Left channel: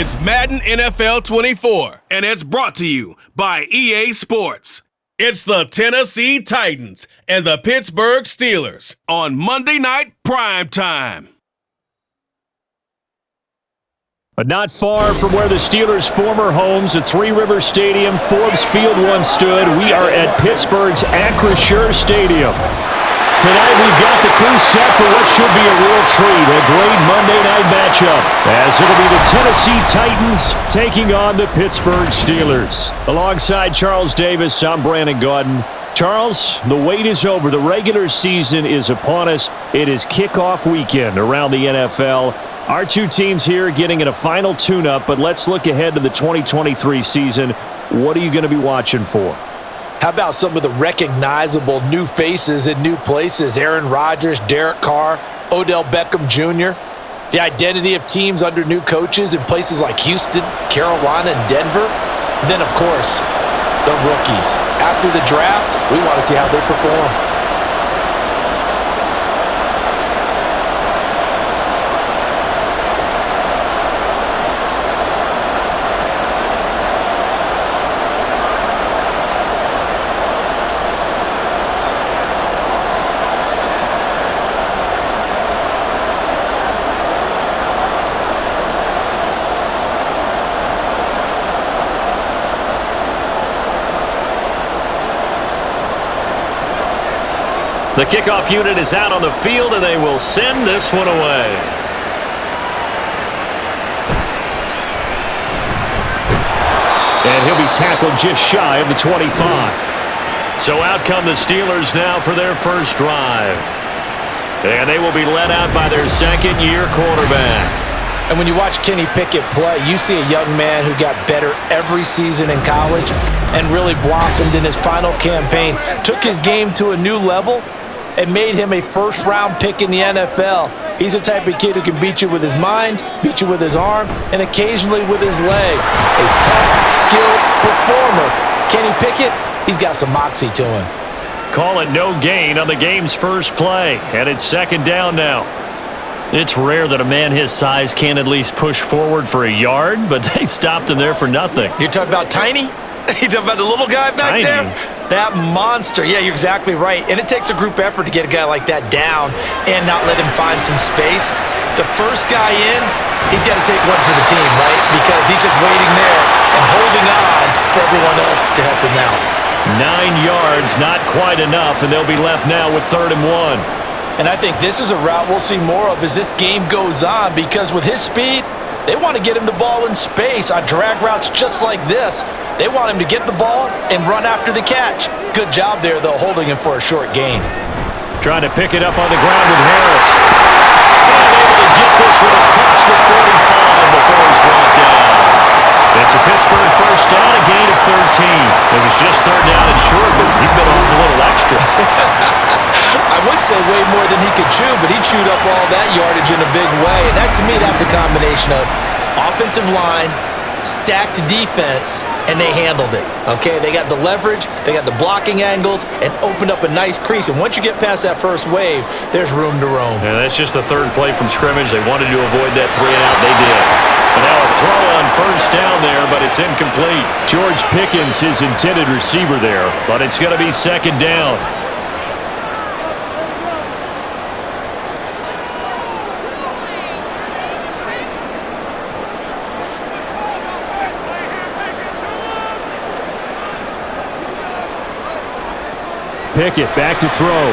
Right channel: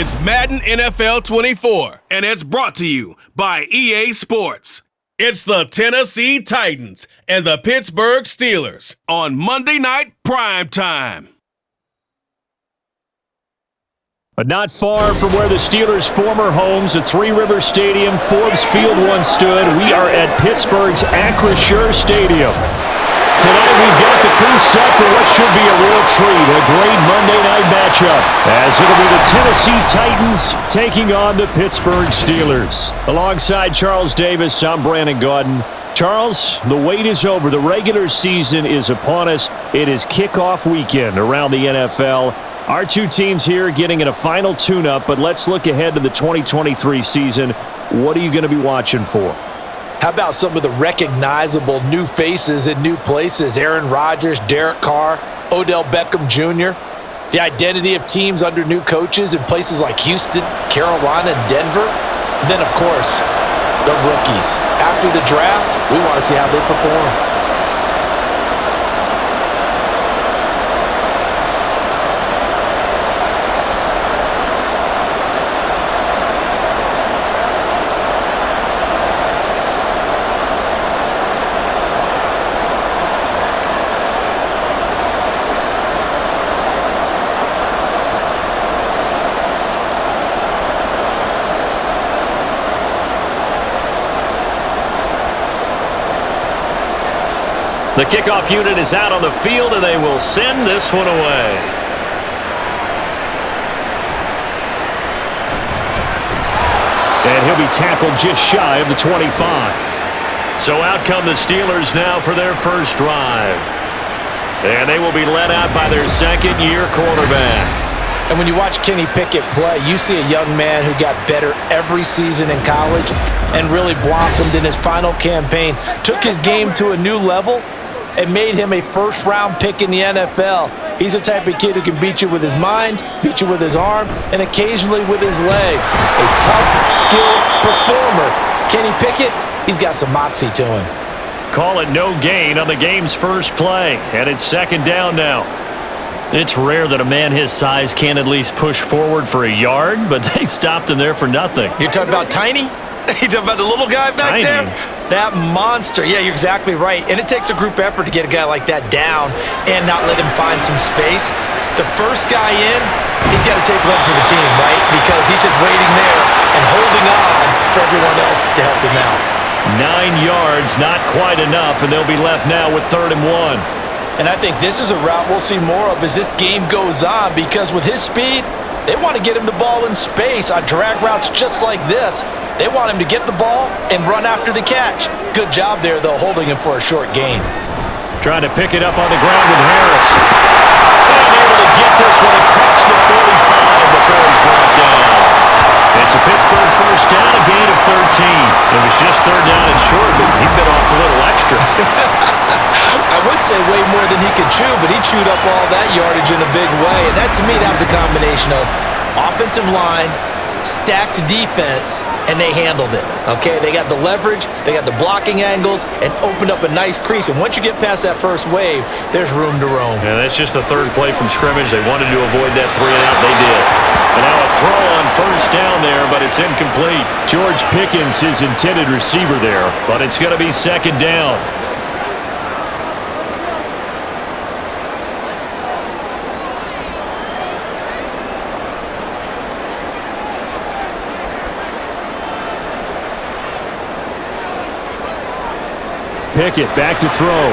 It's Madden NFL 24, and it's brought to you by EA Sports. It's the Tennessee Titans and the Pittsburgh Steelers on Monday Night Primetime. But not far from where the Steelers' former homes at Three Rivers Stadium, Forbes Field once stood, we are at Pittsburgh's Acrisure Stadium. Tonight we've got the crew set for what should be a real treat, a great Monday night matchup, as it'll be the Tennessee Titans taking on the Pittsburgh Steelers. Alongside Charles Davis, I'm Brandon Gaudin. Charles, the wait is over. The regular season is upon us. It is kickoff weekend around the NFL. Our two teams here getting in a final tune-up, but let's look ahead to the 2023 season. What are you going to be watching for? How about some of the recognizable new faces in new places? Aaron Rodgers, Derek Carr, Odell Beckham Jr. The identity of teams under new coaches in places like Houston, Carolina, and Denver. And then, of course, the rookies. After the draft, we want to see how they perform. The kickoff unit is out on the field, and they will send this one away. And he'll be tackled just shy of the 25. So out come the Steelers now for their first drive. And they will be led out by their second-year quarterback. And when you watch Kenny Pickett play, you see a young man who got better every season in college and really blossomed in his final campaign. Took his game to a new level and made him a first-round pick in the NFL. He's the type of kid who can beat you with his mind, beat you with his arm, and occasionally with his legs. A tough, skilled performer. Kenny Pickett, he's got some moxie to him. Call it no gain on the game's first play, and it's second down now. It's rare that a man his size can't at least push forward for a yard, but they stopped him there for nothing. You're talking about Tiny? You talking about the little guy back Tiny. there? That monster. Yeah, you're exactly right. And it takes a group effort to get a guy like that down and not let him find some space. The first guy in, he's got to take one for the team, right? Because he's just waiting there and holding on for everyone else to help him out. 9 yards, not quite enough, and they'll be left now with 3rd and 1. And I think this is a route we'll see more of as this game goes on, because with his speed, they want to get him the ball in space on drag routes just like this. They want him to get the ball and run after the catch. Good job there, though, holding him for a short gain. Trying to pick it up on the ground with Harris. And able to get this one across the 45 before he's brought down. It's a Pittsburgh first down, a gain of 13. It was just 3rd down and short, but he bit off a little extra. I would say way more than he could chew, but he chewed up all that yardage in a big way. And that, to me, that was a combination of offensive line, stacked defense, and they handled it. Okay, they got the leverage, they got the blocking angles, and opened up a nice crease. And once you get past that first wave, there's room to roam. Yeah, that's just the third play from scrimmage. They wanted to avoid that 3-and-out. They did. And now a throw on first down there, but it's incomplete. George Pickens, his intended receiver there, but it's going to be second down. Pickett back to throw.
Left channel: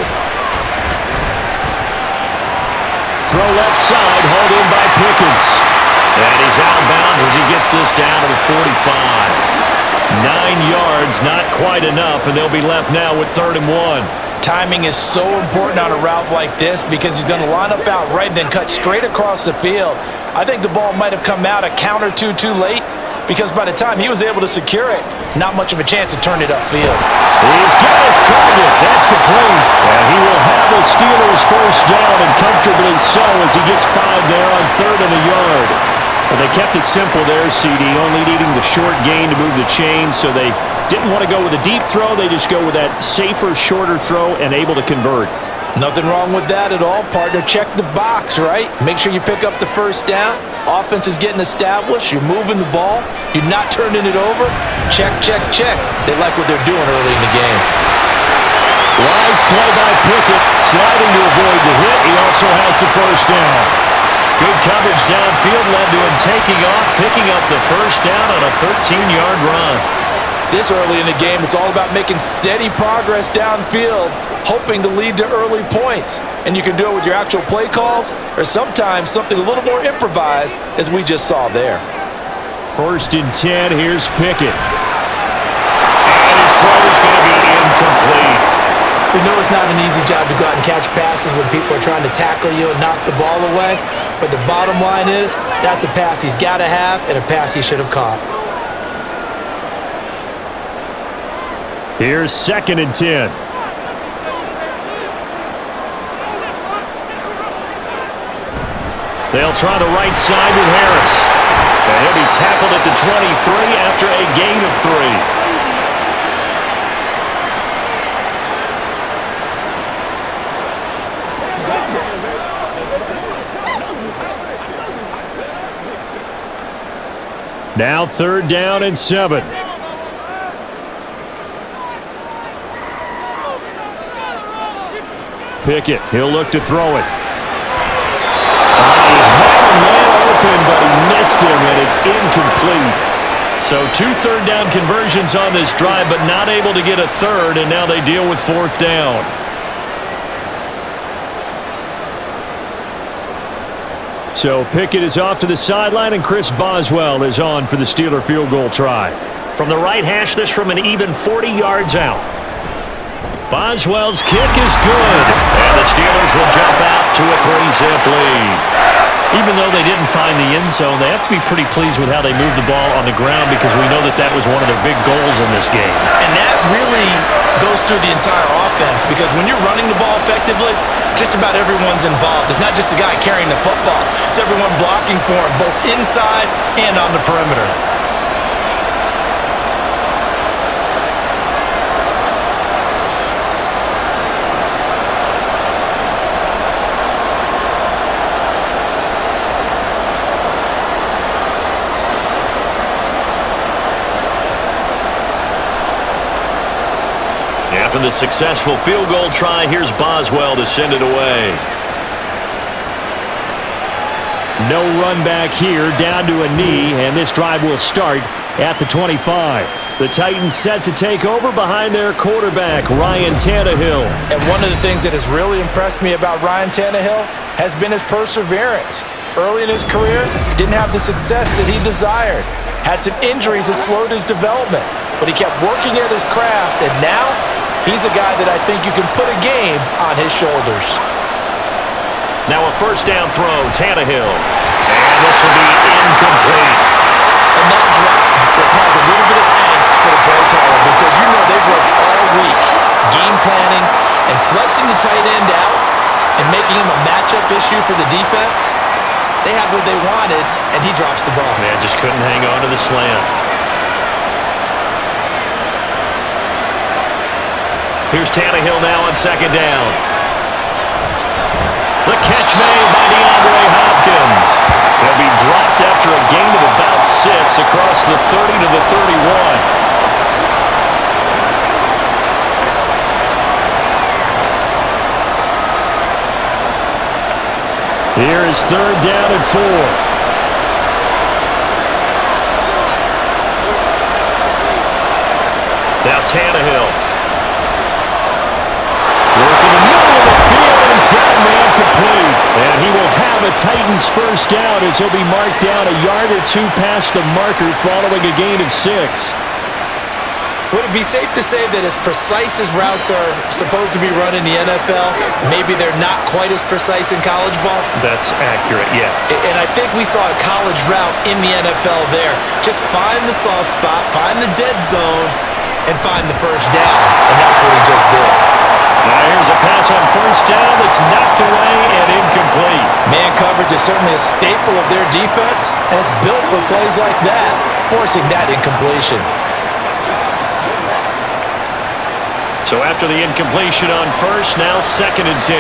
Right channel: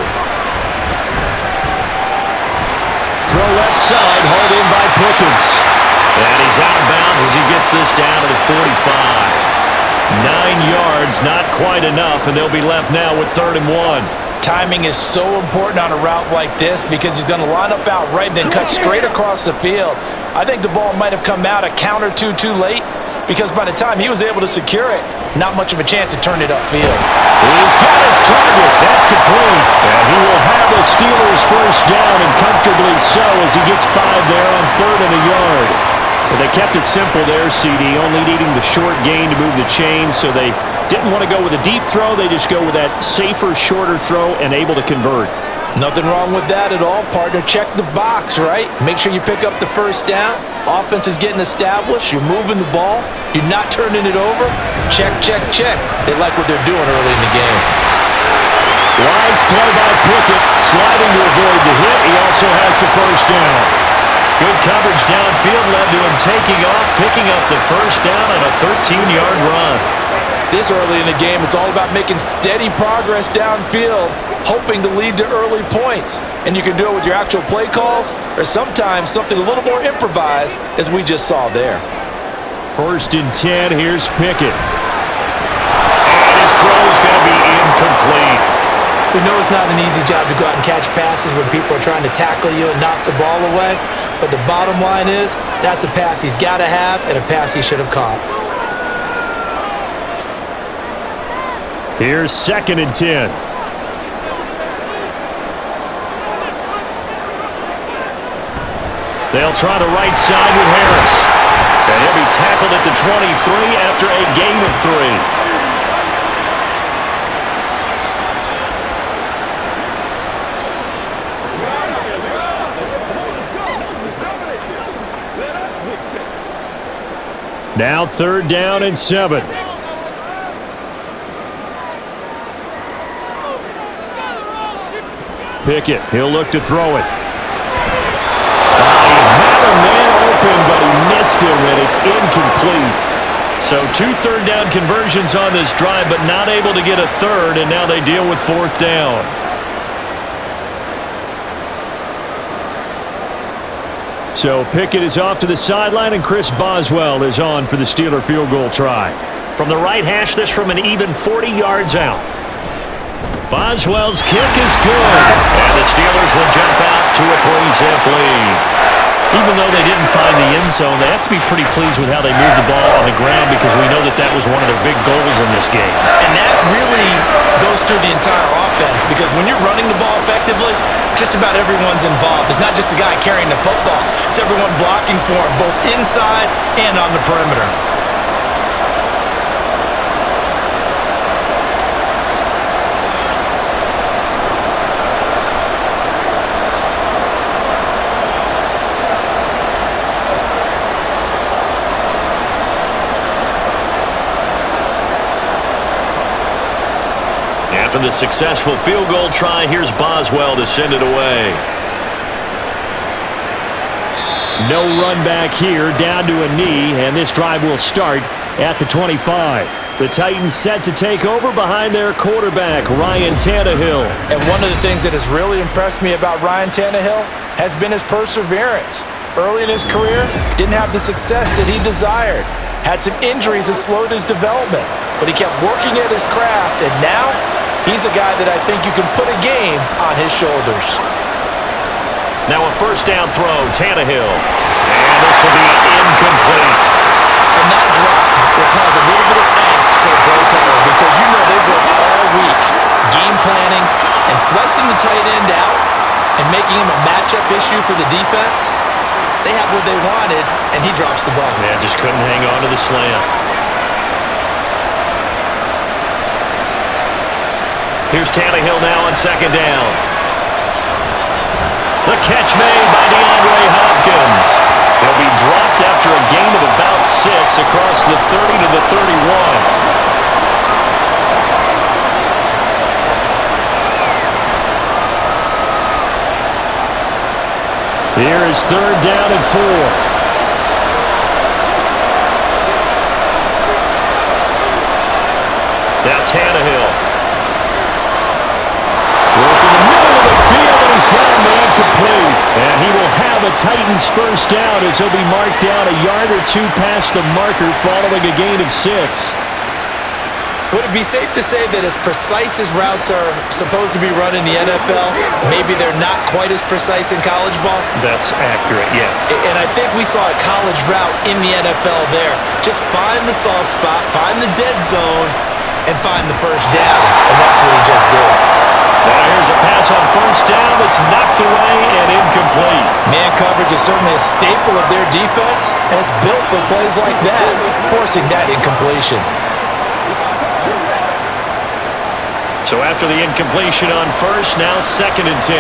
Throw left side, hauled in by Pickens. And he's out of bounds as he gets this down to the 45. 9 yards, not quite enough, and they'll be left now with 3rd and 1. Timing is so important on a route like this because he's going to line up out right and then cut straight across the field. I think the ball might have come out a count or two too late, because by the time he was able to secure it, not much of a chance to turn it upfield. He's got his target. That's complete. And he will have a Steelers first down, and comfortably so, as he gets 5 there on 3rd and a yard. But they kept it simple there, CD, only needing the short gain to move the chain, so they didn't want to go with a deep throw. They just go with that safer, shorter throw and able to convert. Nothing wrong with that at all, partner. Check the box, right? Make sure you pick up the first down. Offense is getting established. You're moving the ball. You're not turning it over. Check, check, check. They like what they're doing early in the game. Wise play by Pickett, sliding to avoid the hit. He also has the first down. Good coverage downfield led to him taking off, picking up the first down on a 13-yard run. This early in the game, it's all about making steady progress downfield, hoping to lead to early points. And you can do it with your actual play calls or sometimes something a little more improvised, as we just saw there. 1st and 10, here's Pickett. And his throw is going to be incomplete. We know it's not an easy job to go out and catch passes when people are trying to tackle you and knock the ball away. But the bottom line is, that's a pass he's got to have and a pass he should have caught. Here's 2nd and 10. They'll try the right side with Harris. And he'll be tackled at the 23 after a gain of 3. Now 3rd down and 7. Pickett, he'll look to throw it. He had a man open, but he missed him, and it's incomplete. So 2 3rd down conversions on this drive, but not able to get a third, and now they deal with 4th down. So Pickett is off to the sideline, and Chris Boswell is on for the Steeler field goal try. From the right hash, this from an even 40 yards out. Boswell's kick is good, and the Steelers will jump out to a 3-zip lead. Even though they didn't find the end zone, they have to be pretty pleased with how they moved the ball on the ground because we know that that was one of their big goals in this game. And that really goes through the entire offense because when you're running the ball effectively, just about everyone's involved. It's not just the guy carrying the football. It's everyone blocking for him, both inside and on the perimeter. After the successful field goal try, here's Boswell to send it away. No run back here, down to a knee, and this drive will start at the 25. The Titans set to take over behind their quarterback, Ryan Tannehill. And one of the things that has really impressed me about Ryan Tannehill has been his perseverance. Early in his career, didn't have the success that he desired. Had some injuries that slowed his development, but he kept working at his craft, and now he's a guy that I think you can put a game on his shoulders. Now a 1st down throw, Tannehill. And this will be incomplete. And that drop will cause a little bit of angst for the play caller because you know they've worked all week game planning and flexing the tight end out and making him a matchup issue for the defense. They had what they wanted, and he drops the ball. Man, just couldn't hang on to the slant. Here's Tannehill now on 2nd down. The catch made by DeAndre Hopkins. He'll be dropped after a gain of about 6 across the 30 to the 31. Here is 3rd down and 4. Now Tannehill. Work in the middle of the field, and he's got a man complete. And he will have a Titans 1st down as he'll be marked down a yard or 2 past the marker following a gain of 6. Would it be safe to say that as precise as routes are supposed to be run in the NFL, maybe they're not quite as precise in college ball? That's accurate, yeah. And I think we saw a college route in the NFL there. Just find the soft spot, find the dead zone, and find the 1st down. And that's what he just did. Now here's a pass on 1st down that's knocked away and incomplete. Man coverage is certainly a staple of their defense, and it's built for plays like that, forcing that incompletion. So after the incompletion on 1st, now 2nd and 10.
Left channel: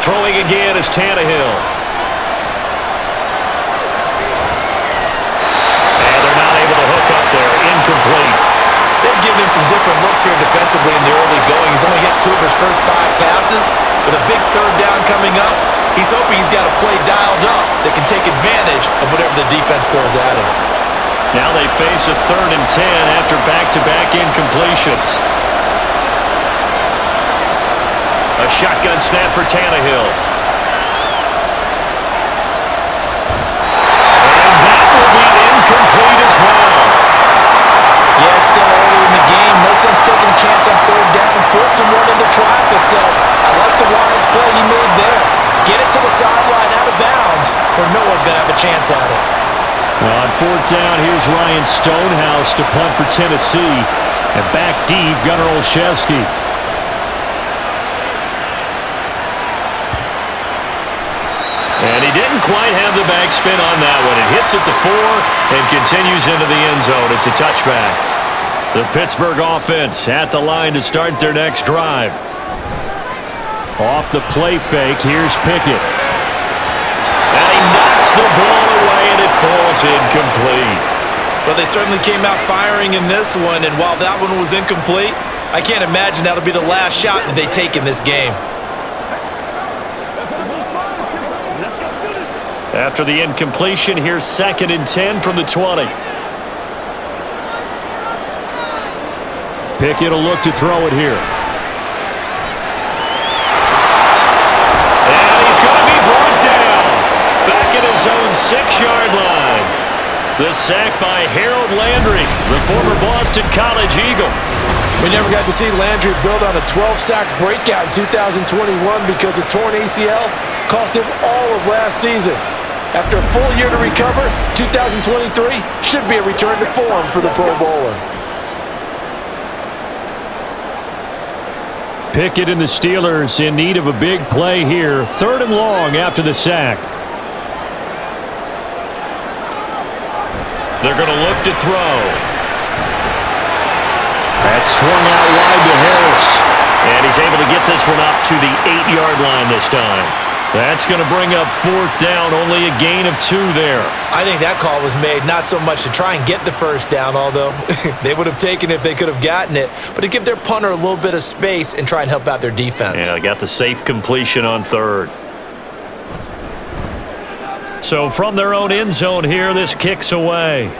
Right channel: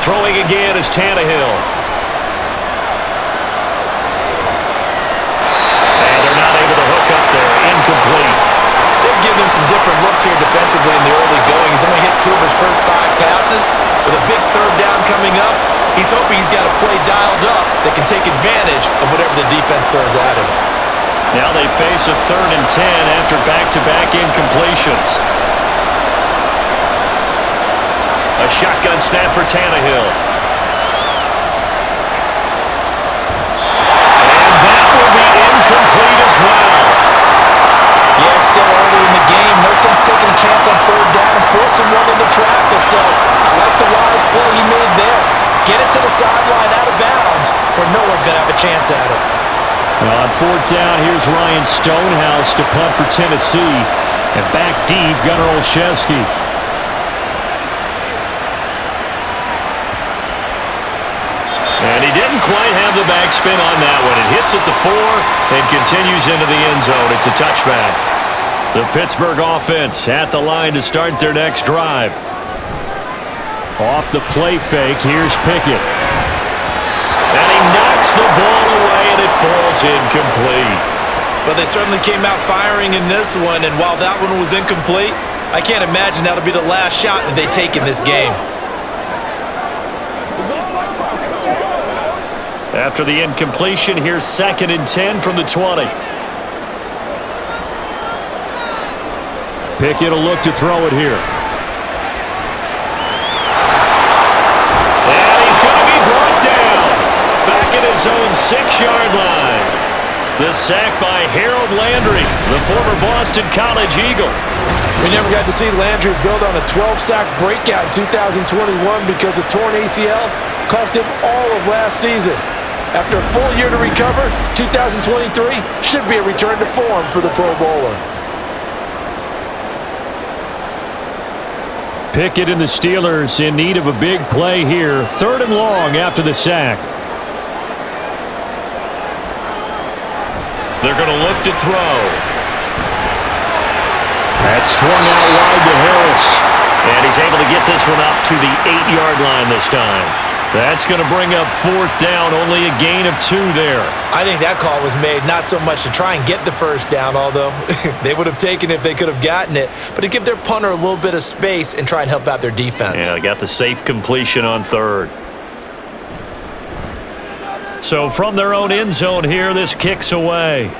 Throwing again is Tannehill. And they're not able to hook up there. Incomplete. They've given him some different looks here defensively in the early going. He's only hit 2 of his first 5 passes. With a big third down coming up, he's hoping he's got a play dialed up that can take advantage of whatever the defense throws at him. Now they face a 3rd and 10 after back-to-back incompletions. A shotgun snap for Tannehill. And that will be incomplete as well. Yeah, it's still early in the game. No sense taking a chance on 3rd down and forcing one into traffic. So I like the wise play he made there. Get it to the sideline out of bounds where no one's going to have a chance at it. On 4th down, here's Ryan Stonehouse to punt for Tennessee. And back deep, Gunnar Olszewski. And he didn't quite have the backspin on that one. It hits at the 4 and continues into the end zone. It's a touchback. The Pittsburgh offense at the line to start their next drive. Off the play fake, here's Pickett. And he knocks the ball away, and it falls incomplete. Well, they certainly came out firing in this one, and while that one was incomplete, I can't imagine that'll be the last shot that they take in this game. After the incompletion, here's 2nd and 10 from the 20. Pickett will look to throw it here. And he's going to be brought down. Back at his own 6-yard line. The sack by Harold Landry, the former Boston College Eagle. We never got to see Landry build on a 12-sack breakout in 2021 because a torn ACL cost him all of last season. After a full year to recover, 2023 should be a return to form for the Pro Bowler. Pickett and the Steelers in need of a big play here. 3rd and long after the sack. They're going to look to throw. That's swung out wide to Harris. And he's able to get this one up to the 8-yard line this time. That's going to bring up 4th down, only a gain of 2 there. I think that call was made not so much to try and get the first down, although they would have taken it if they could have gotten it, but to give their punter a little bit of space and try and help out their defense. Yeah, they got the safe completion on 3rd. So from their own end zone here, this kicks away.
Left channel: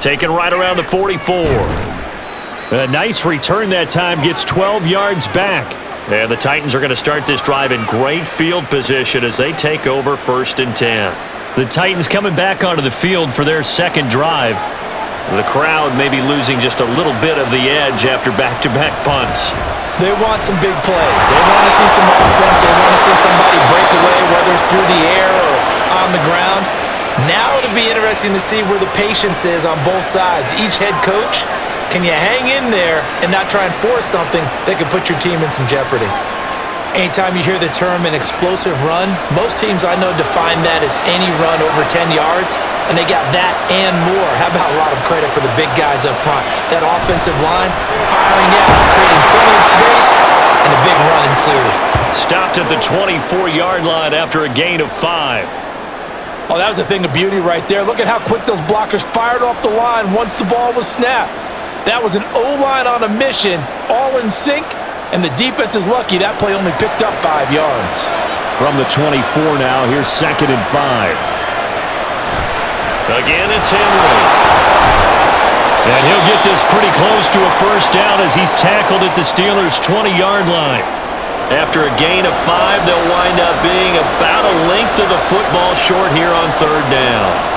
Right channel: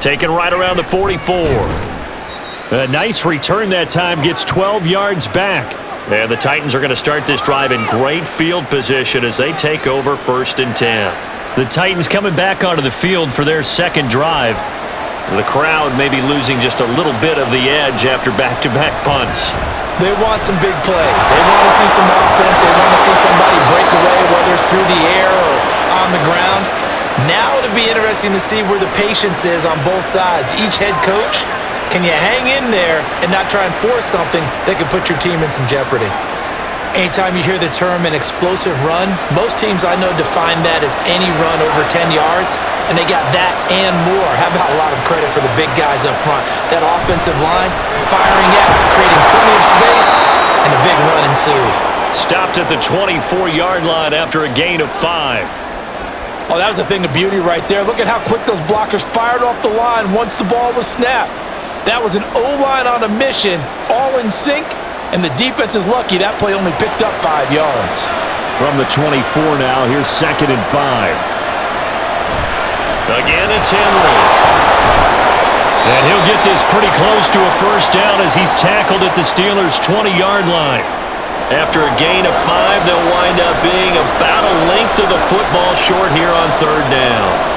Taken right around the 44. A nice return that time, gets 12 yards back. And the Titans are going to start this drive in great field position as they take over 1st and 10. The Titans coming back onto the field for their 2nd drive. The crowd may be losing just a little bit of the edge after back-to-back punts. They want some big plays. They want to see some offense. They want to see somebody break away, whether it's through the air or on the ground. Now it'll be interesting to see where the patience is on both sides. Each head coach, can you hang in there and not try and force something that could put your team in some jeopardy? Anytime you hear the term an explosive run, most teams I know define that as any run over 10 yards, and they got that and more. How about a lot of credit for the big guys up front? That offensive line firing out, creating plenty of space, and a big run ensued. Stopped at the 24-yard line after a gain of 5. Oh, that was a thing of beauty right there. Look at how quick those blockers fired off the line once the ball was snapped. That was an O-line on a mission, all in sync, and the defense is lucky that play only picked up 5 yards. From the 24 now, here's 2nd and 5. Again, it's Henry. And he'll get this pretty close to a 1st down as he's tackled at the Steelers' 20-yard line. After a gain of 5, they'll wind up being about a length of the football short here on 3rd down.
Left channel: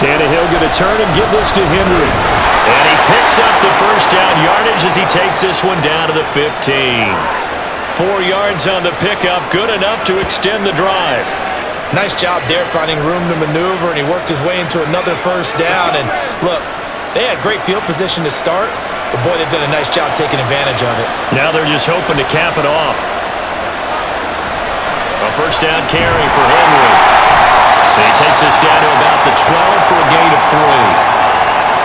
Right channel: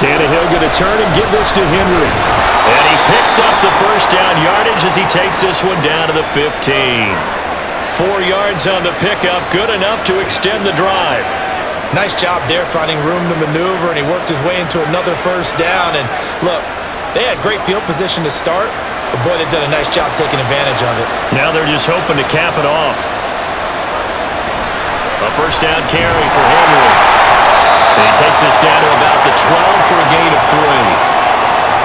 Tannehill going to turn and give this to Henry. And he picks up the 1st down yardage as he takes this one down to the 15. 4 yards on the pickup, good enough to extend the drive. Nice job there finding room to maneuver, and he worked his way into another 1st down. And look, they had great field position to start, but boy, they've done a nice job taking advantage of it. Now they're just hoping to cap it off. A 1st down carry for Henry. And he takes us down to about the 12 for a gain of 3.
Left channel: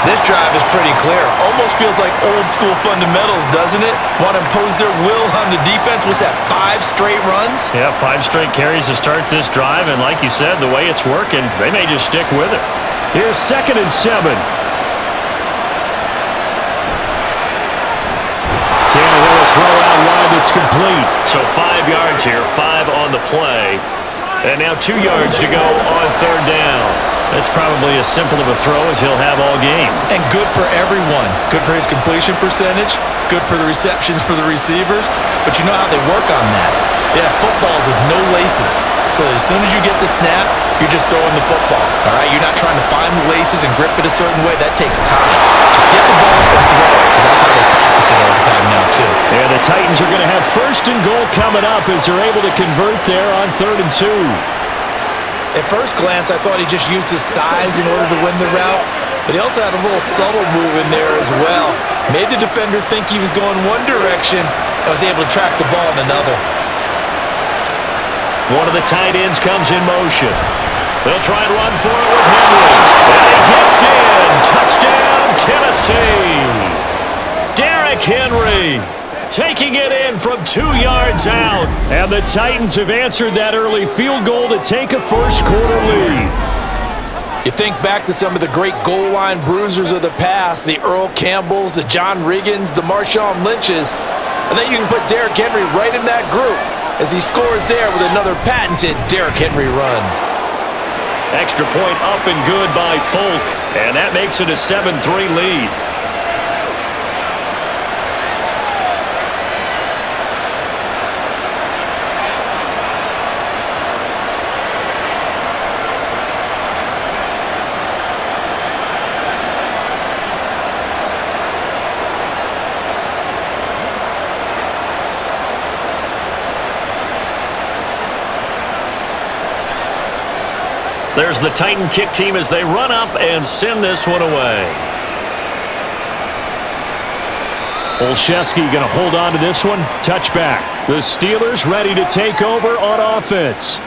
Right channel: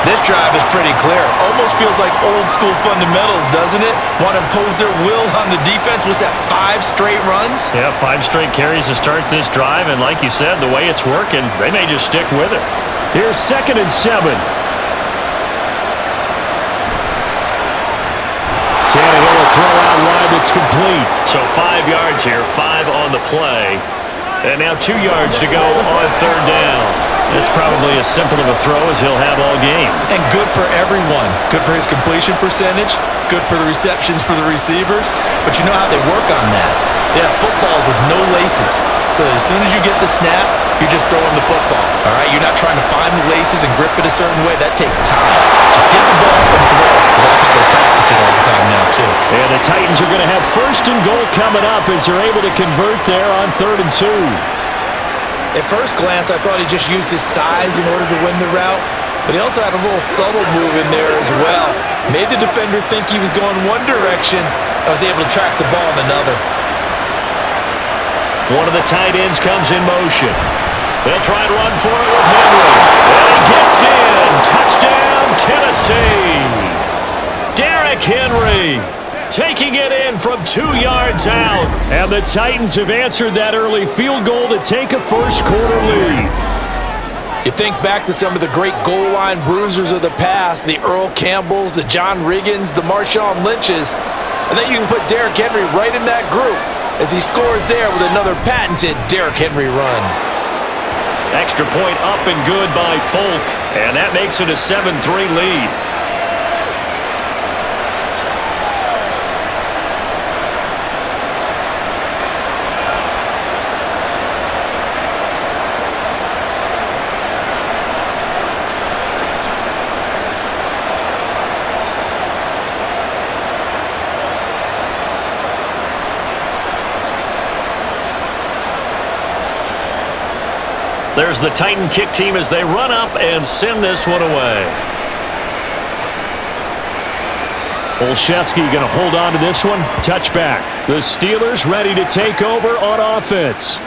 This drive is pretty clear. Almost feels like old school fundamentals, doesn't it? Want to impose their will on the defense. Was that 5 straight runs? Yeah, 5 straight carries to start this drive, and like you said, the way it's working, they may just stick with it. Here's 2nd and 7. Tannehill will throw out wide that's complete. So 5 yards here, 5 on the play. And now 2 yards to go on 3rd down. That's probably as simple of a throw as he'll have all game. And good for everyone. Good for his completion percentage. Good for the receptions for the receivers. But you know how they work on that. They have footballs with no laces. So as soon as you get the snap, you're just throwing the football. All right? You're not trying to find the laces and grip it a certain way. That takes time. Just get the ball and throw it. So that's how they practice it all the time now, too. Yeah, the Titans are going to have 1st and goal coming up as they're able to convert there on 3rd and 2. At first glance, I thought he just used his size in order to win the route, but he also had a little subtle move in there as well. Made the defender think he was going one direction and was able to track the ball in another. One of the tight ends comes in motion. They'll try and run for it with Henry. And he gets in. Touchdown, Tennessee. Derrick Henry taking it in from 2 yards out. And the Titans have answered that early field goal to take a first-quarter lead. You think back to some of the great goal line bruisers of the past, the Earl Campbells, the John Riggins, the Marshawn Lynches, and then you can put Derrick Henry right in that group as he scores there with another patented Derrick Henry run. Extra point up and good by Folk, and that makes it a 7-3 lead. There's the Titan kick team as they run up and send this one away. Olszewski going to hold on to this one. Touchback. The Steelers ready to take over on offense.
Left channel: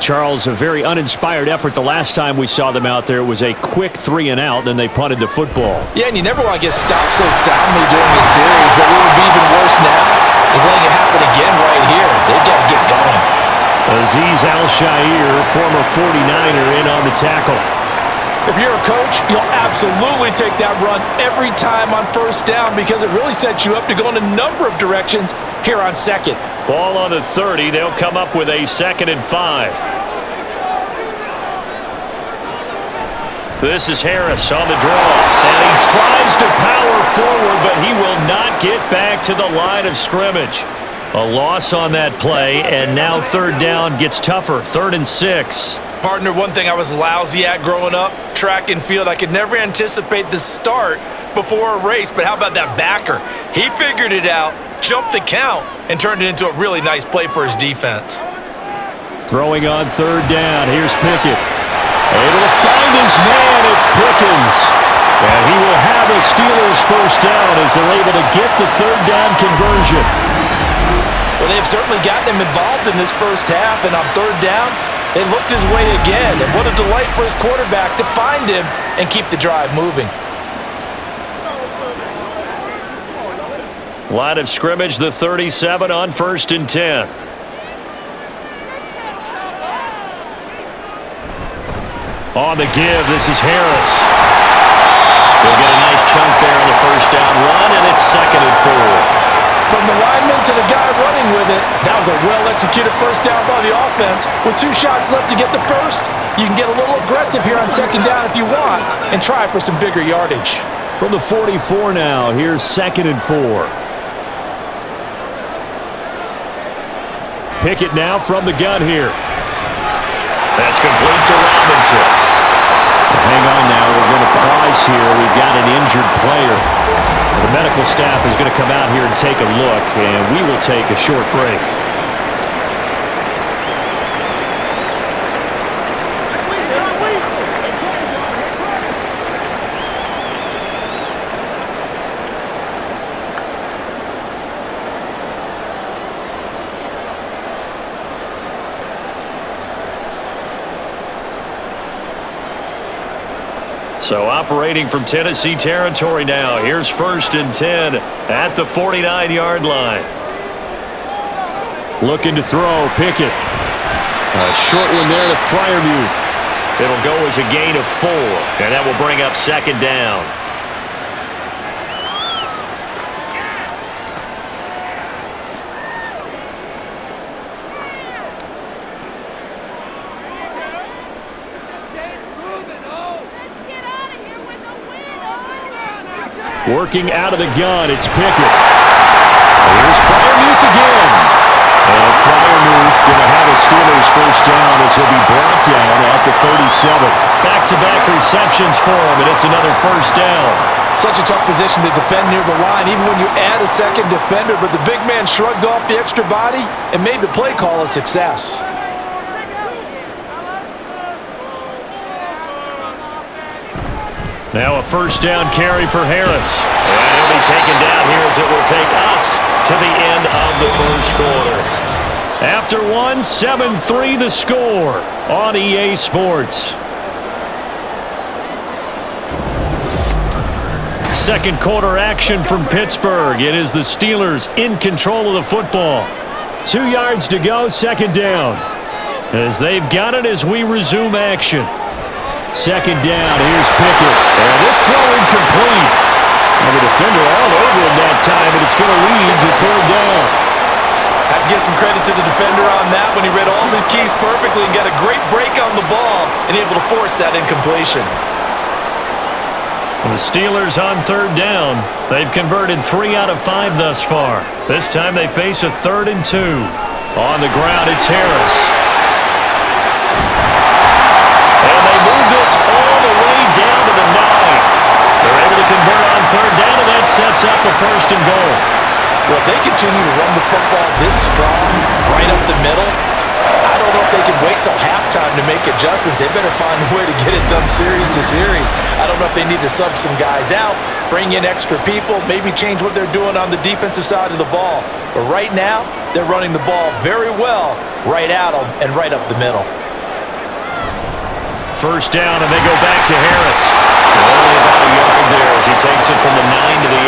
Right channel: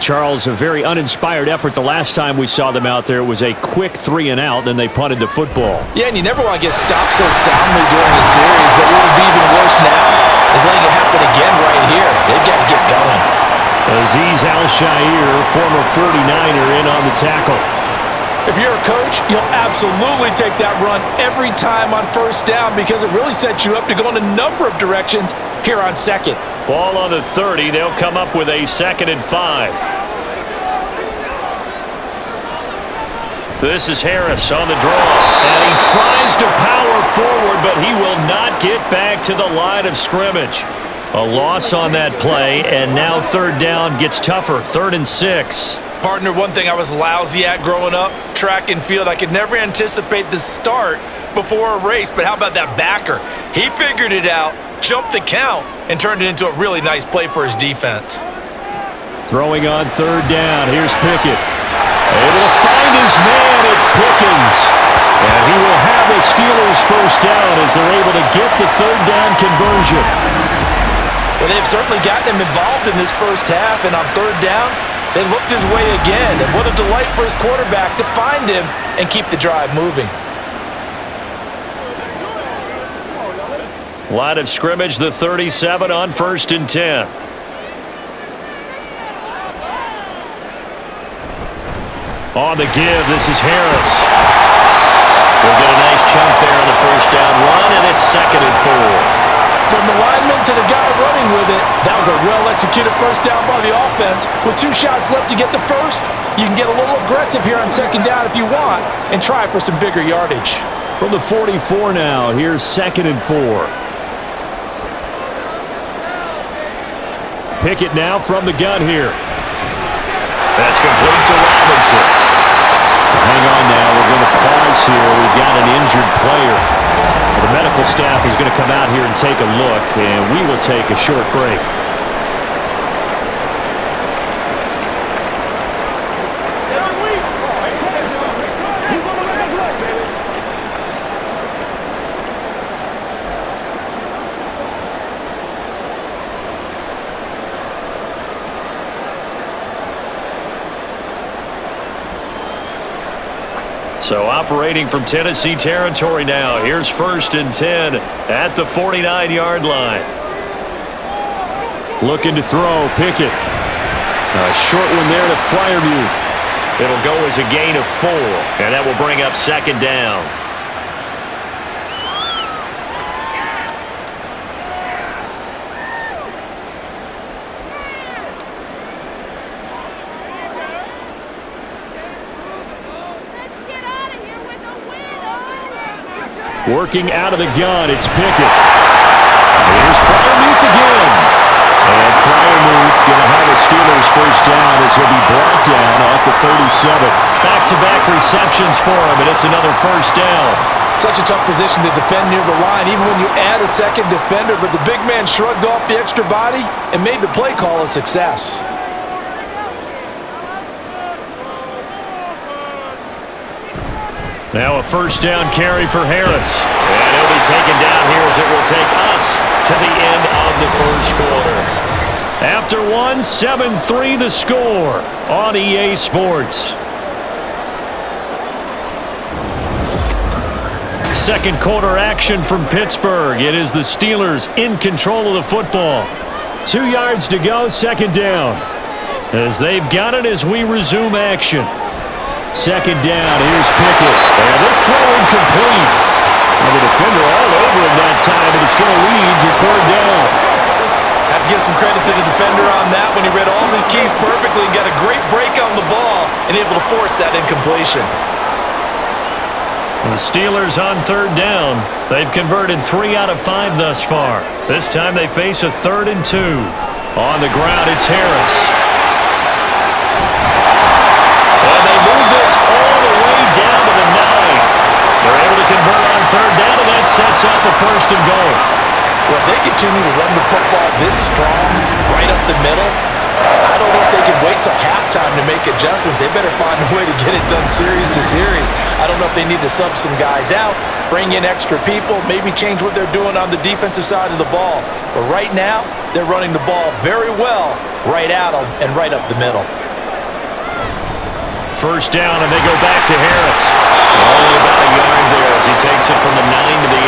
Charles, a very uninspired effort the last time we saw them out there. It was a quick 3 and out, then they punted the football. Yeah, and you never want to get stopped so soundly during a series, but what would be even worse now is letting it happen again right here. They've got to get going. Azeez Al-Shaair, former 49er, in on the tackle. If you're a coach, you'll absolutely take that run every time on 1st down because it really sets you up to go in a number of directions here on 2nd. Ball on the 30. They'll come up with a 2nd and 5. This is Harris on the draw. And he tries to power forward, but he will not get back to the line of scrimmage. A loss on that play, and now 3rd down gets tougher. 3rd and 6. Partner, one thing I was lousy at growing up, track and field, I could never anticipate the start before a race, but how about that backer? He figured it out, jumped the count, and turned it into a really nice play for his defense. Throwing on 3rd down, here's Pickett. Able to find his man, it's Pickens. And he will have a Steelers 1st down as they're able to get the 3rd down conversion. Well, they've certainly gotten him involved in this 1st half, and on 3rd down, they looked his way again. And what a delight for his quarterback to find him and keep the drive moving. Line of scrimmage, the 37 on 1st and 10. On the give, this is Harris. He'll get a nice chunk there on the 1st down run, and it's 2nd and 4. From the lineman to the guy running with it, that was a well-executed 1st down by the offense. With 2 shots left to get the 1st, you can get a little aggressive here on 2nd down if you want and try for some bigger yardage. From the 44 now, here's 2nd and 4. Pickett now from the gun here. That's complete to Robinson. Hang on now, we're going to pause here. We've got an injured player. The medical staff is going to come out here and take a look, and we will take a short break. So operating from Tennessee territory now. Here's 1st and 10 at the 49-yard line. Looking to throw, Pickett. A short one there to Freiermuth. It'll go as a gain of 4, and that will bring up 2nd down. Working out of the gun, it's Pickett. Here's Freiermuth again. And Freiermuth going to have a Steelers 1st down as he'll be brought down at the 37. Back-to-back receptions for him, and it's another 1st down. Such a tough position to defend near the line, even when you add a second defender, but the big man shrugged off the extra body and made the play call a success. Now a 1st down carry for Harris. And he'll be taken down here as it will take us to the end of the 1st quarter. After 1, 7-3 the score on EA Sports. 2nd quarter action from Pittsburgh. It is the Steelers in control of the football. 2 yards to go, 2nd down. As they've got it as we resume action. 2nd down, here's Pickett. And this throw incomplete. And the defender all over him that time, and it's going to lead to 3rd down. Have to give some credit to the defender on that when he read all of his keys perfectly and got a great break on the ball and able to force that incompletion. And the Steelers on 3rd down. They've converted 3 out of 5 thus far. This time they face a 3rd and 2. On the ground, it's Harris. And they move this all the way down to the 9. They're able to convert on 3rd down, and that sets up a 1st and goal. Well, if they continue to run the football this strong, right up the middle, I don't know if they can wait till halftime to make adjustments. They better find a way to get it done series to series. I don't know if they need to sub some guys out, bring in extra people, maybe change what they're doing on the defensive side of the ball. But right now, they're running the ball very well right at them and right up the middle. 1st down, and they go back to Harris. Only about a yard there as he takes it from the 9 to the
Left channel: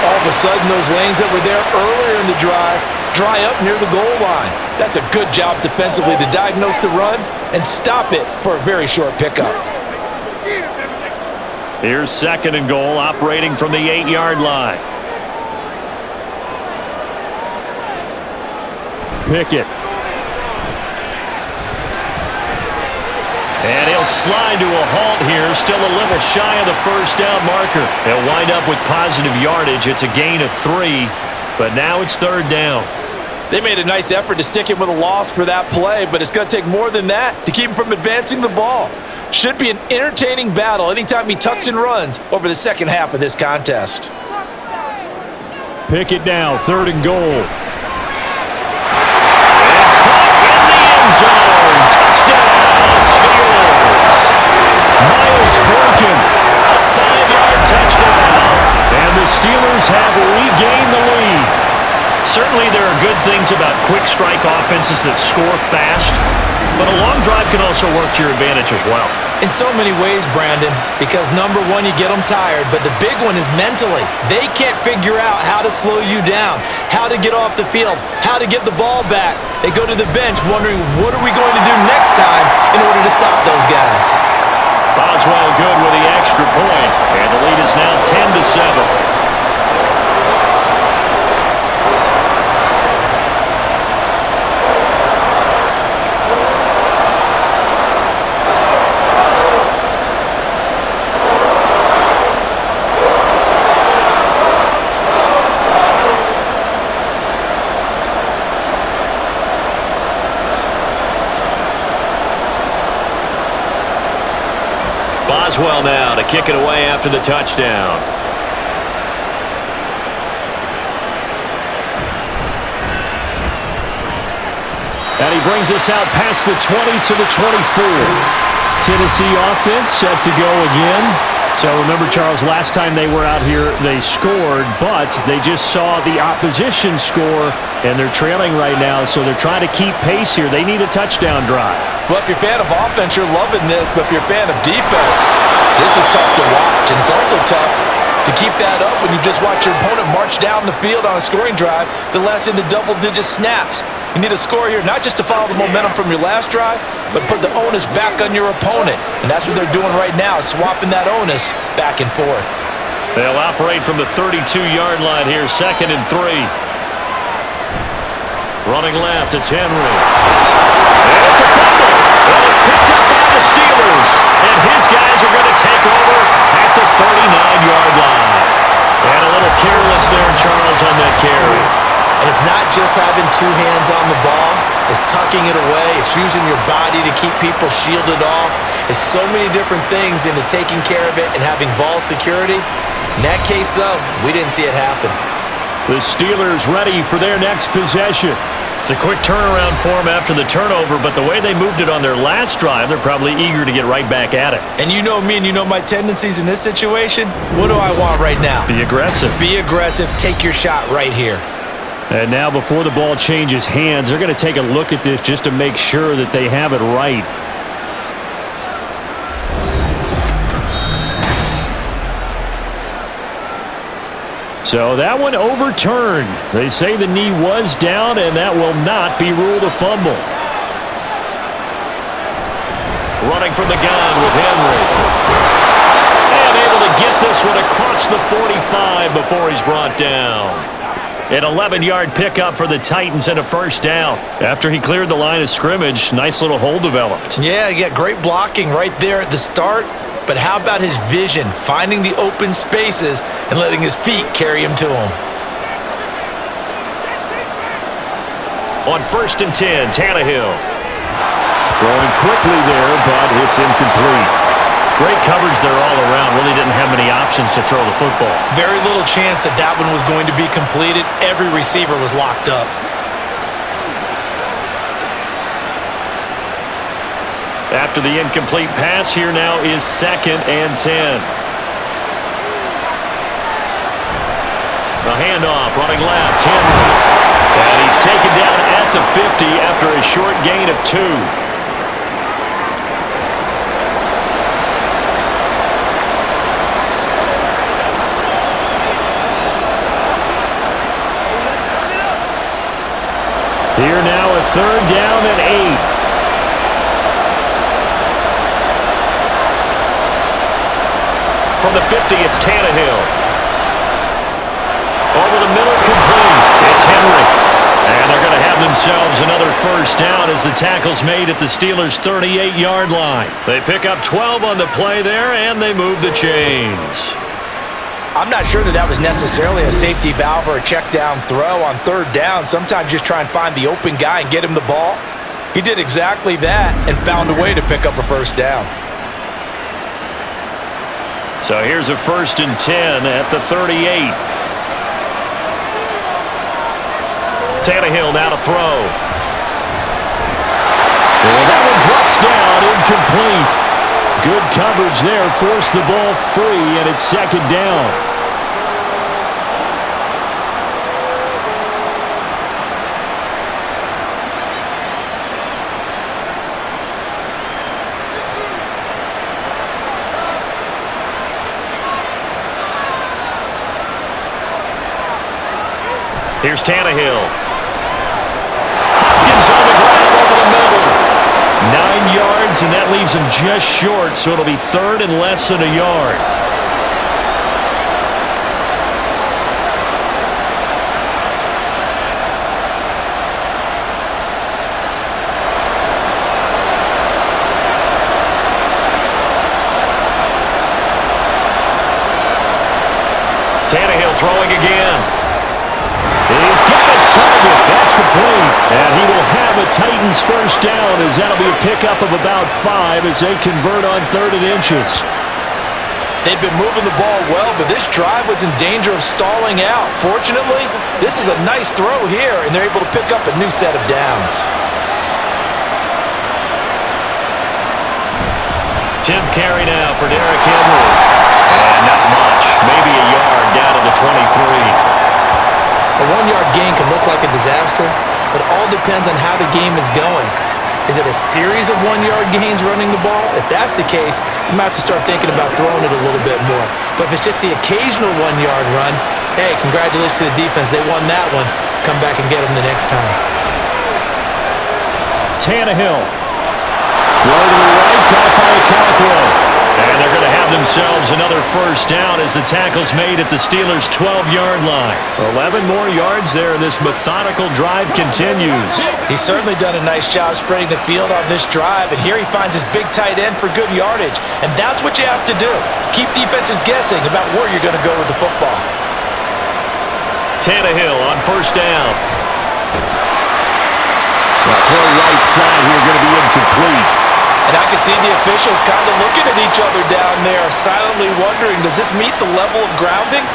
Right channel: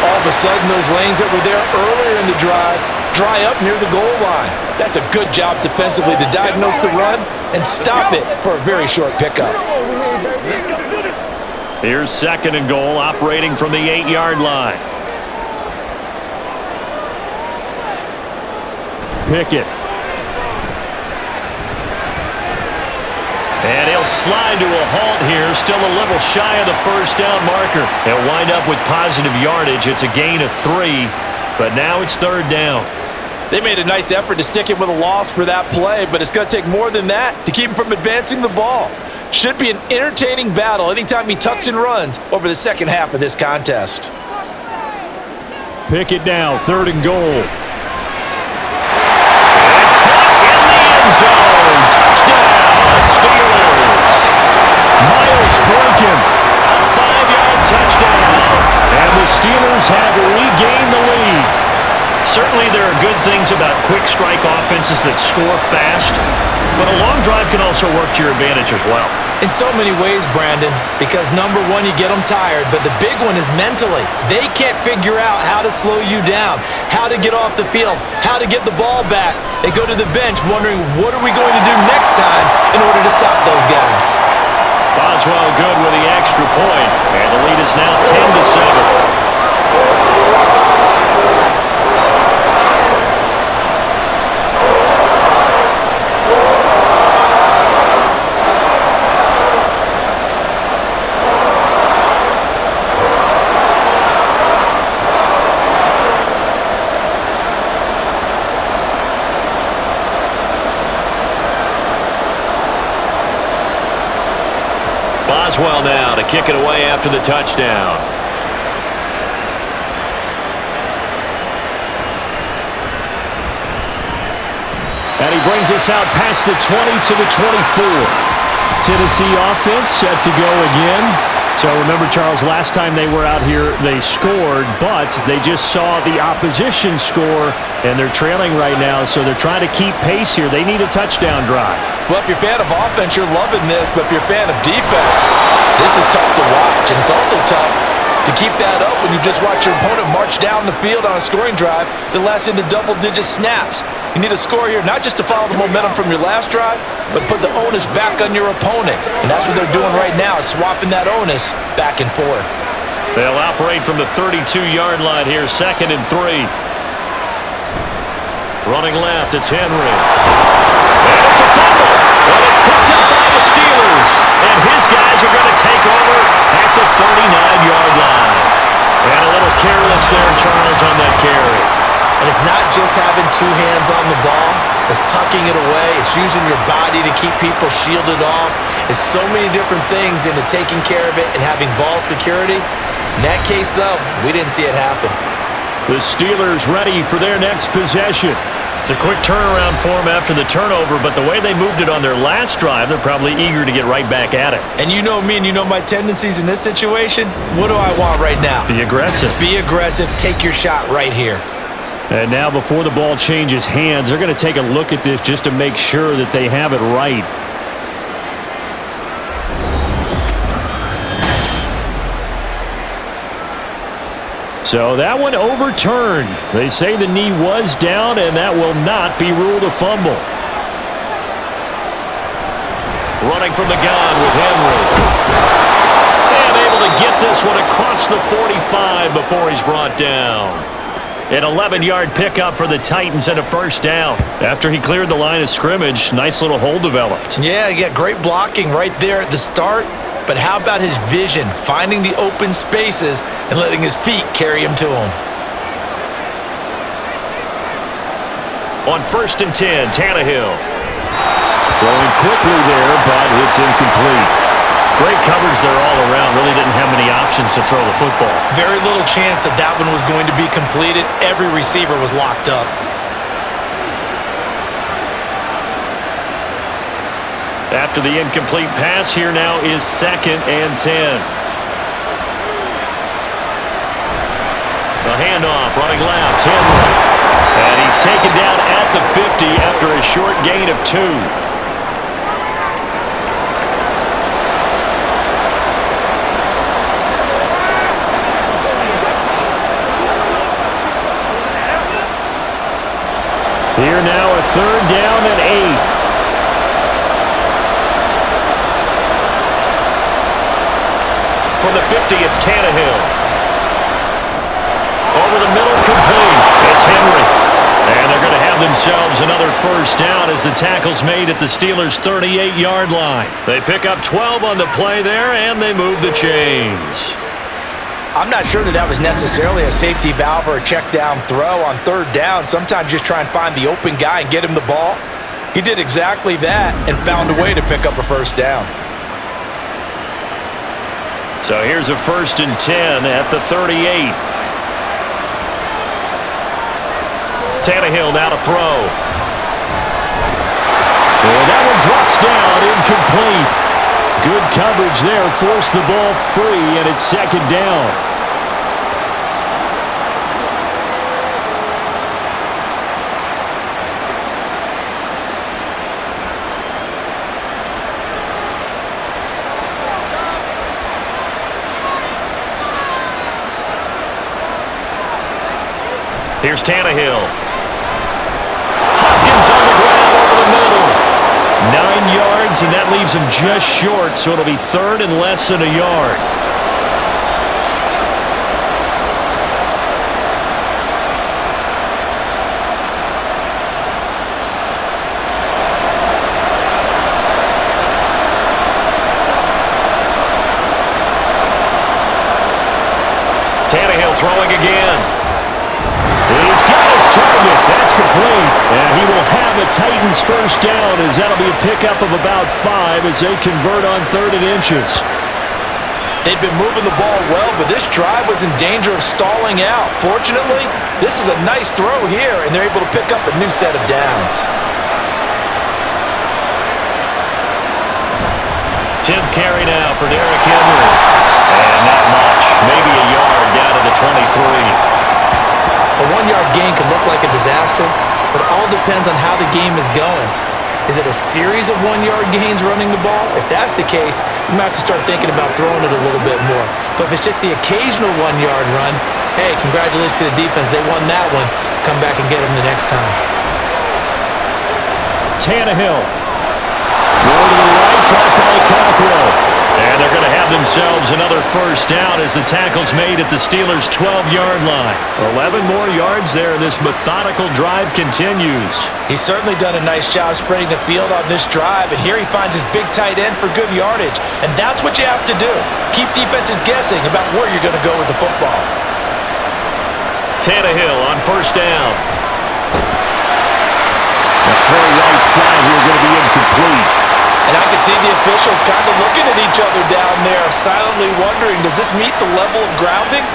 8. All of a sudden, those lanes that were there earlier in the drive dry up near the goal line. That's a good job defensively to diagnose the run and stop it for a very short pickup. Here's 2nd and goal, operating from the 8-yard line. Pickett. And he'll slide to a halt here, still a little shy of the 1st down marker. He'll wind up with positive yardage. It's a gain of 3, but now it's 3rd down. They made a nice effort to stick him with a loss for that play, but it's going to take more than that to keep him from advancing the ball. Should be an entertaining battle anytime he tucks and runs over the 2nd half of this contest. Pickett now, 3rd and goal. And caught in the end zone. Touchdown, Steelers. Miles Boykin, a 5-yard touchdown. And the Steelers have regained the lead. Certainly there are good things about quick strike offenses that score fast, but a long drive can also work to your advantage as well. In so many ways, Brandon, because number one, you get them tired, but the big one is mentally. They can't figure out how to slow you down, how to get off the field, how to get the ball back. They go to the bench wondering, what are we going to do next time in order to stop those guys? Boswell good with the extra point, and the lead is now 10-7. Boswell now to kick it away after the touchdown. And he brings us out past the 20 to the 24. Tennessee offense set to go again. So remember, Charles, last time they were out here, they scored, but they just saw the opposition score, and they're trailing right now, so they're trying to keep pace here. They need a touchdown drive. Well, if you're a fan of offense, you're loving this, but if you're a fan of defense, this is tough to watch, and it's also tough to keep that up when you just watch your opponent march down the field on a scoring drive that lasts into double-digit snaps. You need a score here, not just to follow the momentum from your last drive, but put the onus back on your opponent. And that's what they're doing right now, swapping that onus back and forth. They'll operate from the 32-yard line here, 2nd and 3. Running left, it's Henry. And it's a fumble. And it's picked up by the Steelers. And his guys are going to take over at the 39-yard line. And a little careless there, Charles, on that carry. And it's not just having two hands on the ball. It's tucking it away. It's using your body to keep people shielded off. It's so many different things into taking care of it and having ball security. In that case, though, we didn't see it happen. The Steelers ready for their next possession. It's a quick turnaround for them after the turnover, but the way they moved it on their last drive, they're probably eager to get right back at it. And you know me and you know my tendencies in this situation. What do I want right now? Be aggressive. Be aggressive. Take your shot right here. And now before the ball changes hands, they're going to take a look at this just to make sure that they have it right. So that one overturned. They say the knee was down, and that will not be ruled a fumble. Running from the gun with Henry. And able to get this one across the 45 before he's brought down. An 11-yard pickup for the Titans and a first down. After he cleared the line of scrimmage, nice little hole developed. Yeah, he got great blocking right there at the start. But how about his vision, finding the open spaces and letting his feet carry him to him? On 1st and 10, Tannehill. Throwing quickly there, but it's incomplete. Great coverage there all around. Really didn't have many options to throw the football. Very little chance that that one was going to be completed. Every receiver was locked up. After the incomplete pass, here now is 2nd and 10. The handoff, running left, Henry. And he's taken down at the 50 after a short gain of 2. Here now a 3rd down and 8. From the 50, it's Tannehill. Over the middle, complete. It's Henry. And they're going to have themselves another first down as the tackle's made at the Steelers' 38-yard line. They pick up 12 on the play there, and they move the chains. I'm not sure that was necessarily a safety valve or a check down throw on 3rd down. Sometimes just try and find the open guy and get him the ball. He did exactly that and found a way to pick up a first down. So here's a 1st and 10 at the 38. Tannehill now to throw. And that one drops down, incomplete. Good coverage there, forced the ball free, and it's 2nd down. Here's Tannehill. Hopkins on the grab over the middle. 9 yards, and that leaves him just short, so it'll be 3rd and less than a yard. Tannehill throwing again. He's got his target. That's complete. And he will have a Titans first down as that'll be a pickup of about 5 as they convert on 3rd and inches. They've been moving the ball well, but this drive was in danger of stalling out. Fortunately, this is a nice throw here, and they're able to pick up a new set of downs. 10th carry now for Derrick Henry. And not much. Maybe a yard down to the 23. A 1-yard gain can look like a disaster, but it all depends on how the game is going. Is it a series of 1-yard gains running the ball? If that's the case, you might have to start thinking about throwing it a little bit more. But if it's just the occasional 1-yard run, hey, congratulations to the defense. They won that one. Come back and get them the next time. Tannehill. Throw to the right, caught by Cockrell. And they're going to have themselves another first down as the tackle's made at the Steelers' 12-yard line. 11 more yards there, and this methodical drive continues. He's certainly done a nice job spreading the field on this drive, and here he finds his big tight end for good yardage. And that's what you have to do. Keep defenses guessing about where you're going to go with the football. Tannehill on first down. Now throw right side here, going to be incomplete. And I can see the officials kind of looking at each other down there, silently wondering, does this meet the level of grounding?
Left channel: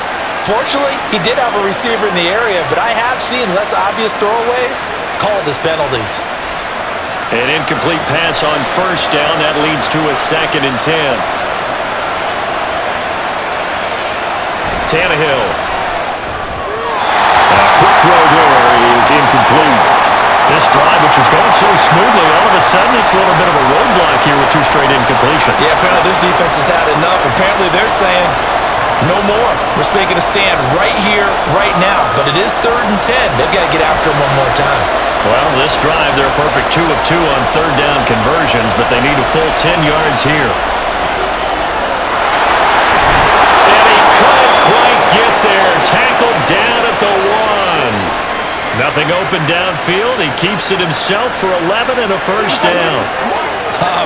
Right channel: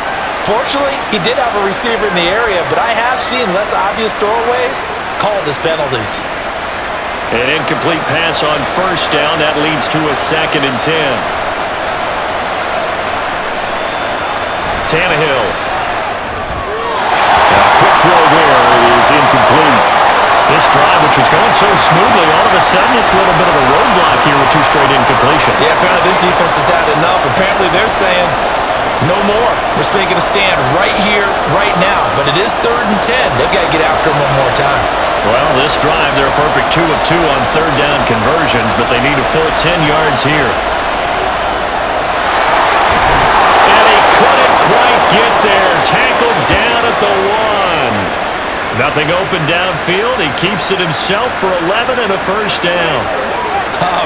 Fortunately, he did have a receiver in the area, but I have seen less obvious throwaways called as penalties. An incomplete pass on first down. That leads to a 2nd and 10. Tannehill. Now a quick throw there is incomplete. This drive, which was going so smoothly, all of a sudden it's a little bit of a roadblock here with 2 straight incompletions. Yeah, apparently this defense has had enough. Apparently they're saying, no more. We're taking a stand right here, right now. But it is 3rd and 10. They've got to get after him one more time. Well, this drive, they're a perfect 2 of 2 on 3rd down conversions, but they need a full 10 yards here. And he couldn't quite get there. Tackled down at the 1. Nothing open downfield. He keeps it himself for 11 and a first down.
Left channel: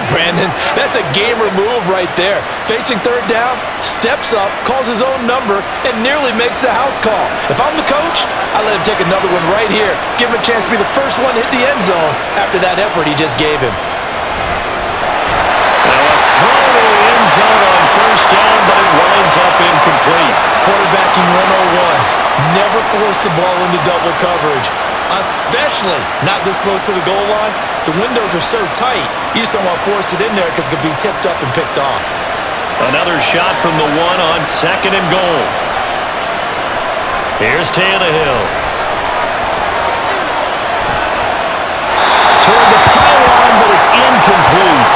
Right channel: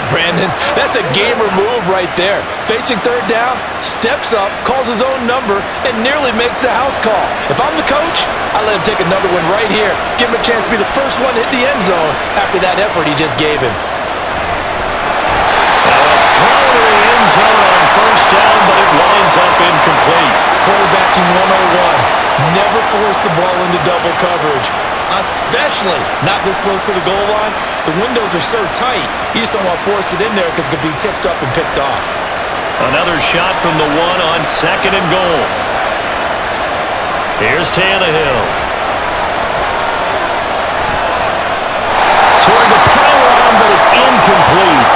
Brandon, that's a gamer move right there. Facing 3rd down, steps up, calls his own number, and nearly makes the house call. If I'm the coach, I let him take another one right here. Give him a chance to be the first one to hit the end zone after that effort he just gave him. Now a throw to the end zone on first down, but it winds up incomplete. Quarterbacking 101. Never force the ball into double coverage, especially not this close to the goal line. The windows are so tight, you just don't want to force it in there because it could be tipped up and picked off. Another shot from the 1 on 2nd and goal. Here's Tannehill. Toward the pylon, but it's incomplete.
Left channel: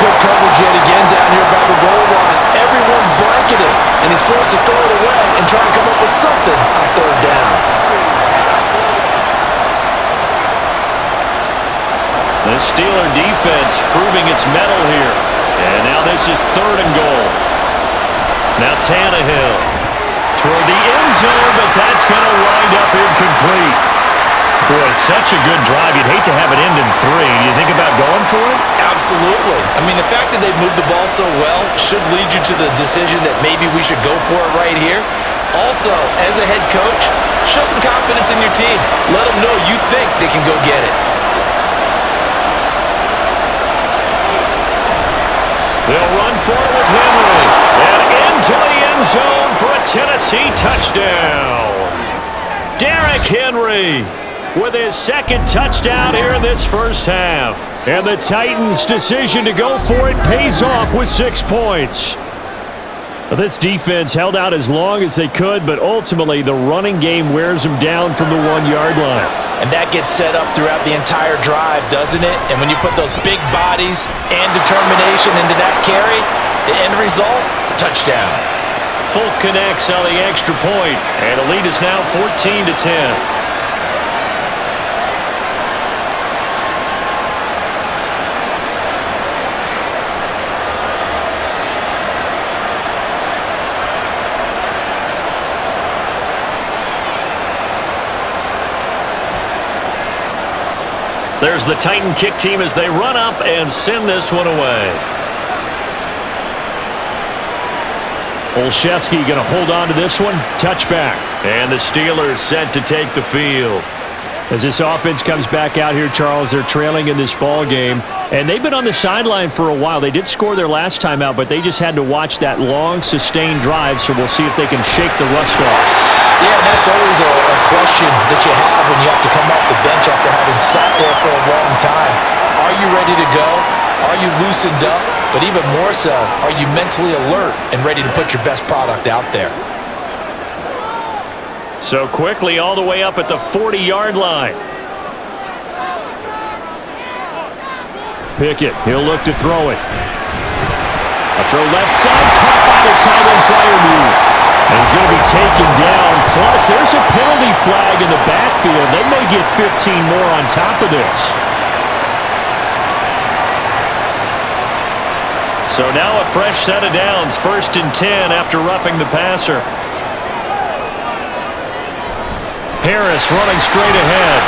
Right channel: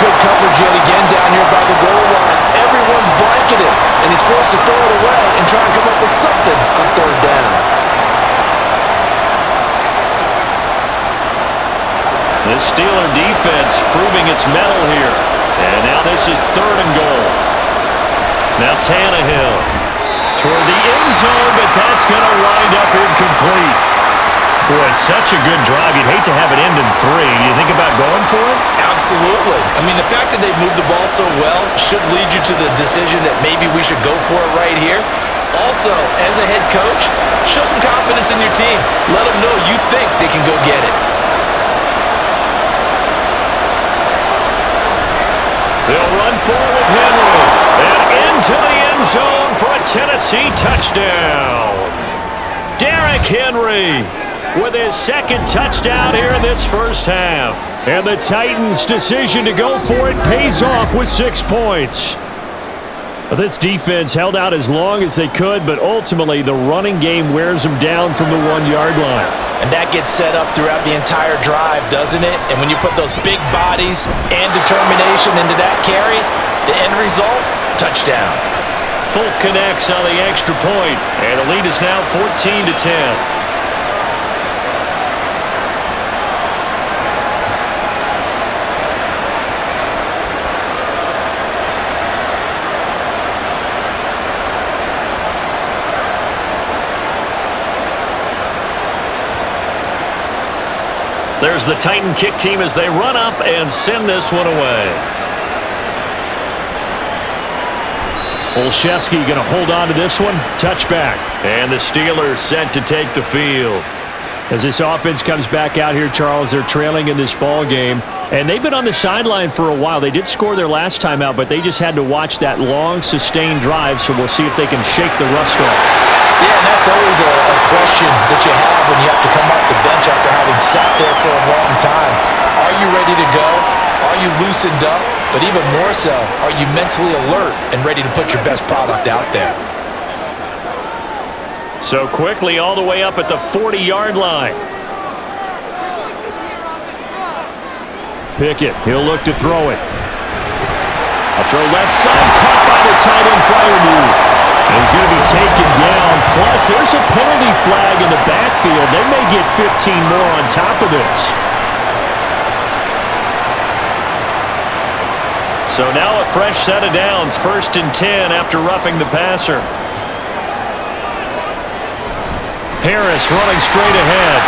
Good coverage yet again down here by the goal line. Everyone's blanketed, and he's forced to throw it away and try and come up with something on 3rd down. The Steeler defense proving its mettle here. And now this is 3rd and goal. Now Tannehill toward the end zone, but that's going to wind up incomplete. Boy, such a good drive. You'd hate to have it end in 3. Do you think about going for it? Absolutely. I mean, the fact that they've moved the ball so well should lead you to the decision that maybe we should go for it right here. Also, as a head coach, show some confidence in your team. Let them know you think they can go get it. They'll run for it with Henry. And into the end zone for a Tennessee touchdown. Derrick Henry with his 2nd touchdown here in this first half. And the Titans' decision to go for it pays off with 6 points. This defense held out as long as they could, but ultimately the running game wears them down from the 1-yard line. And that gets set up throughout the entire drive, doesn't it? And when you put those big bodies and determination into that carry, the end result, touchdown. Folk connects on the extra point, and the lead is now 14-10. There's the Titan kick team as they run up and send this one away. Olszewski going to hold on to this one. Touchback. And the Steelers set to take the field. As this offense comes back out here, Charles, they're trailing in this ball game. And they've been on the sideline for a while. They did score their last time out, but they just had to watch that long, sustained drive, so we'll see if they can shake the rust off. Yeah, and that's always a question that you have when you have to come off the bench after having sat there for a long time. Are you you ready to go? Are you loosened up? But even more so, are you mentally alert and ready to put your best product out there? So quickly all the way up at the 40-yard line. Pickett, he'll look to throw it. A throw left side, caught by the tight end flyer move. And he's going to be taken down. Plus, there's a penalty flag in the backfield. They may get 15 more on top of this. So now a fresh set of downs, 1st and 10 after roughing the passer. Harris running straight ahead.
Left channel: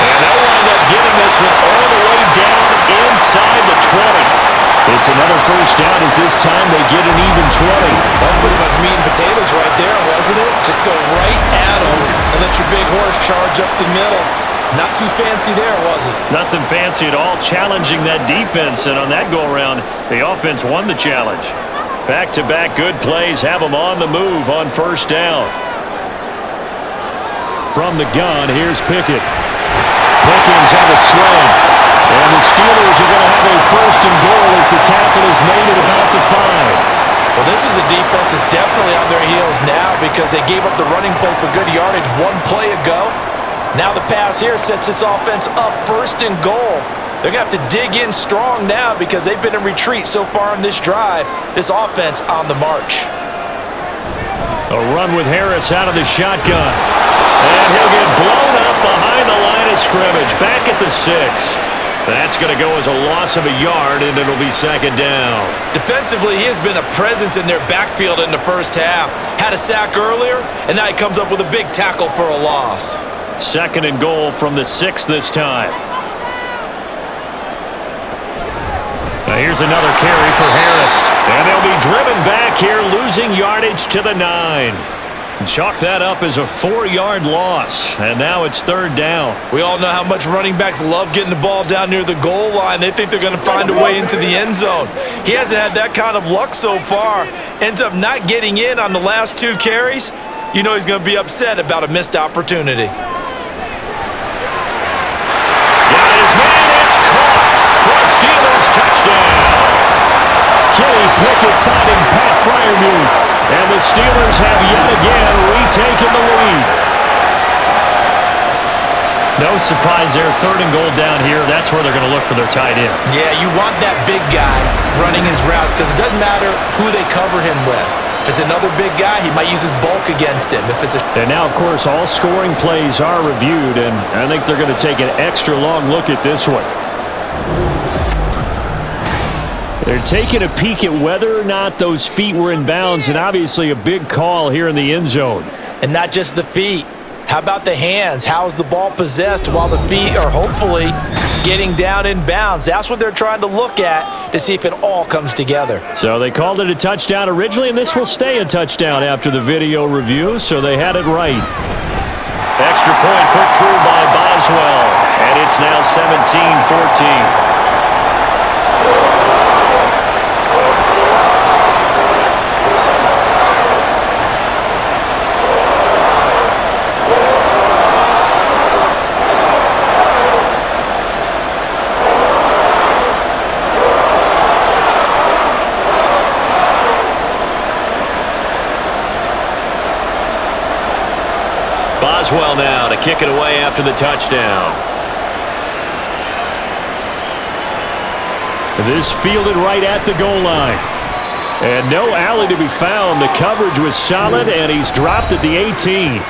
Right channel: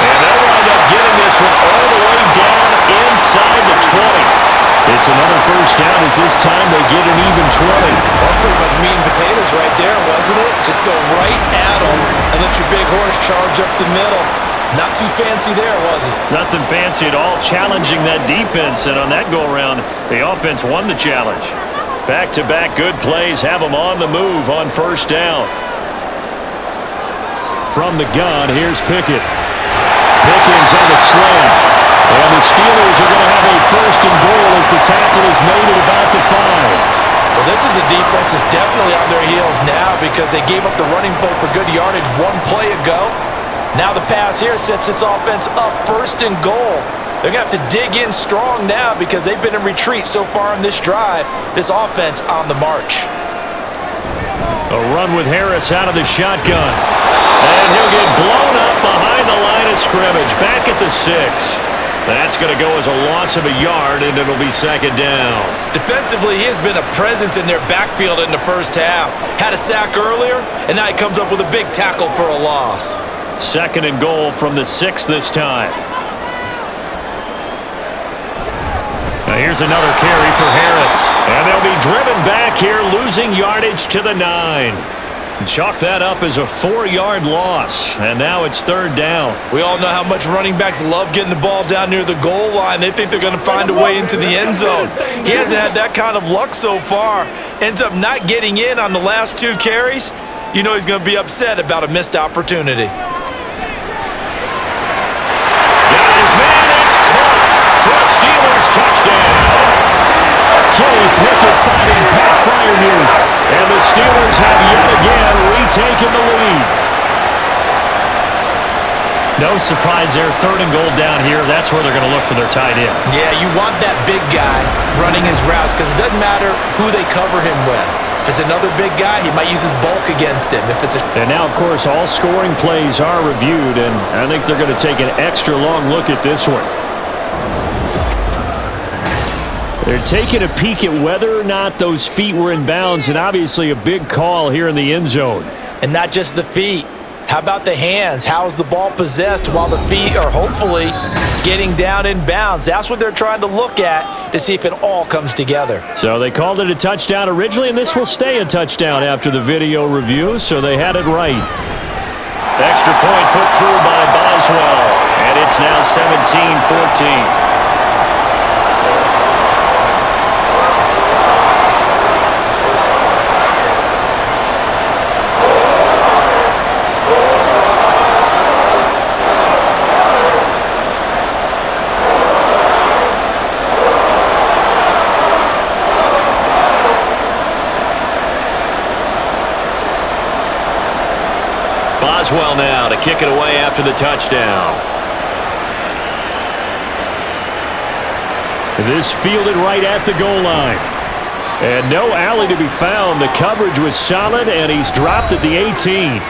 And they'll wind up getting this one all the way down inside the 20. It's another first down as this time they get an even 20. That's pretty much meat and potatoes right there, wasn't it? Just go right at them and let your big horse charge up the middle. Not too fancy there, was it? Nothing fancy at all, challenging that defense. And on that go-around, the offense won the challenge. Back-to-back good plays have them on the move on first down. From the gun, here's Pickett. Pickens on the slam. And the Steelers are going to have a 1st and goal as the tackle is made at about the 5. Well, this is a defense that's definitely on their heels now because they gave up the running play for good yardage one play ago. Now the pass here sets this offense up 1st and goal. They're going to have to dig in strong now because they've been in retreat so far in this drive. This offense on the march. A run with Harris out of the shotgun. And he'll get blown up behind the line of scrimmage, back at the 6. That's going to go as a loss of a yard, and it'll be 2nd down. Defensively, he has been a presence in their backfield in the first half. Had a sack earlier, and now he comes up with a big tackle for a loss. 2nd and goal from the 6 this time. Now here's another carry for Harris. And they'll be driven back here, losing yardage to the 9. Chalk that up as a 4-yard loss, and now it's 3rd down. We all know how much running backs love getting the ball down near the goal line. They think they're going to find a way into the end zone. He hasn't had that kind of luck so far. Ends up not getting in on the last 2 carries. You know he's going to be upset about a missed opportunity. Got his man, it's caught for a Steelers touchdown. Kenny Pickett finding Pat Freiermuth. And the Steelers have yet again retaken the lead. No surprise there, 3rd and goal down here. That's where they're going to look for their tight end. Yeah, you want that big guy running his routes because it doesn't matter who they cover him with. If it's another big guy, he might use his bulk against him. And now, of course, all scoring plays are reviewed, and I think they're going to take an extra long look at this one. They're taking a peek at whether or not those feet were in bounds, and obviously a big call here in the end zone. And not just the feet. How about the hands? How is the ball possessed while the feet are hopefully getting down in bounds? That's what they're trying to look at to see if it all comes together. So they called it a touchdown originally, and this will stay a touchdown after the video review, so they had it right. Extra point put through by Boswell, and it's now 17-14. Boswell now to kick it away after the touchdown. This fielded right at the goal line. And no alley to be found. The coverage was solid, and he's dropped at the 18.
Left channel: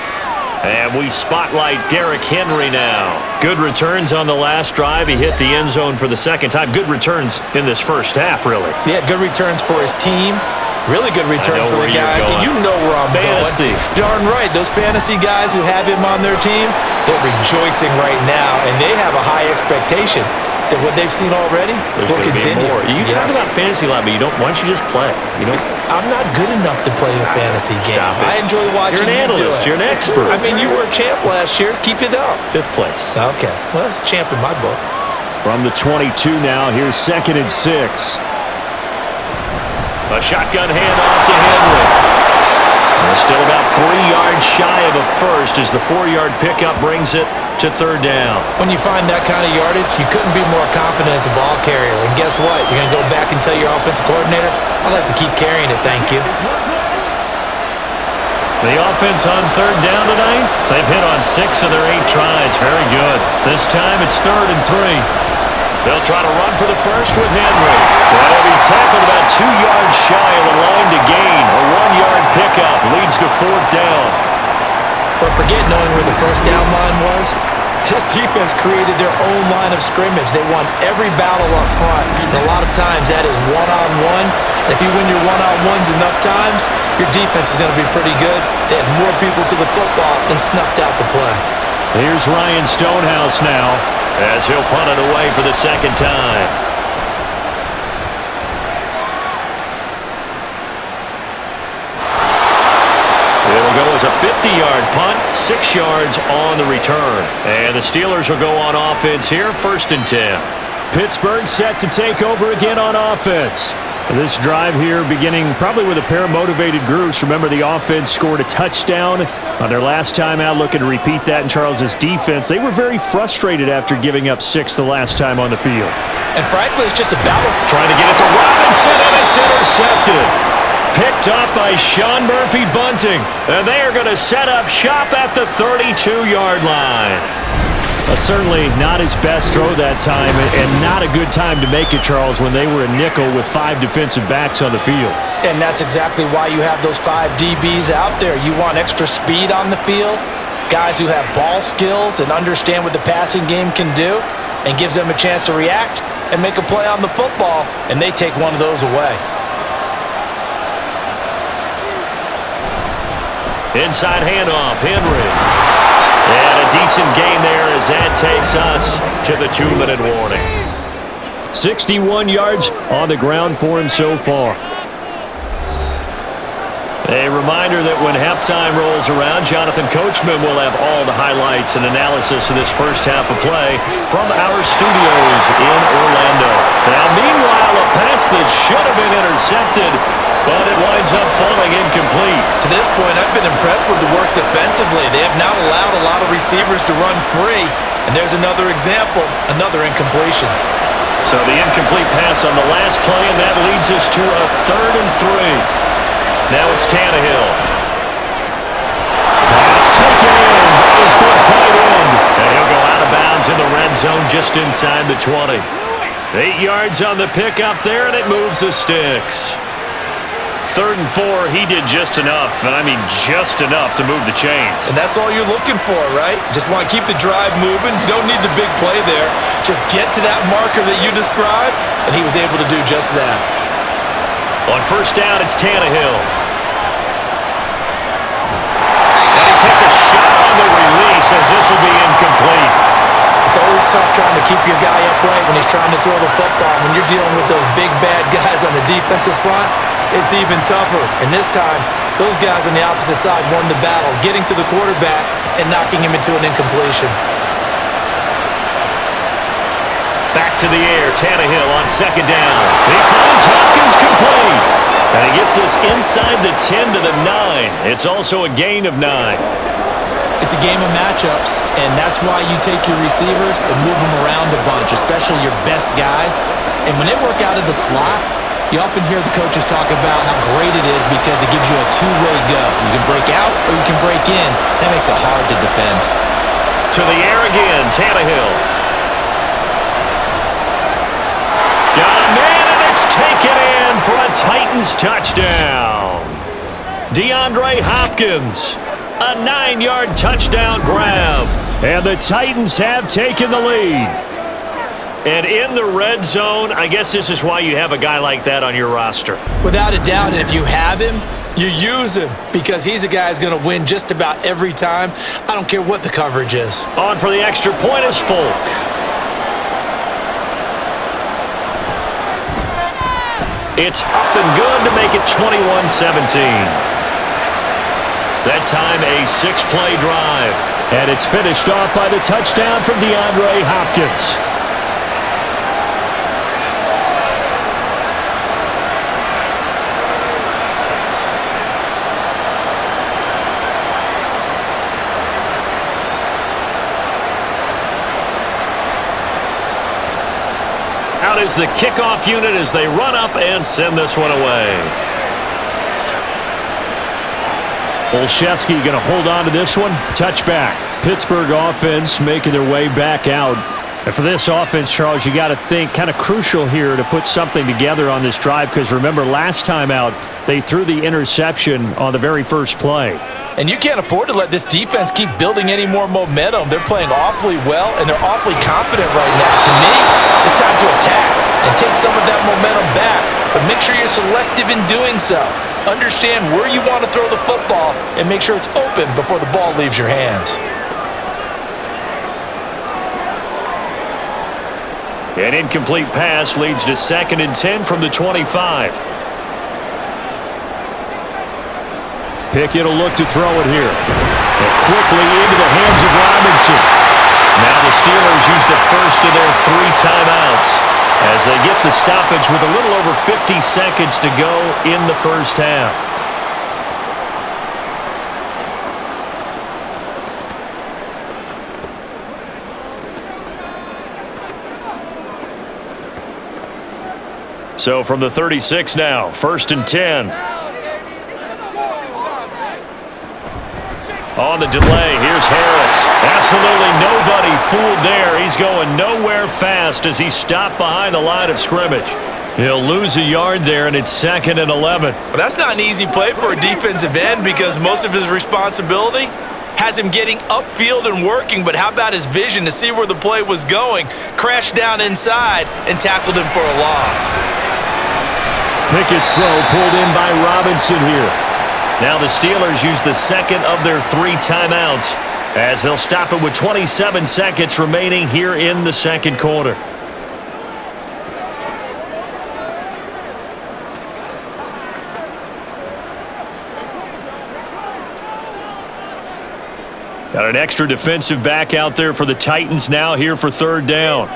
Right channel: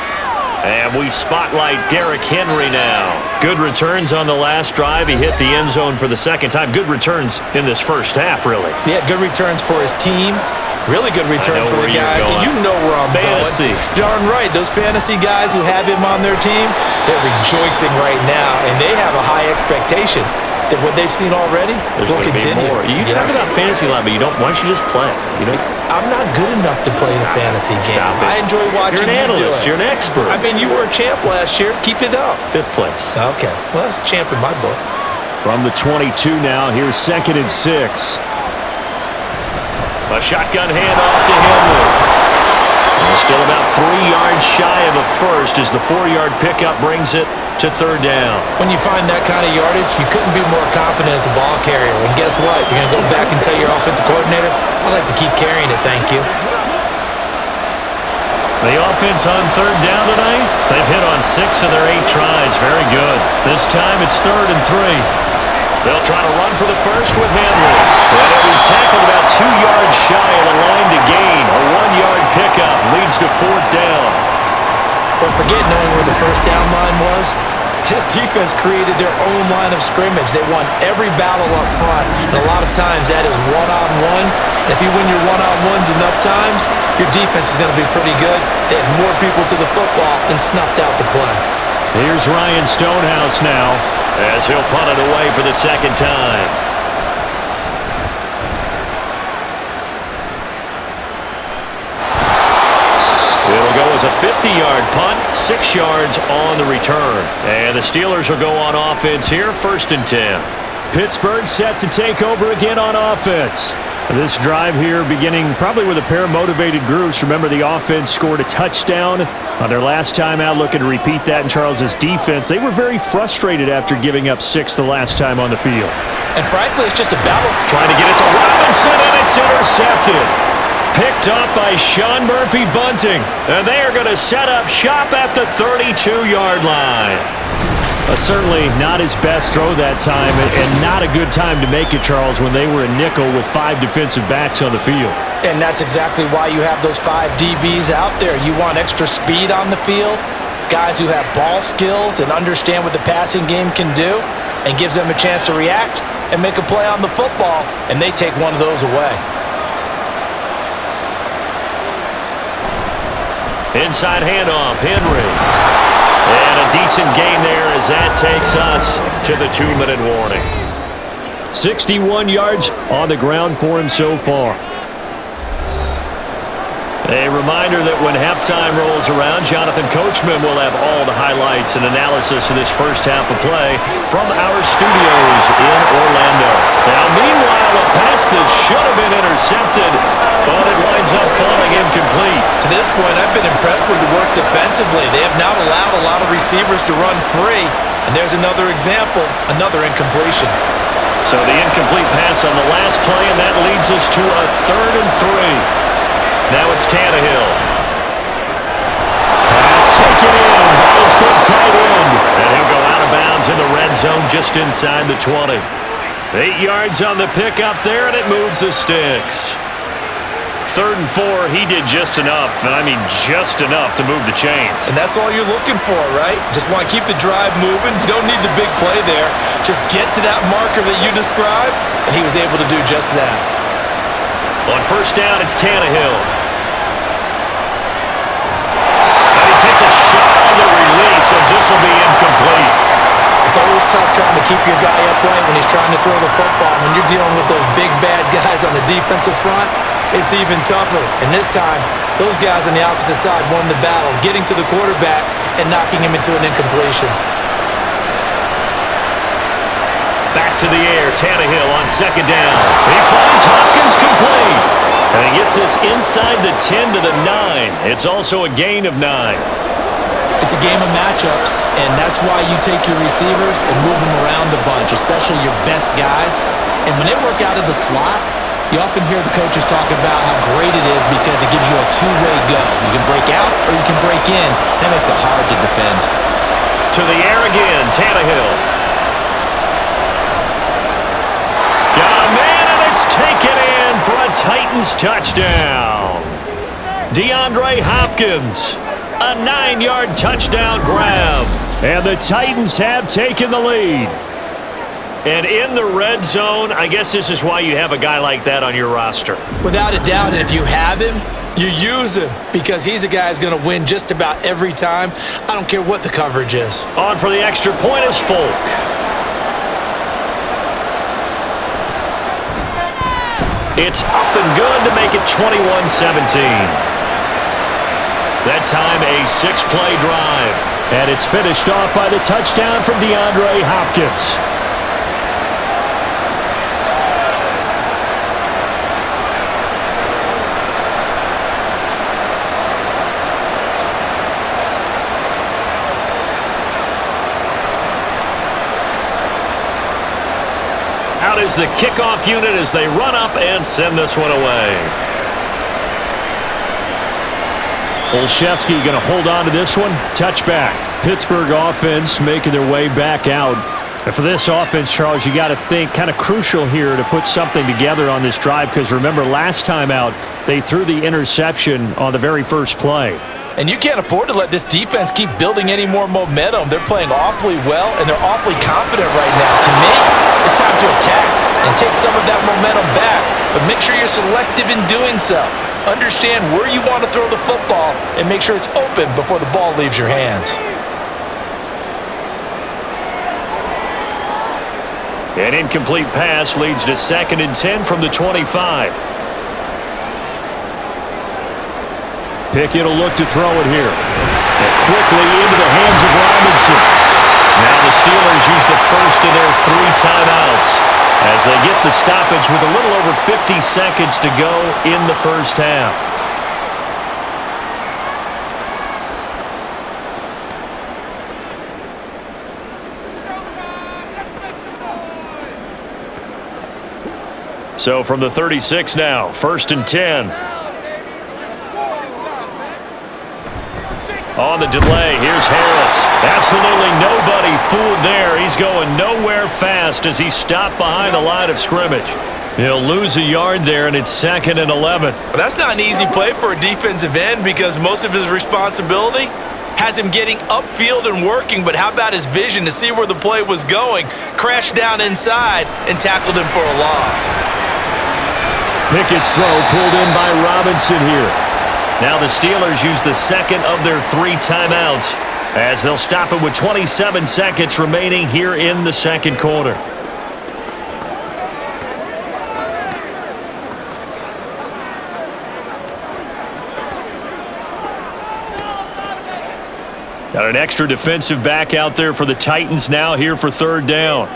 And we spotlight Derrick Henry now. Good returns on the last drive. He hit the end zone for the 2nd time. Good returns in this first half, really. Yeah, good returns for his team. Really good return for the guy. You know where I'm fantasy. Going. Darn right. Those fantasy guys who have him on their team, they're rejoicing right now, and they have a high expectation that what they've seen already will continue. More. You talk about fantasy line, but you don't. Why don't you just play? You don't. I'm not good enough to play the fantasy game. I enjoy watching you do it. You're an analyst. You're an expert. I mean, you were a champ last year. Keep it up. 5th place. Okay. Well, that's a champ in my book. From the 22 now, here's 2nd and 6. A shotgun handoff to Henry. Still about 3 yards shy of a first as the 4-yard pickup brings it to third down. When you find that kind of yardage, you couldn't be more confident as a ball carrier. And guess what? You're going to go back and tell your offensive coordinator, I'd like to keep carrying it, thank you. The offense on third down tonight, they've hit on 6 of their 8 tries. Very good. This time it's 3rd and 3. They'll try to run for the first with Henry. And he'll be tackled about 2 yards shy of the line to gain. A 1-yard pickup leads to 4th down. But forget knowing where the first down line was. This defense created their own line of scrimmage. They won every battle up front, and a lot of times that is one-on-one. And if you win your one-on-ones enough times, your defense is going to be pretty good. They had more people to the football and snuffed out the play. Here's Ryan Stonehouse now as he'll punt it away for the second time. It'll go as a 50-yard punt, 6 yards on the return. And the Steelers will go on offense here, 1st and 10. Pittsburgh set to take over again on offense. This drive here beginning probably with a pair of motivated groups. Remember, the offense scored a touchdown on their last time out, looking to repeat that in Charles's defense. They were very frustrated after giving up 6 the last time on the field. And frankly, it's just a battle. Trying to get it to Robinson, and it's intercepted. Picked up by Sean Murphy Bunting. And they are going to set up shop at the 32-yard line. Certainly not his best throw that time, and not a good time to make it, Charles, when they were a nickel with 5 defensive backs on the field. And that's exactly why you have those 5 DBs out there. You want extra speed on the field, guys who have ball skills and understand what the passing game can do, and gives them a chance to react and make a play on the football, and they take one of those away. Inside handoff, Henry. And a decent gain there as that takes us to the 2-minute warning. 61 yards on the ground for him so far. A reminder that when halftime rolls around, Jonathan Coachman will have all the highlights and analysis of this first half of play from our studios in Orlando. Now, meanwhile, a pass that should have been intercepted, but it winds up falling incomplete. To this point, I've been impressed with the work defensively. They have not allowed a lot of receivers to run free. And there's another example, another incompletion. So the incomplete pass on the last play, and that leads us to a 3rd and 3. Now it's Tannehill. Pass taken in by his big tight end. And he'll go out of bounds in the red zone just inside the 20. 8 yards on the pickup there, and it moves the sticks. 3rd and 4, he did just enough, and I mean just enough to move the chains. And that's all you're looking for, right? Just want to keep the drive moving. You don't need the big play there. Just get to that marker that you described, and he was able to do just that. On 1st down, it's Tannehill. And he takes a shot on the release as this will be incomplete. It's always tough trying to keep your guy upright when he's trying to throw the football. When you're dealing with those big, bad guys on the defensive front, it's even tougher. And this time, those guys on the opposite side won the battle, getting to the quarterback and knocking him into an incompletion. Back to the air, Tannehill on 2nd down. He finds Hopkins complete. And he gets this inside the 10 to the 9. It's also a gain of 9. It's a game of matchups, and that's why you take your receivers and move them around a bunch, especially your best guys. And when they work out of the slot, you often hear the coaches talk about how great it is because it gives you a two-way go. You can break out or you can break in. That makes it hard to defend. To the air again, Tannehill. Got a man, and it's taken in for a Titans touchdown. DeAndre Hopkins, a 9-yard touchdown grab. And the Titans have taken the lead. And in the red zone, I guess this is why you have a guy like that on your roster. Without a doubt, and if you have him, you use him because he's a guy who's going to win just about every time. I don't care what the coverage is. On for the extra point is Folk. It's up and good to make it 21-17. That time a 6-play drive. And it's finished off by the touchdown from DeAndre Hopkins. Out is the kickoff unit as they run up and send this one away. Olszewski going to hold on to this one. Touchback. Pittsburgh offense making their way back out. And for this offense, Charles, you got to think kind of crucial here to put something together on this drive because remember last time out they threw the interception on the very first play. And you can't afford to let this defense keep building any more momentum. They're playing awfully well, and they're awfully confident right now. To me, it's time to attack and take some of that momentum back, but make sure you're selective in doing so. Understand where you want to throw the football and make sure it's open before the ball leaves your hands. An incomplete pass leads to 2nd and 10 from the 25. Pickett will look to throw it here. And quickly into the hands of Robinson. Now the Steelers use the first of their 3 timeouts as they get the stoppage with a little over 50 seconds to go in the first half. So from the 36 now, 1st and 10. On the delay, here's Harris. Absolutely nobody fooled there. He's going nowhere fast as he's stopped behind the line of scrimmage. He'll lose a yard there, and it's 2nd and 11. Well, that's not an easy play for a defensive end because most of his responsibility has him getting upfield and working, but how about his vision to see where the play was going, crashed down inside, and tackled him for a loss. Pickett's throw pulled in by Robinson here. Now the Steelers use the 2nd of their 3 timeouts as they'll stop it with 27 seconds remaining here in the 2nd quarter. Got an extra defensive back out there for the Titans now here for 3rd down.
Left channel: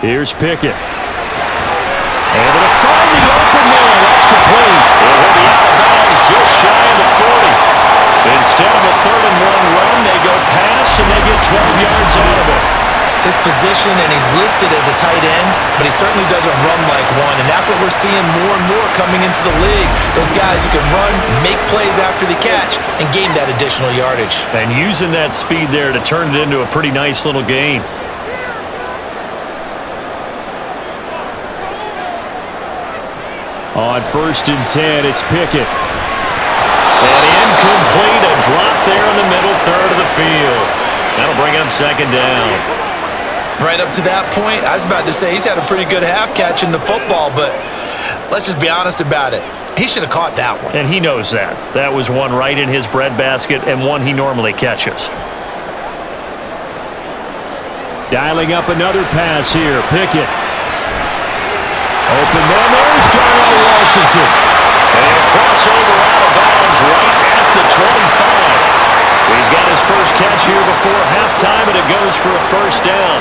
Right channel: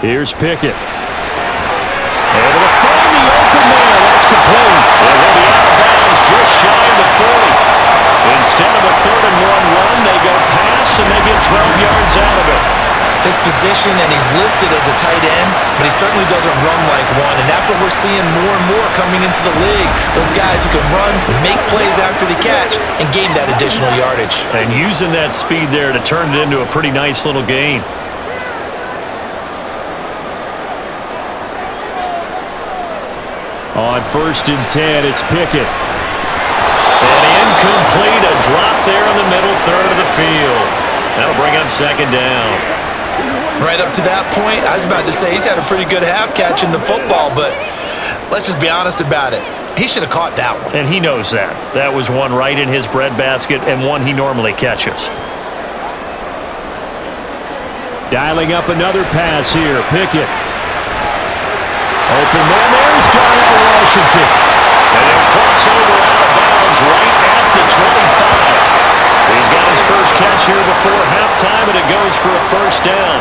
Here's Pickett. Able to find the open man. That's complete. It will be out of bounds just shy of the 40. Instead of a 3rd and 1 run, they go pass and they get 12 yards out of it. His position, and he's listed as a tight end, but he certainly doesn't run like one, and that's what we're seeing more and more coming into the league. Those guys who can run, make plays after the catch, and gain that additional yardage. And using that speed there to turn it into a pretty nice little gain. On 1st and 10, it's Pickett. And incomplete, a drop there in the middle third of the field. That'll bring up 2nd down. Right up to that point, I was about to say he's had a pretty good half catching the football, but let's just be honest about it. He should have caught that one. And he knows that. That was one right in his breadbasket and one he normally catches. Dialing up another pass here, Pickett. Open man, there's Darnell Washington. And he'll cross over out of bounds right at the 25. He's got his first catch here before halftime, and it goes for a 1st down.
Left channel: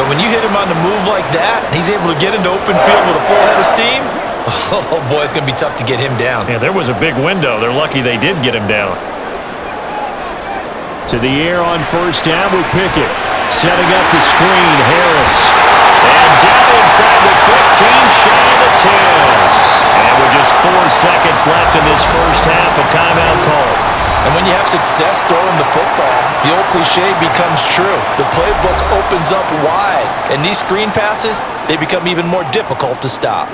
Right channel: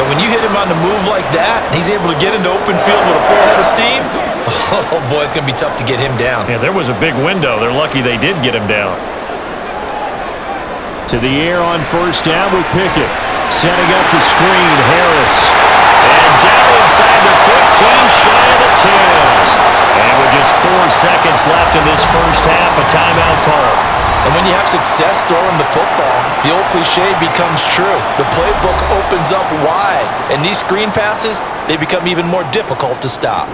But when you hit him on the move like that, he's able to get into open field with a full head of steam, oh boy, it's going to be tough to get him down. Yeah, there was a big window. They're lucky they did get him down. To the air on 1st down with Pickett. Setting up the screen, Harris. And down inside the 15, shy of the 10. And with just 4 seconds left in this first half, a timeout call. And when you have success throwing the football, the old cliche becomes true. The playbook opens up wide, and these screen passes, they become even more difficult to stop.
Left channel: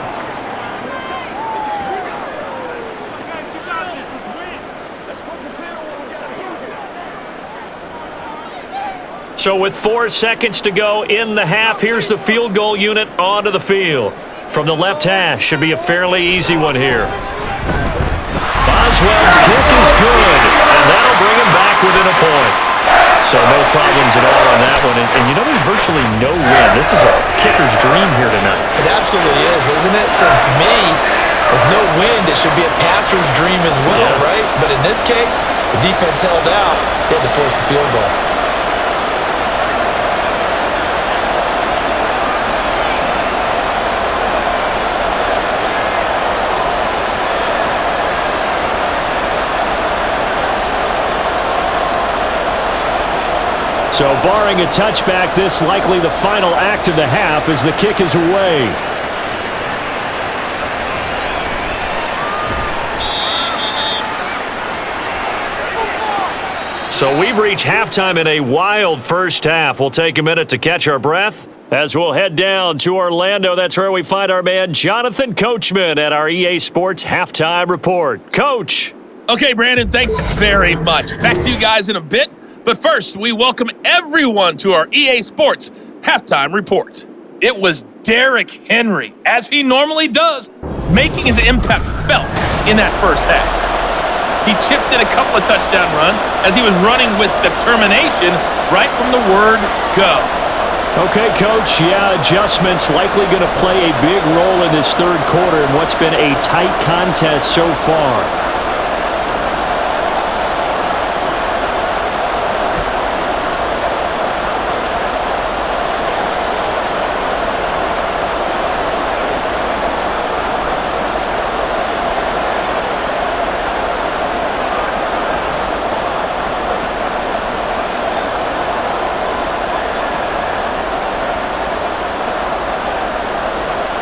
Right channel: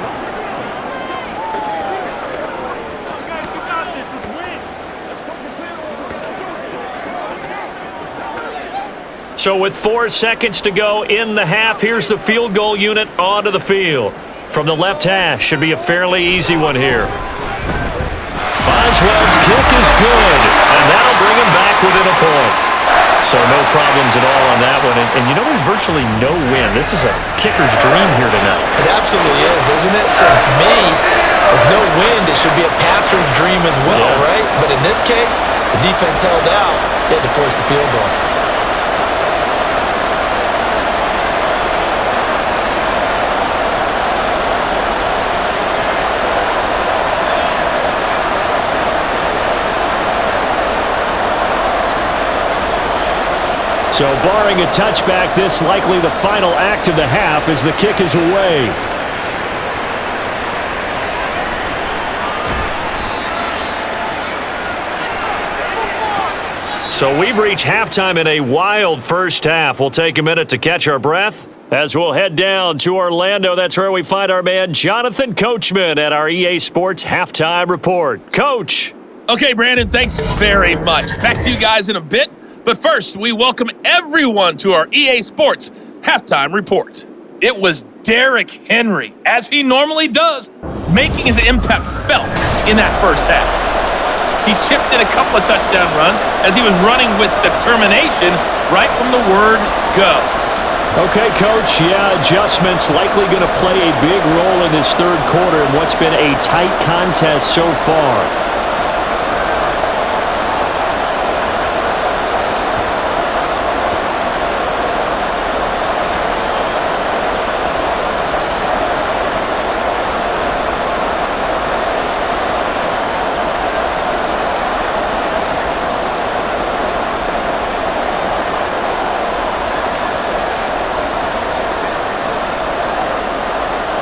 So with 4 seconds to go in the half, here's the field goal unit onto the field. From the left hash, should be a fairly easy one here. Boswell's kick is good, and that'll bring him back within a point. So no problems at all on that one. And you know, there's virtually no wind. This is a kicker's dream here tonight. It absolutely is, isn't it? So to me, with no wind, it should be a passer's dream as well, right? But in this case, the defense held out. They had to force the field goal. So barring a touchback, this likely the final act of the half as the kick is away. So we've reached halftime in a wild first half. We'll take a minute to catch our breath as we'll head down to Orlando. That's where we find our man Jonathan Coachman at our EA Sports Halftime Report. Coach. Okay, Brandon, thanks very much. Back to you guys in a bit. But first, we welcome everyone to our EA Sports Halftime Report. It was Derrick Henry, as he normally does, making his impact felt in that first half. He chipped in a couple of touchdown runs as he was running with determination right from the word go. Okay, Coach, adjustments likely going to play a big role in this third quarter in what's been a tight contest so far.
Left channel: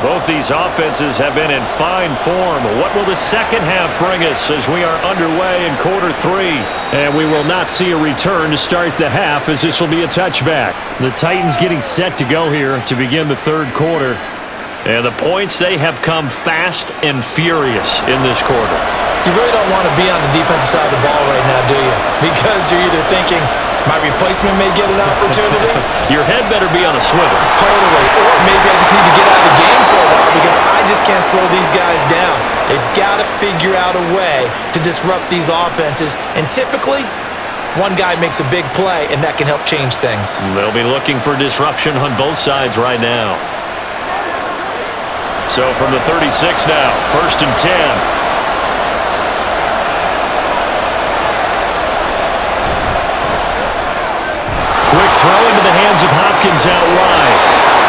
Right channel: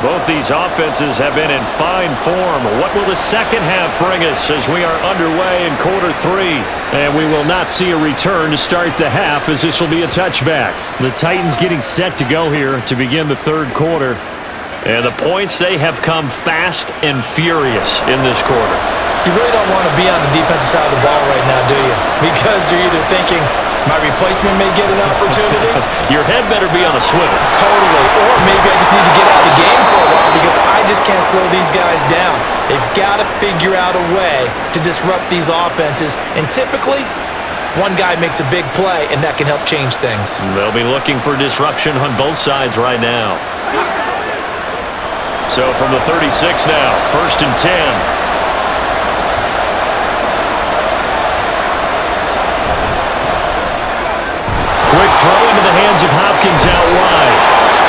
Both these offenses have been in fine form. What will the second half bring us as we are underway in quarter three? And we will not see a return to start the half as this will be a touchback. The Titans getting set to go here to begin the third quarter. And the points, they have come fast and furious in this quarter. You really don't want to be on the defensive side of the ball right now, do you? Because you're either thinking, my replacement may get an opportunity. Your head better be on a swivel. Totally. Or maybe I just need to get out of the game for a while because I just can't slow these guys down. They've got to figure out a way to disrupt these offenses. And typically, one guy makes a big play, and that can help change things. They'll be looking for disruption on both sides right now. So from the 36 now, 1st and 10. Quick throw into the hands of Hopkins out wide.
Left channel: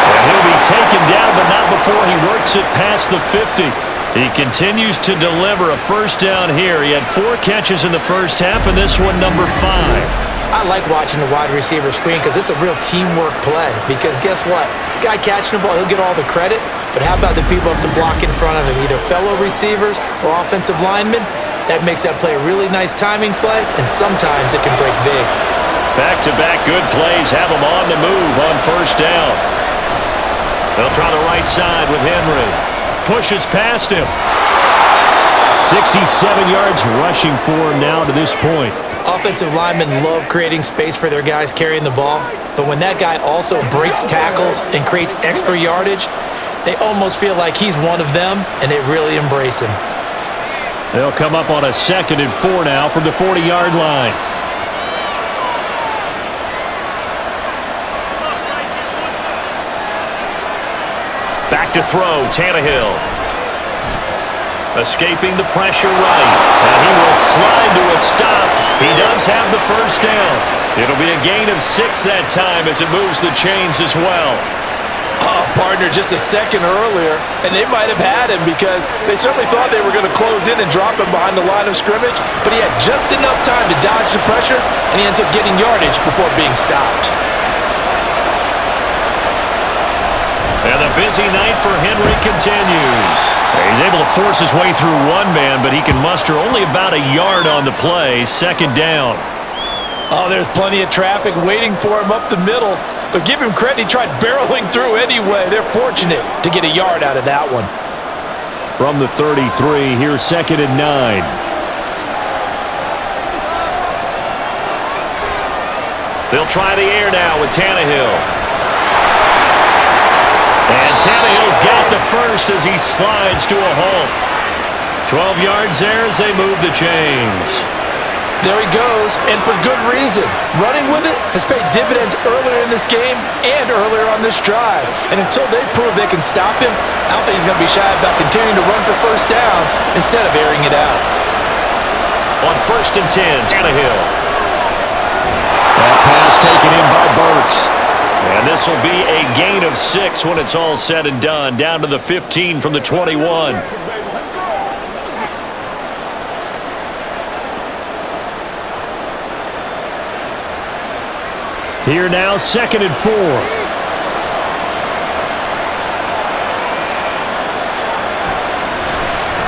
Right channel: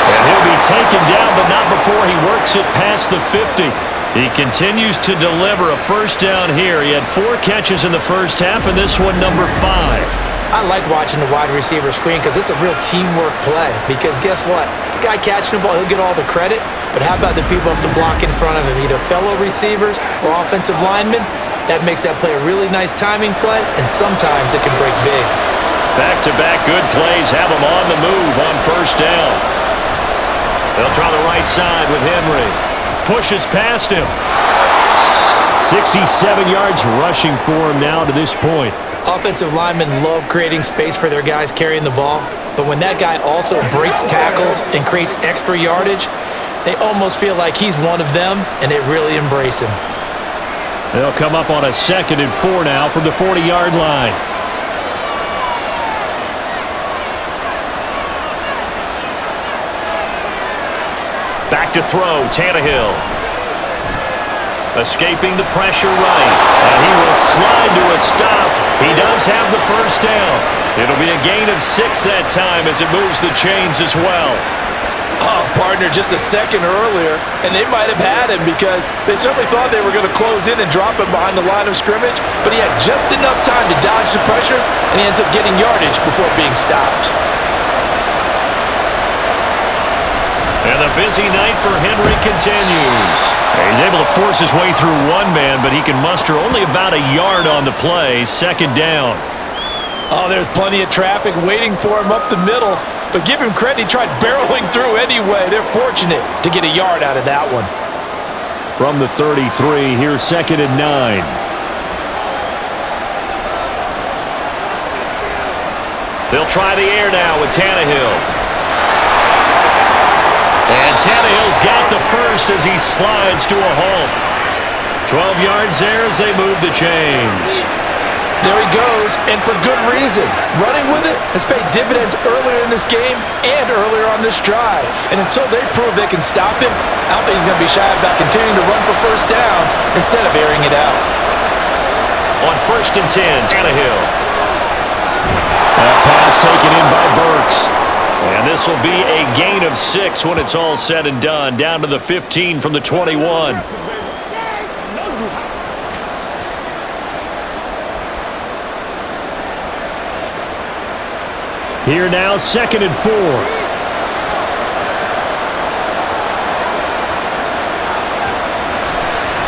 And he'll be taken down, but not before he works it past the 50. He continues to deliver a first down here. He had 4 catches in the first half, and this one number 5. I like watching the wide receiver screen because it's a real teamwork play. Because guess what? The guy catching the ball, he'll get all the credit. But how about the people up to block in front of him, either fellow receivers or offensive linemen? That makes that play a really nice timing play, and sometimes it can break big. Back-to-back good plays have him on the move on first down. They'll try the right side with Henry. Pushes past him. 67 yards rushing for him now to this point. Offensive linemen love creating space for their guys carrying the ball, but when that guy also breaks tackles and creates extra yardage, they almost feel like he's one of them, and they really embrace him. They'll come up on a 2nd and 4 now from the 40-yard line. Back to throw, Tannehill. Escaping the pressure right. And he will slide to a stop. He does have the first down. It'll be a gain of 6 that time as it moves the chains as well. Oh, partner, just a second earlier, and they might have had him because they certainly thought they were going to close in and drop him behind the line of scrimmage, but he had just enough time to dodge the pressure, and he ends up getting yardage before being stopped. And the busy night for Henry continues. He's able to force his way through one man, but he can muster only about a yard on the play. 2nd down. Oh, there's plenty of traffic waiting for him up the middle, but give him credit, he tried barreling through anyway. They're fortunate to get a yard out of that one. From the 33, here's 2nd and 9. They'll try the air now with Tannehill. And Tannehill's got the first as he slides to a halt. 12 yards there as they move the chains. There he goes, and for good reason. Running with it has paid dividends earlier in this game and earlier on this drive. And until they prove they can stop him, I don't think he's going to be shy about continuing to run for first downs instead of airing it out. On 1st and 10, Tannehill. That pass taken in by Burks. And this will be a gain of 6 when it's all said and done. Down to the 15 from the 21. Here now, 2nd and 4.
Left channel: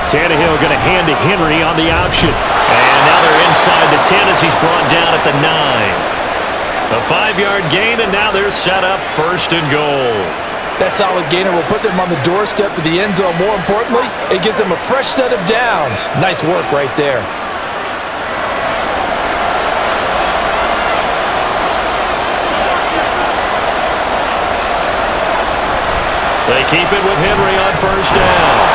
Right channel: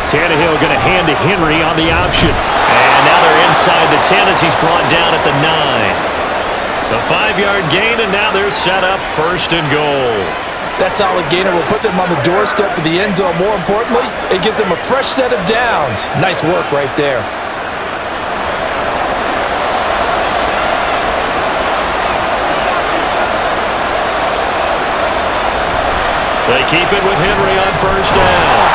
Tannehill going to hand to Henry on the option. And now they're inside the 10 as he's brought down at the 9. A 5-yard gain, and now they're set up 1st and goal. That solid gainer will put them on the doorstep of the end zone. More importantly, it gives them a fresh set of downs. Nice work right there. They keep it with Henry on 1st down.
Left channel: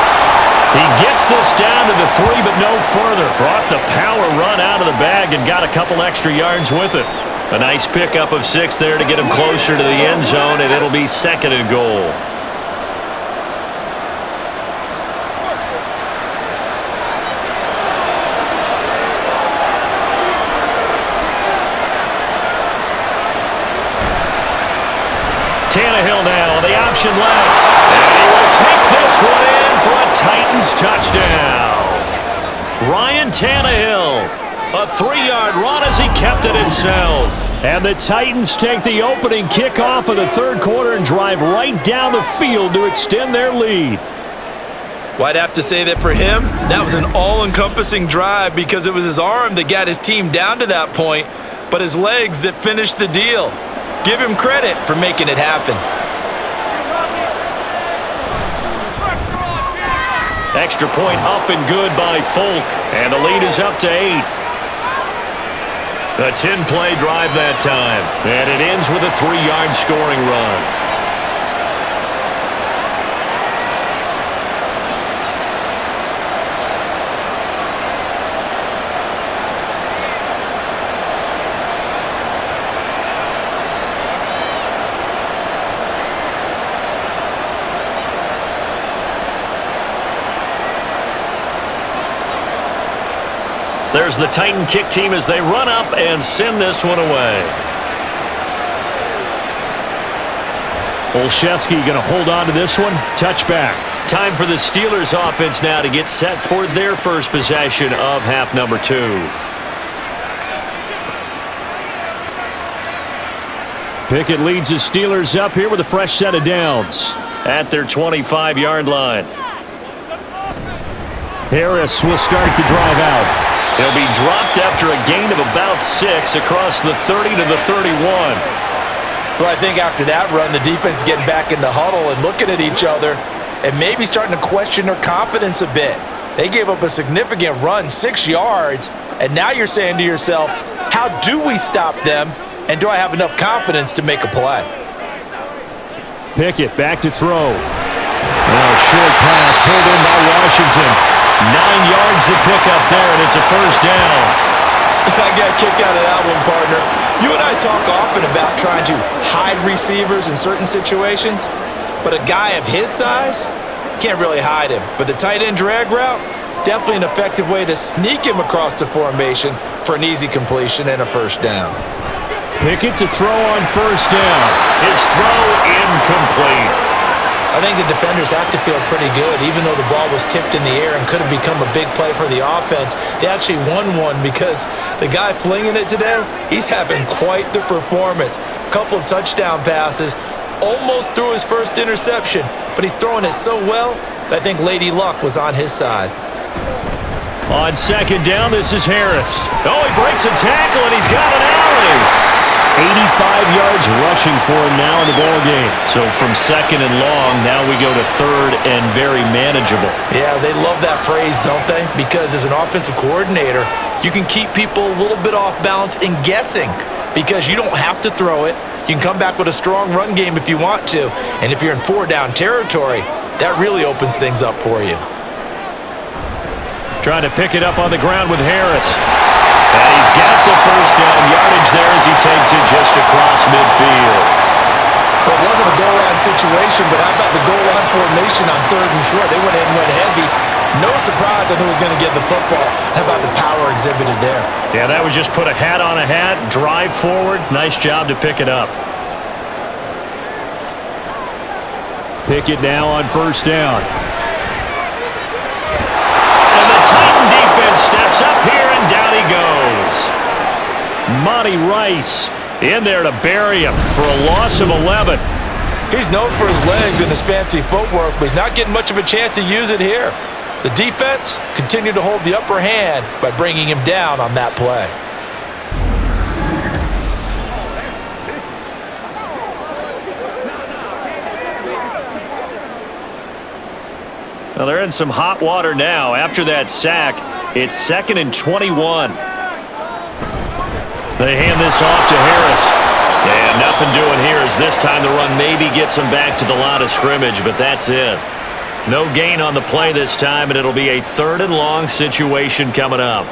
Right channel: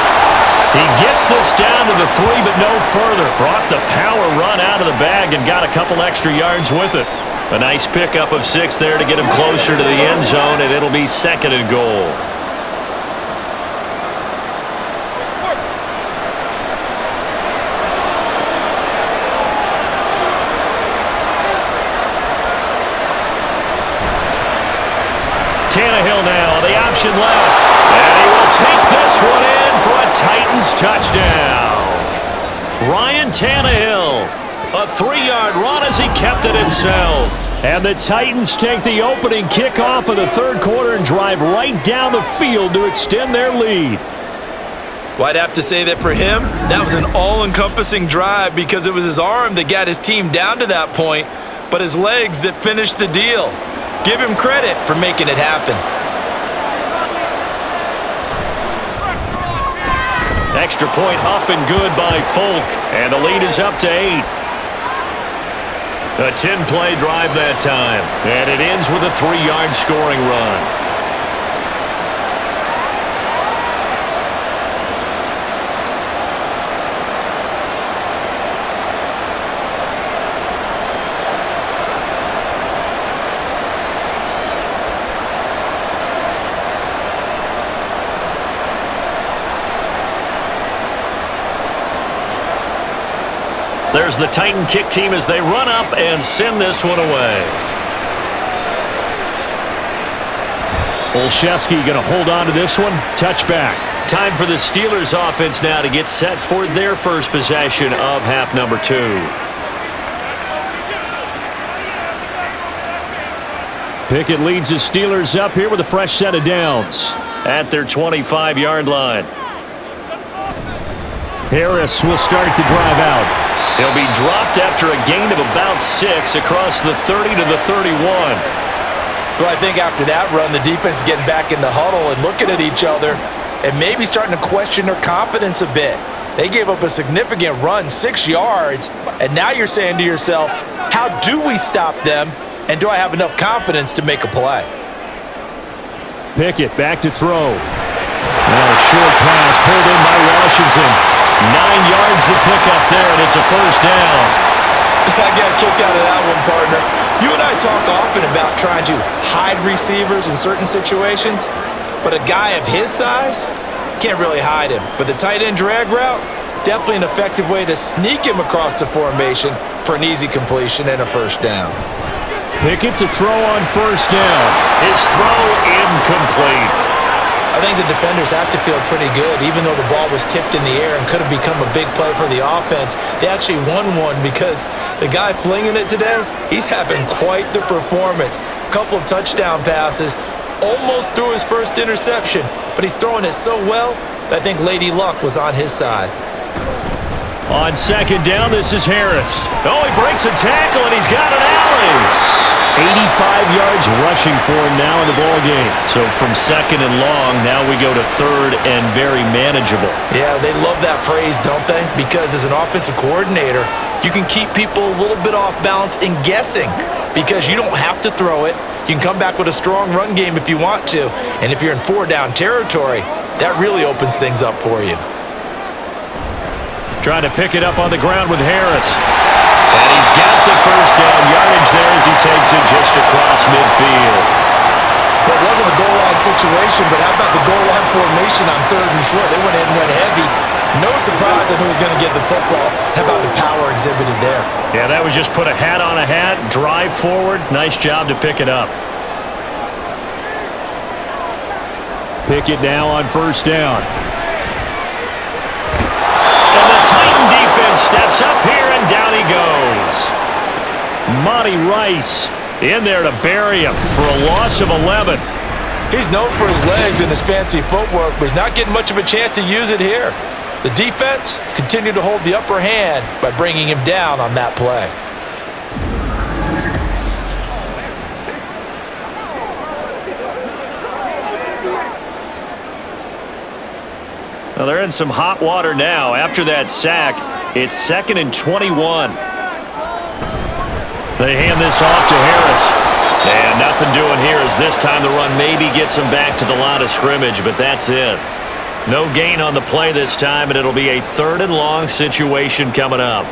He gets this down to the 3, but no further. Brought the power run out of the bag and got a couple extra yards with it. A nice pickup of 6 there to get him closer to the end zone, and it'll be 2nd and goal. Tannehill now on the option left. And he will take this one in for a Titans touchdown. Ryan Tannehill, a 3-yard run as he kept it himself. And the Titans take the opening kickoff of the 3rd quarter and drive right down the field to extend their lead. Well, I'd have to say that for him, that was an all-encompassing drive because it was his arm that got his team down to that point, but his legs that finished the deal. Give him credit for making it happen. Extra point up and good by Folk, and the lead is up to 8. A 10-play drive that time, and it ends with a 3-yard scoring run. There's the Titan kick team as they run up and send this one away. Olszewski going to hold on to this one. Touchback. Time for the Steelers offense now to get set for their first possession of half number 2. Pickett leads the Steelers up here with a fresh set of downs at their 25-yard line. Harris will start the drive out. He'll be dropped after a gain of about 6 across the 30 to the 31. Well, I think after that run, the defense is getting back in the huddle and looking at each other and maybe starting to question their confidence a bit. They gave up a significant run, 6 yards, and now you're saying to yourself, how do we stop them, and do I have enough confidence to make a play? Pickett back to throw. Now a short pass pulled in by Washington. 9 yards to pick up there, and it's a 1st down. I got a kick out of that one, partner. You and I talk often about trying to hide receivers in certain situations, but a guy of his size can't really hide him. But the tight end drag route, definitely an effective way to sneak him across the formation for an easy completion and a 1st down. Pickett to throw on 1st down. His throw incomplete. I think the defenders have to feel pretty good. Even though the ball was tipped in the air and could have become a big play for the offense, they actually won one because the guy flinging it today, he's having quite the performance. A couple of touchdown passes, almost threw his first interception, but he's throwing it so well that I think Lady Luck was on his side. On 2nd down, this is Harris. Oh, he breaks a tackle, and he's got an alley. 85 yards rushing for him now in the ball game. So from 2nd and long, now we go to 3rd and very manageable. Yeah, they love that phrase, don't they? Because as an offensive coordinator, you can keep people a little bit off balance and guessing because you don't have to throw it. You can come back with a strong run game if you want to. And if you're in 4-down territory, that really opens things up for you. Trying to pick it up on the ground with Harris. And he's got the 1st down yardage there as he takes it just across midfield. Well, it wasn't a goal line situation, but how about the goal line formation on 3rd and short? They went in and went heavy. No surprise on who was going to get the football. How about the power exhibited there? Yeah, that was just put a hat on a hat, drive forward. Nice job to pick it up. Pickett now on 1st down. And the Titan defense steps up here, and down he goes. Monty Rice In there to bury him for a loss of 11. He's known for his legs and his fancy footwork, but he's not getting much of a chance to use it here. The defense continued to hold the upper hand by bringing him down on that play. Well, they're in some hot water now. After that sack, it's 2nd and 21. They hand this off to Harris. And nothing doing here as this time the run maybe gets him back to the line of scrimmage, but that's it. No gain on the play this time, and it'll be a 3rd and long situation coming up.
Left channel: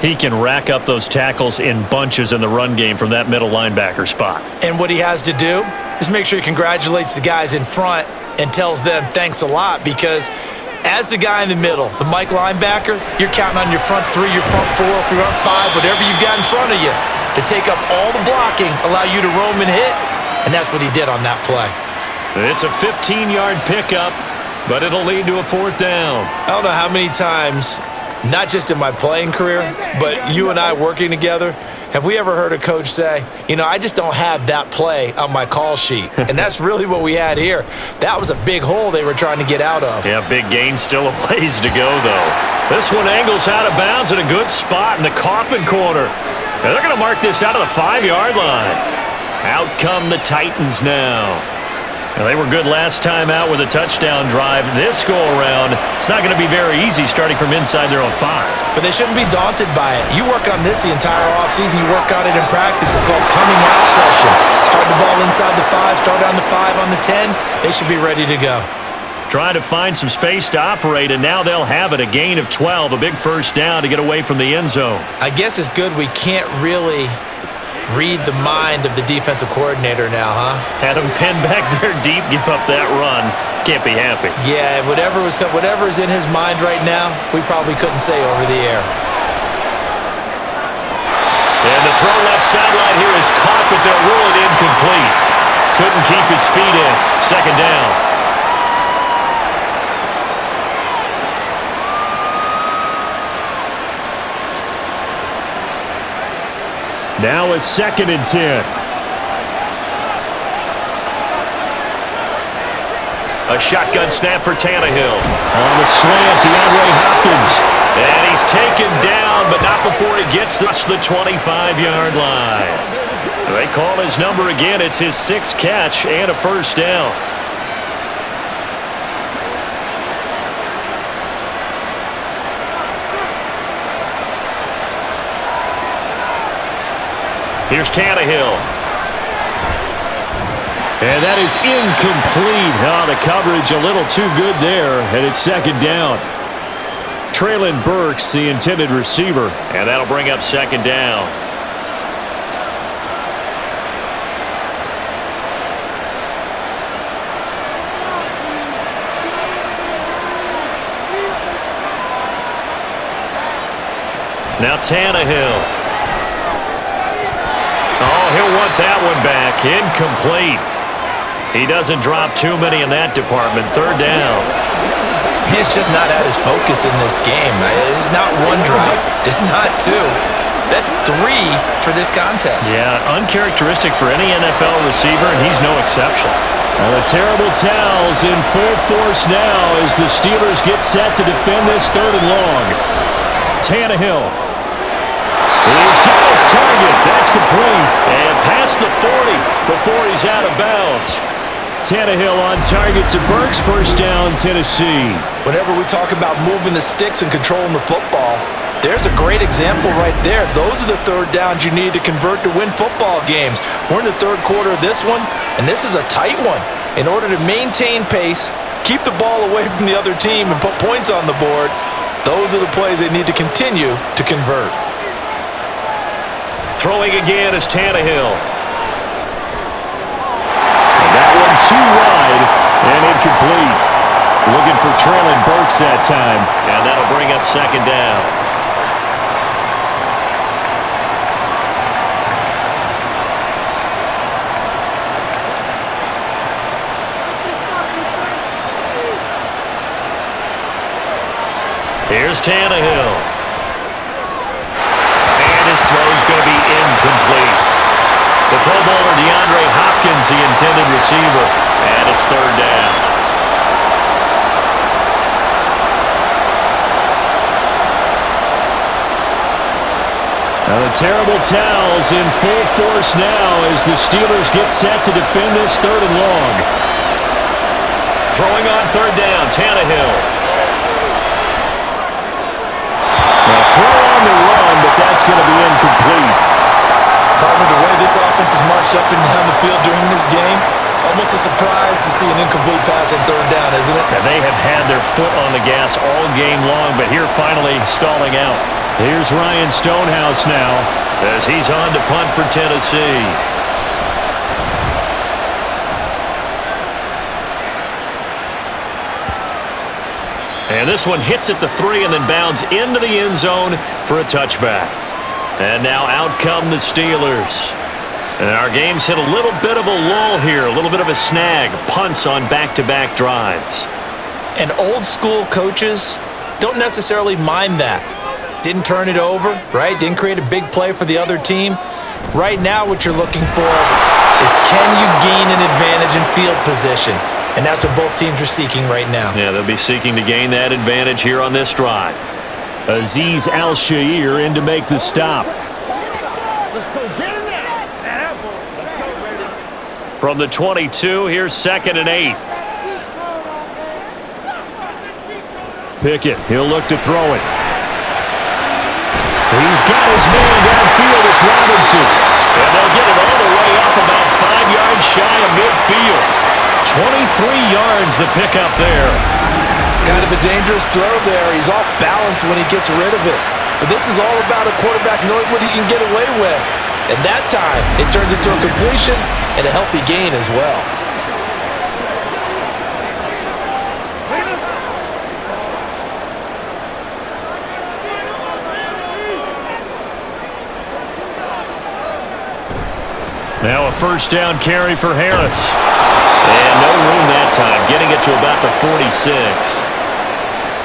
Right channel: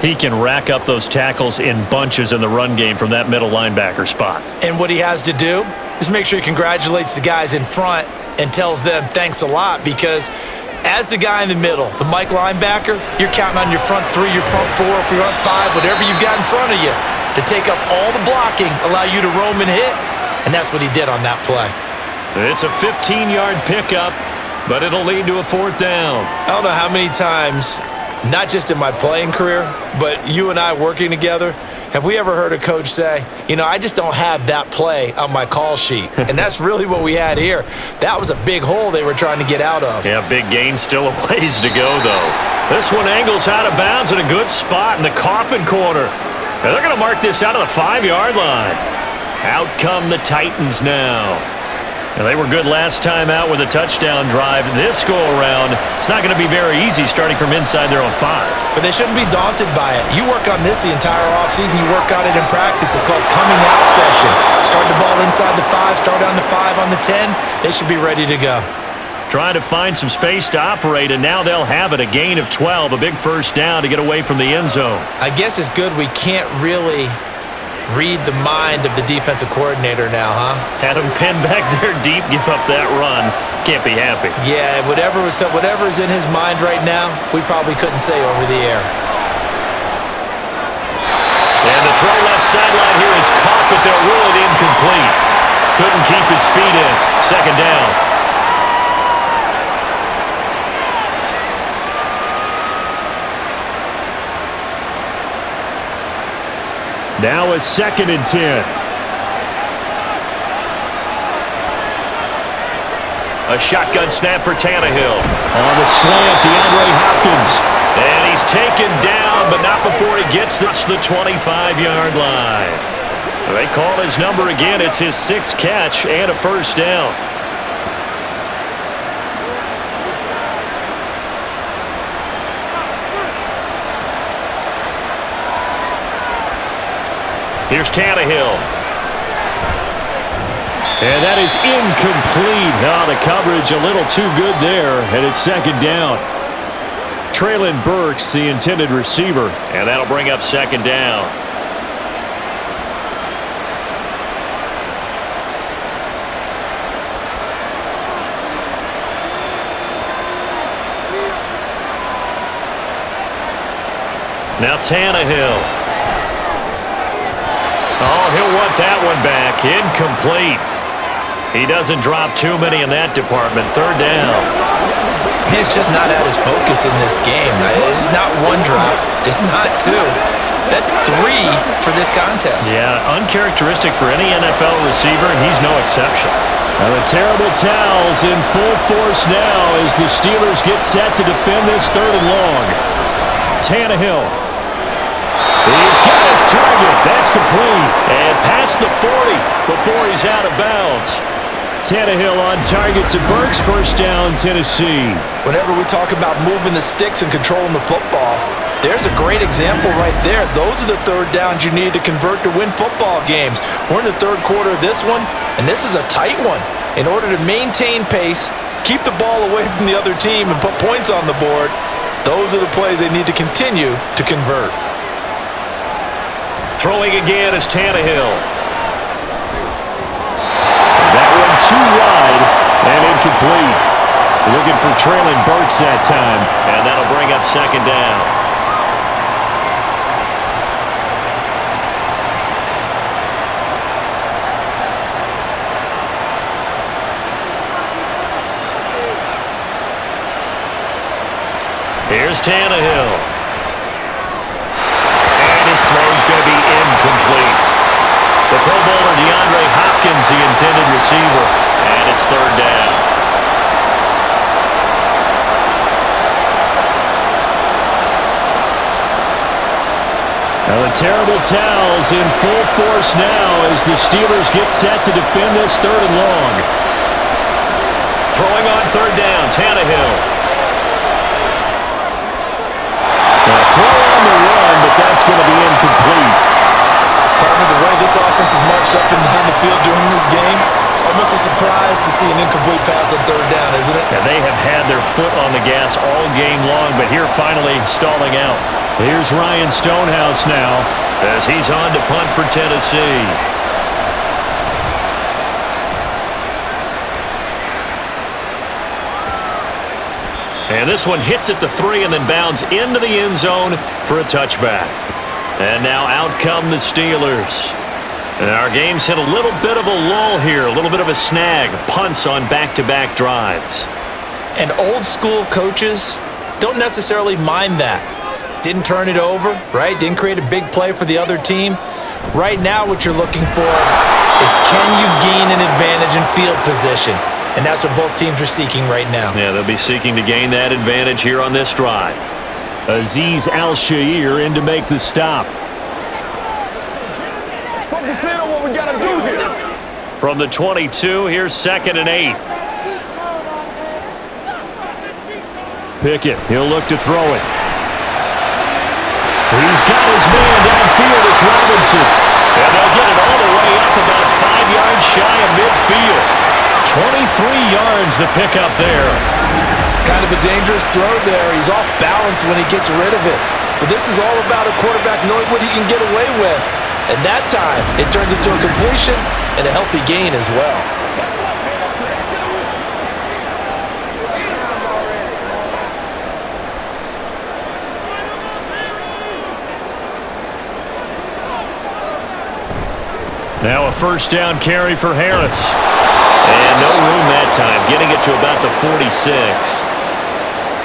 He can rack up those tackles in bunches in the run game from that middle linebacker spot. And what he has to do is make sure he congratulates the guys in front and tells them thanks a lot, because as the guy in the middle, the Mike linebacker, you're counting on your front 3, your front 4, your front 5, whatever you've got in front of you to take up all the blocking, allow you to roam and hit, and that's what he did on that play. It's a 15-yard pickup, but it'll lead to a 4th down. I don't know how many times, not just in my playing career, but you and I working together, have we ever heard a coach say, you know, I just don't have that play on my call sheet. And that's really what we had here. That was a big hole they were trying to get out of. Yeah, big gain, still a ways to go, though. This one angles out of bounds in a good spot in the coffin corner. And they're going to mark this out of the 5-yard line. Out come the Titans now. And they were good last time out with a touchdown drive. This go-around, it's not going to be very easy starting from inside their own 5. But they shouldn't be daunted by it. You work on this the entire offseason. You work on it in practice. It's called coming out session. Start the ball inside the 5, start on the 5, on the 10. They should be ready to go. Trying to find some space to operate, and now they'll have it. A gain of 12, a big 1st down to get away from the end zone. I guess it's good we can't really read the mind of the defensive coordinator now, huh? Had him pinned back there deep, give up that run. Can't be happy. Yeah, whatever is in his mind right now, we probably couldn't say over the air. And the throw left sideline here is caught, but they'll rule it incomplete. Couldn't keep his feet in. 2nd down. Now it's 2nd and 10. A shotgun snap for Tannehill. On the slant, DeAndre Hopkins. And he's taken down, but not before he gets this the 25-yard line. They call his number again. It's his 6th catch and a 1st down. Here's Tannehill. And that is incomplete. Oh, the coverage a little too good there, and it's 2nd down. Traylon Burks, the intended receiver, and that'll bring up 2nd down. Now Tannehill. Oh, he'll want that one back. Incomplete. He doesn't drop too many in that department. 3rd down. He's just not at his focus in this game. It's not 1 drop. It's not 2. That's 3 for this contest. Yeah, uncharacteristic for any NFL receiver, and he's no exception. Now the terrible towels in full force now as the Steelers get set to defend this 3rd and long. Tannehill. He's got his target. That's complete. And past the 40 before he's out of bounds. Tannehill on target to Burks. 1st down, Tennessee. Whenever we talk about moving the sticks and controlling the football, there's a great example right there. Those are the 3rd downs you need to convert to win football games. We're in the 3rd quarter of this one, and this is a tight one. In order to maintain pace, keep the ball away from the other team, and put points on the board, those are the plays they need to continue to convert. Throwing again is Tannehill. And that one too wide and incomplete. Looking for Traylon Burks that time. And that'll bring up 2nd down. Here's Tannehill. His throw is going to be incomplete. the intended receiver. And it's third down. Now the terrible towels in full force now as the Steelers get set to defend this third and long. Throwing on third down, Tannehill. Now throw on the run, but that's going to be incomplete. Partner, the way this offense has marched up and down the field during this game, it's almost a surprise to see an incomplete pass on third down, isn't it? Now they have had their foot on the gas all game long, but here finally stalling out. Here's Ryan Stonehouse now as he's on to punt for Tennessee. And this one hits at the 3 and then bounds into the end zone for a touchback. And now out come the Steelers. And our game's hit a little bit of a lull here, a little bit of a snag. Punts on back-to-back drives. And old school coaches don't necessarily mind that. Didn't turn it over, right? Didn't create a big play for the other team. Right now what you're looking for is can you gain an advantage in field position? And that's what both teams are seeking right now. Yeah, they'll be seeking to gain that advantage here on this drive. Azeez Al-Shaair in to make the stop. From the 22, here's 2nd and 8. Pickett, he'll look to throw it. He's got his man downfield. It's Robinson. And they'll get it all the way up about 5 yards shy of midfield. 23 yards the pickup there. Kind of a dangerous throw there. He's off balance when he gets rid of it. But this is all about a quarterback knowing what he can get away with. And that time, it turns into a completion and a healthy gain as well. Now a first down carry for Harris. And no room that time, getting it to about the 46.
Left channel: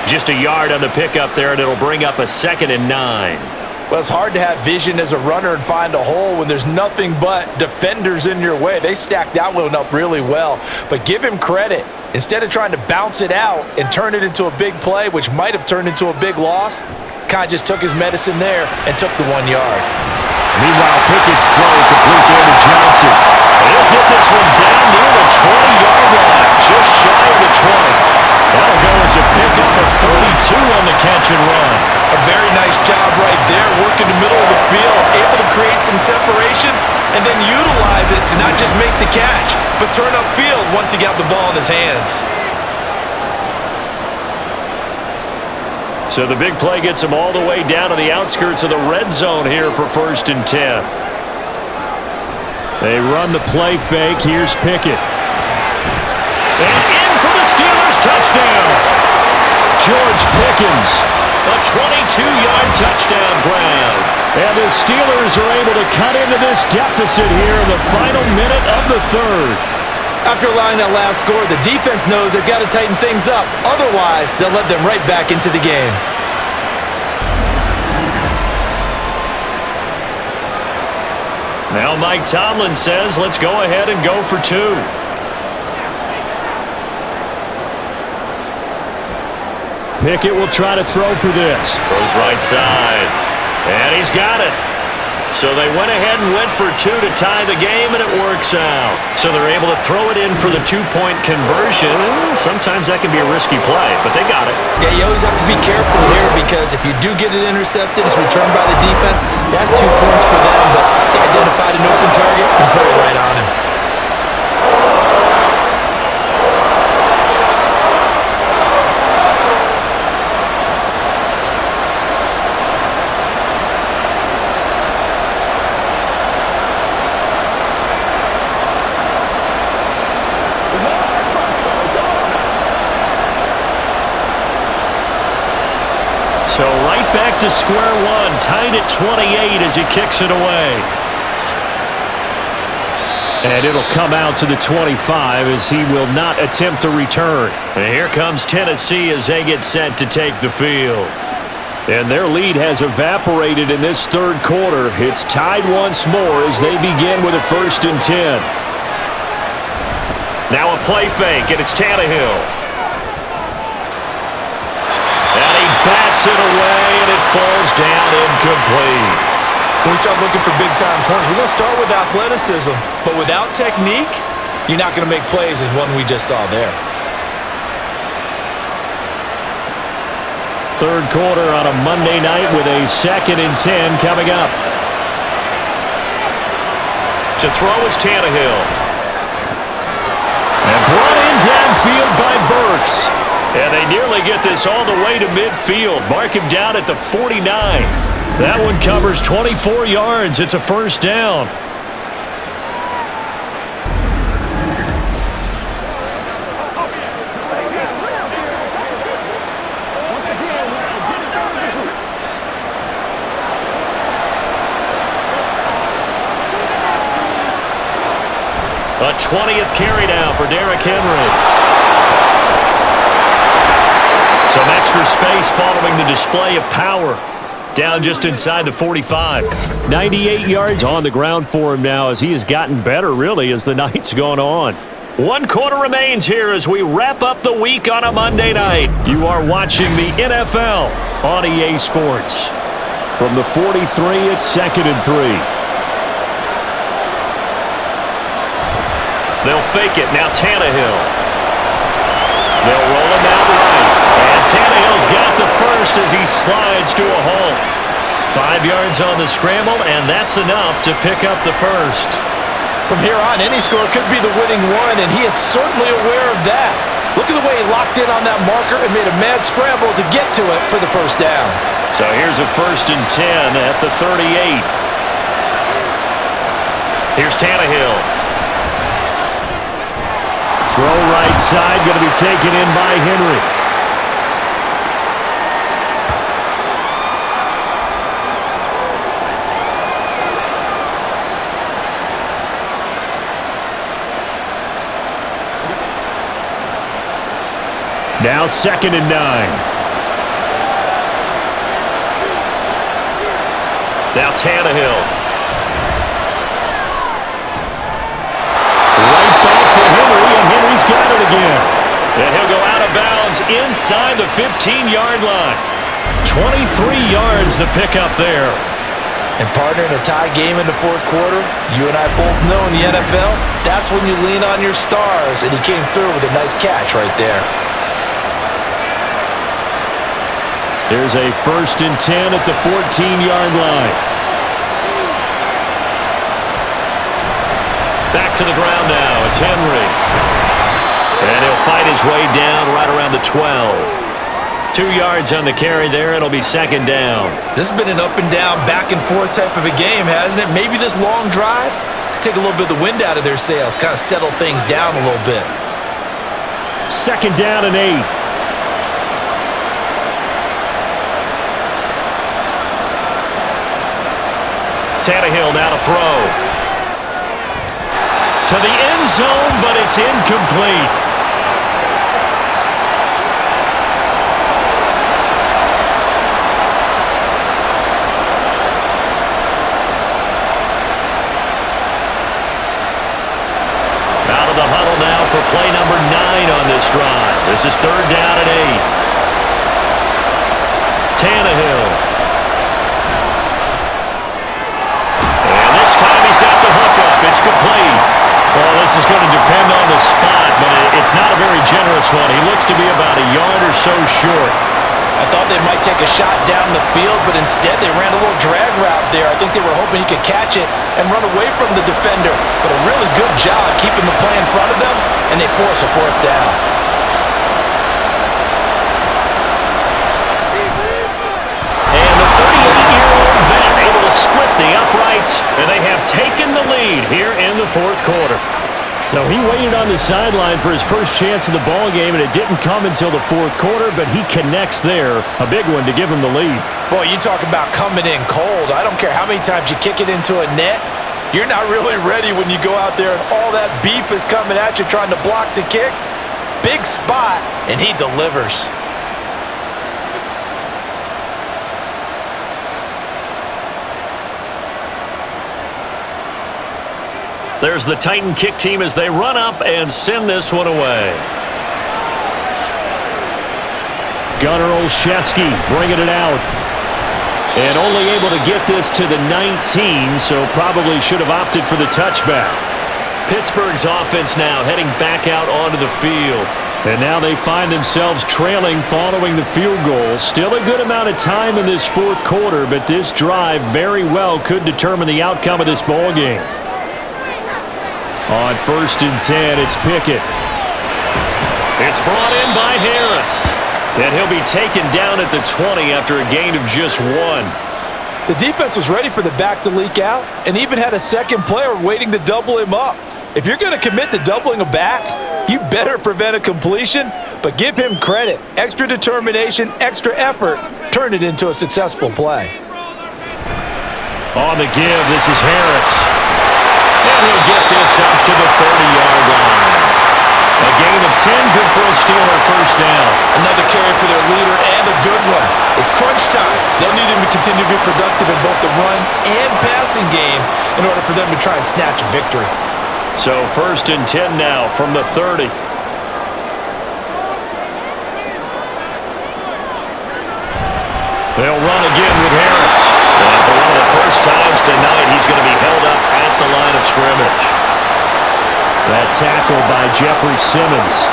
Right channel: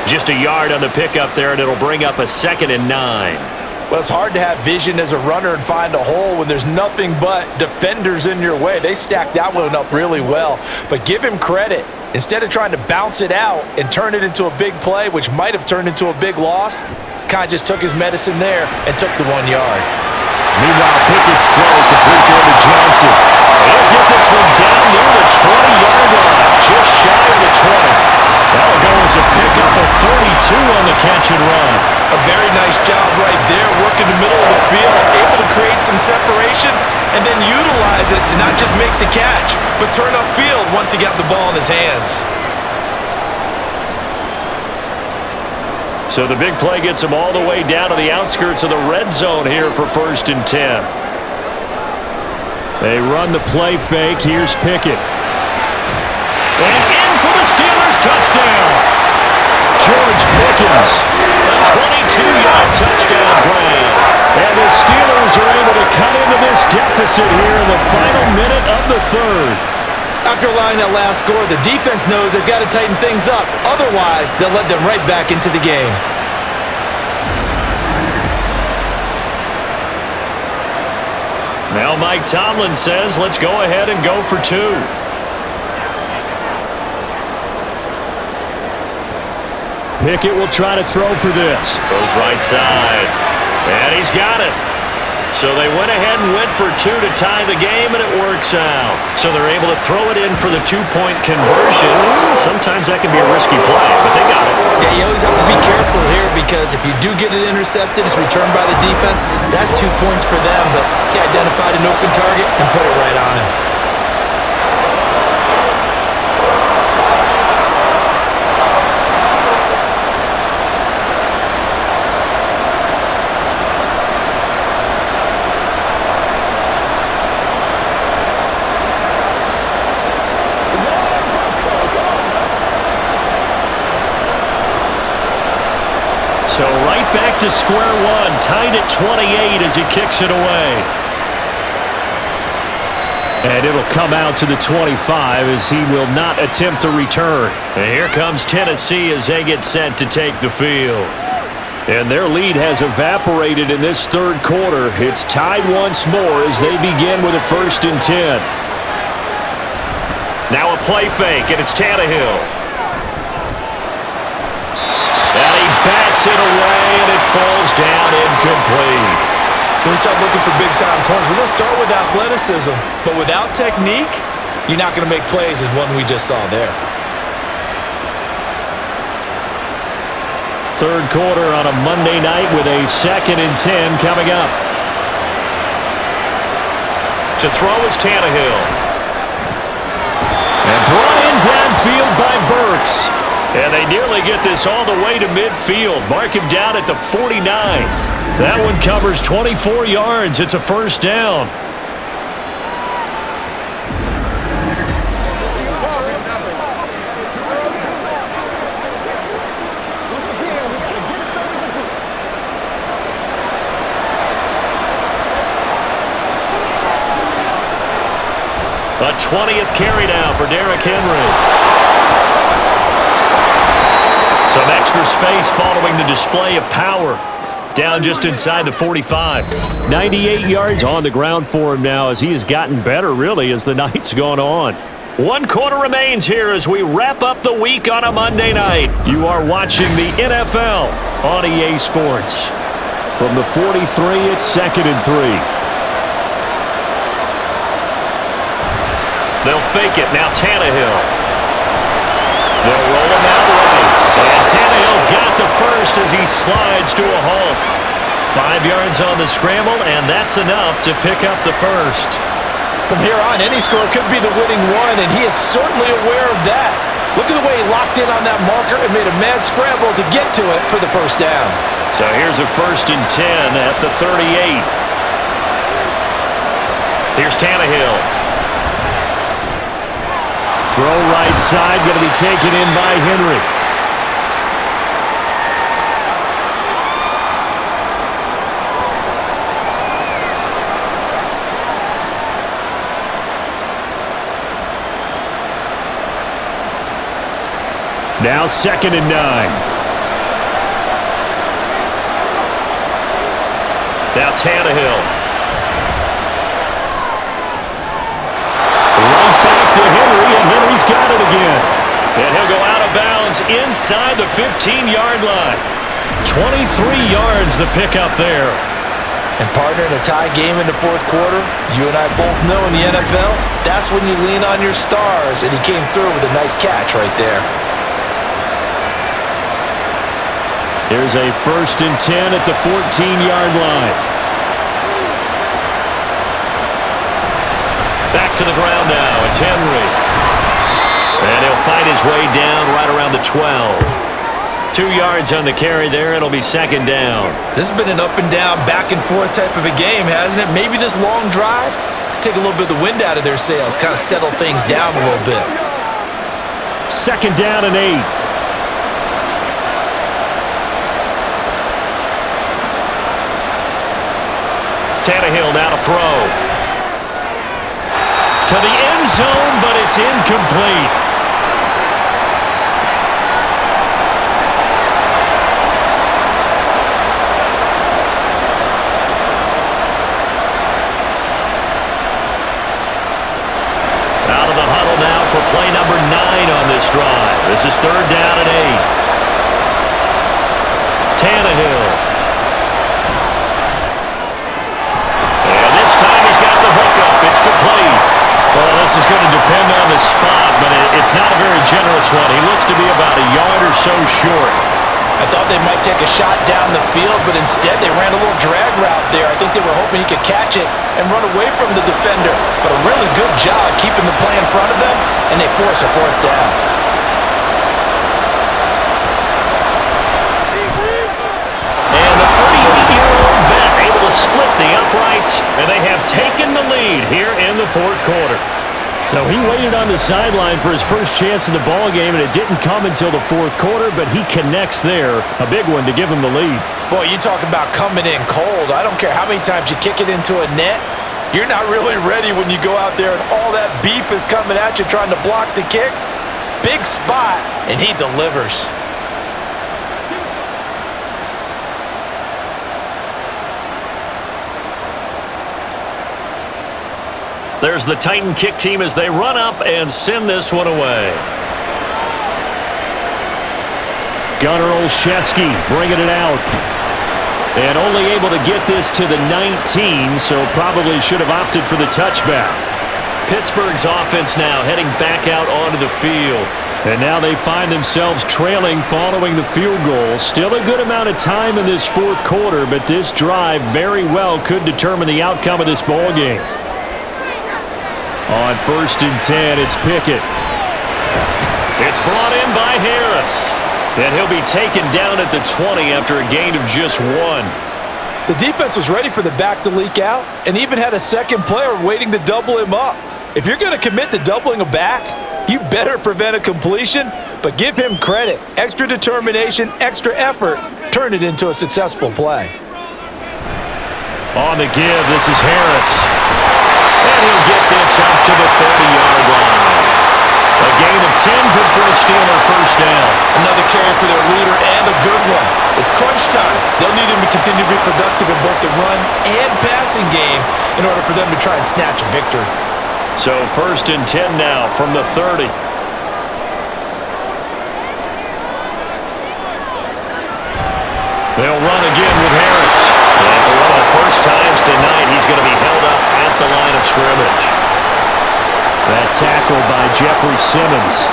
Just a yard on the pickup there, and it'll bring up a 2nd and 9. Well, it's hard to have vision as a runner and find a hole when there's nothing but defenders in your way. They stacked that one up really well. But give him credit. Instead of trying to bounce it out and turn it into a big play, which might have turned into a big loss, kind of just took his medicine there and took the 1 yard. Meanwhile, Pickett's throw complete there to Johnson. And he'll get this one down near the 20-yard line, just shy of the 20. That'll go as a pickup of 32 on the catch and run. A very nice job right there, working the middle of the field, able to create some separation and then utilize it to not just make the catch, but turn upfield once he got the ball in his hands. So the big play gets him all the way down to the outskirts of the red zone here for 1st and 10. They run the play fake. Here's Pickett. And in for the Steelers touchdown. George Pickens, a 22-yard touchdown grab. And the Steelers are able to cut into this deficit here in the final minute of the third. After allowing that last score, the defense knows they've got to tighten things up. Otherwise, they'll let them right back into the game. Now Mike Tomlin says, let's go ahead and go for 2. Pickett will try to throw for this. Goes right side. And he's got it. So they went ahead and went for 2 to tie the game, and it works out. So they're able to throw it in for the 2-point conversion. Sometimes that can be a risky play, but they got it. Yeah, you always have to be careful here because if you do get it intercepted, it's returned by the defense, that's 2 points for them, but he identified an open target and put it right on him. So right back to square one, tied at 28 as he kicks it away. And it'll come out to the 25 as he will not attempt a return. And here comes Tennessee as they get set to take the field. And their lead has evaporated in this third quarter. It's tied once more as they begin with a 1st and 10. Now a play fake, and it's Tannehill. And he bats it away, and it falls down incomplete. When we start looking for big-time corners, we're going to start with athleticism. But without technique, you're not going to make plays as one we just saw there. Third quarter on a Monday night with a 2nd and 10 coming up. To throw is Tannehill. And brought in downfield by Burks. And they nearly get this all the way to midfield. Mark him down at the 49. That one covers 24 yards. It's a first down. A 20th carry now for Derrick Henry. Some extra space following the display of power. Down just inside the 45. 98 yards on the ground for him now as he has gotten better, really, as the night's gone on. 1 quarter remains here as we wrap up the week on a Monday night. You are watching the NFL on EA Sports. From the 43, it's 2nd and 3. They'll fake it. Now Tannehill. They'll roll him out right. And Tannehill's got the first as he slides to a halt. 5 yards on the scramble, and that's enough to pick up the first. From here on, any score could be the winning one, and he is certainly aware of that. Look at the way he locked in on that marker and made a mad scramble to get to it for the first down. So here's a 1st and 10 at the 38. Here's Tannehill. Throw right side, going to be taken in by Henry. Now 2nd and 9. Now Tannehill. Right back to Henry, and Henry's got it again. And he'll go out of bounds inside the 15-yard line. 23 yards the pickup there. And partner, in a tie game in the 4th quarter, you and I both know in the NFL, that's when you lean on your stars, and he came through with a nice catch right there. Here's a 1st and 10 at the 14-yard line. Back to the ground now. It's Henry. And he'll fight his way down right around the 12. 2 yards on the carry there. It'll be 2nd down. This has been an up and down, back and forth type of a game, hasn't it? Maybe this long drive could take a little bit of the wind out of their sails, kind of settle things down a little bit. 2nd down and 8. Tannehill now to throw. To the end zone, but it's incomplete. Out of the huddle now for play number 9 on this drive. This is 3rd down and 8. Tannehill. And this time he's got the hookup. It's complete. Well, this is going to depend on the spot, but it's not a very generous one. He looks to be about a yard or so short. I thought they might take a shot down the field, but instead they ran a little drag route there. I think they were hoping he could catch it and run away from the defender. But a really good job keeping the play in front of them, and they force a 4th down. And the 38-year-old vet able to split the uprights, and they have taken the lead here in the 4th quarter. So he waited on the sideline for his first chance in the ball game, and it didn't come until the 4th quarter, but he connects there. A big one to give him the lead. Boy, you talk about coming in cold. I don't care how many times you kick it into a net. You're not really ready when you go out there and all that beef is coming at you trying to block the kick. Big spot, and he delivers. There's the Titan kick team as they run up and send this one away. Gunnar Olszewski bringing it out. And only able to get this to the 19, so probably should have opted for the touchback. Pittsburgh's offense now heading back out onto the field. And now they find themselves trailing following the field goal. Still a good amount of time in this fourth quarter, but this drive very well could determine the outcome of this ball game. On 1st and 10, it's Pickett. It's brought in by Harris. And he'll be taken down at the 20 after a gain of just 1. The defense was ready for the back to leak out and even had a second player waiting to double him up. If you're going to commit to doubling a back, you better prevent a completion, but give him credit. Extra determination, extra effort, turn it into a successful play. On the give, this is Harris. And he'll get this up to the 30-yard line. A gain of 10, good for a Steeler first down. Another carry for their leader and a good one. It's crunch time. They'll need him to continue to be productive in both the run and passing game in order for them to try and snatch a victory. So 1st and 10 now from the 30. They'll run again with Harris. And for one of the first times tonight, he's going to be held up at the line of scrimmage. That tackle by Jeffrey Simmons.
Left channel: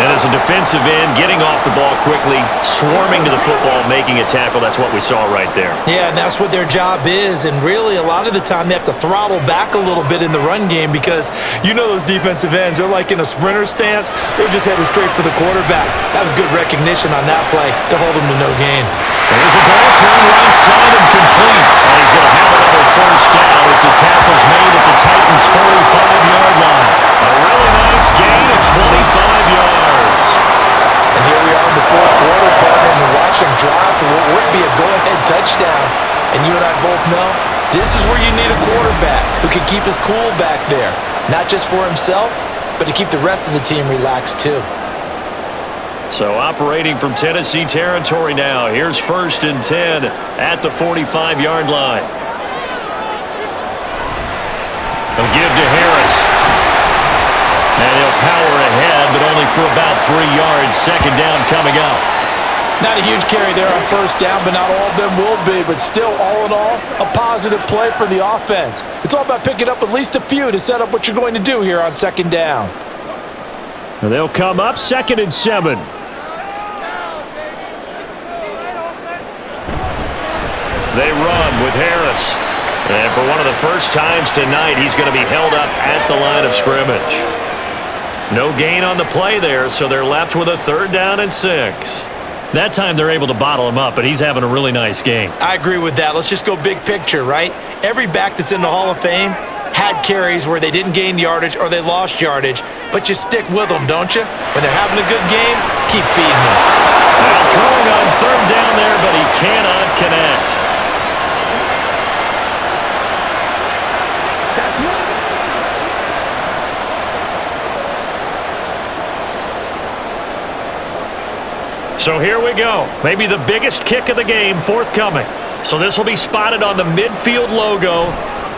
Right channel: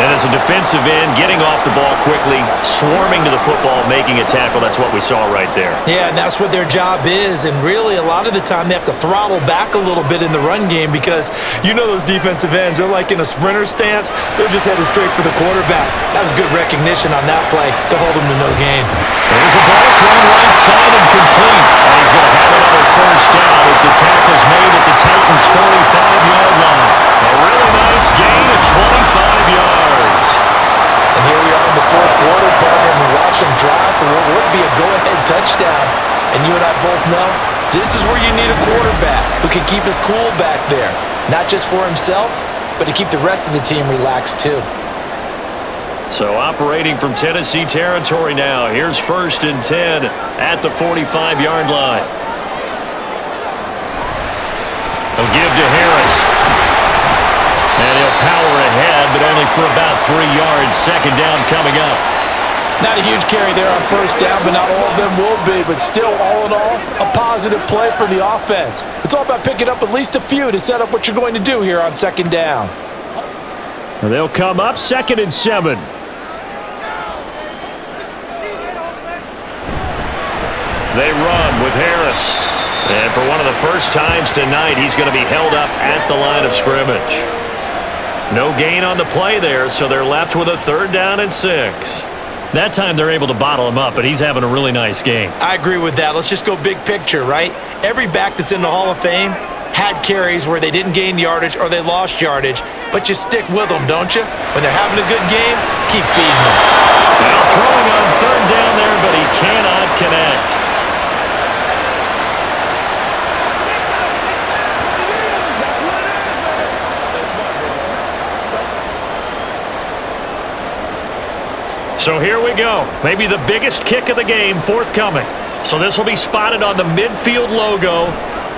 And as a defensive end, getting off the ball quickly, swarming to the football, making a tackle, that's what we saw right there. Yeah, and that's what their job is. And really, a lot of the time, they have to throttle back a little bit in the run game because you know those defensive ends, they're like in a sprinter stance. They're just headed straight for the quarterback. That was good recognition on that play to hold them to no gain. There's a ball thrown right side and complete. And he's going to have another first down as the tackle's made at the Titans' 45-yard line. A really nice gain of 25 yards. And here we are in the fourth quarter, partner, and we watch them drive for what would be a go-ahead touchdown. And you and I both know this is where you need a quarterback who can keep his cool back there. Not just for himself, but to keep the rest of the team relaxed too. So operating from Tennessee territory now. Here's 1st and 10 at the 45-yard line. They'll give to Harris. And he'll power ahead, but only for about 3 yards. Second down coming up. Not a huge carry there on first down, but not all of them will be. But still, all in all, a positive play for the offense. It's all about picking up at least a few to set up what you're going to do here on second down. And they'll come up 2nd and 7. They run with Harris. And for one of the first times tonight, he's going to be held up at the line of scrimmage. No gain on the play there, so they're left with a 3rd down and 6. That time they're able to bottle him up, but he's having a really nice game. I agree with that. Let's just go big picture, right? Every back that's in the Hall of Fame had carries where they didn't gain yardage or they lost yardage, but you stick with them, don't you? When they're having a good game, keep feeding them. Now throwing on 3rd down there, but he cannot connect. So here we go. Maybe the biggest kick of the game forthcoming. So this will be spotted on the midfield logo.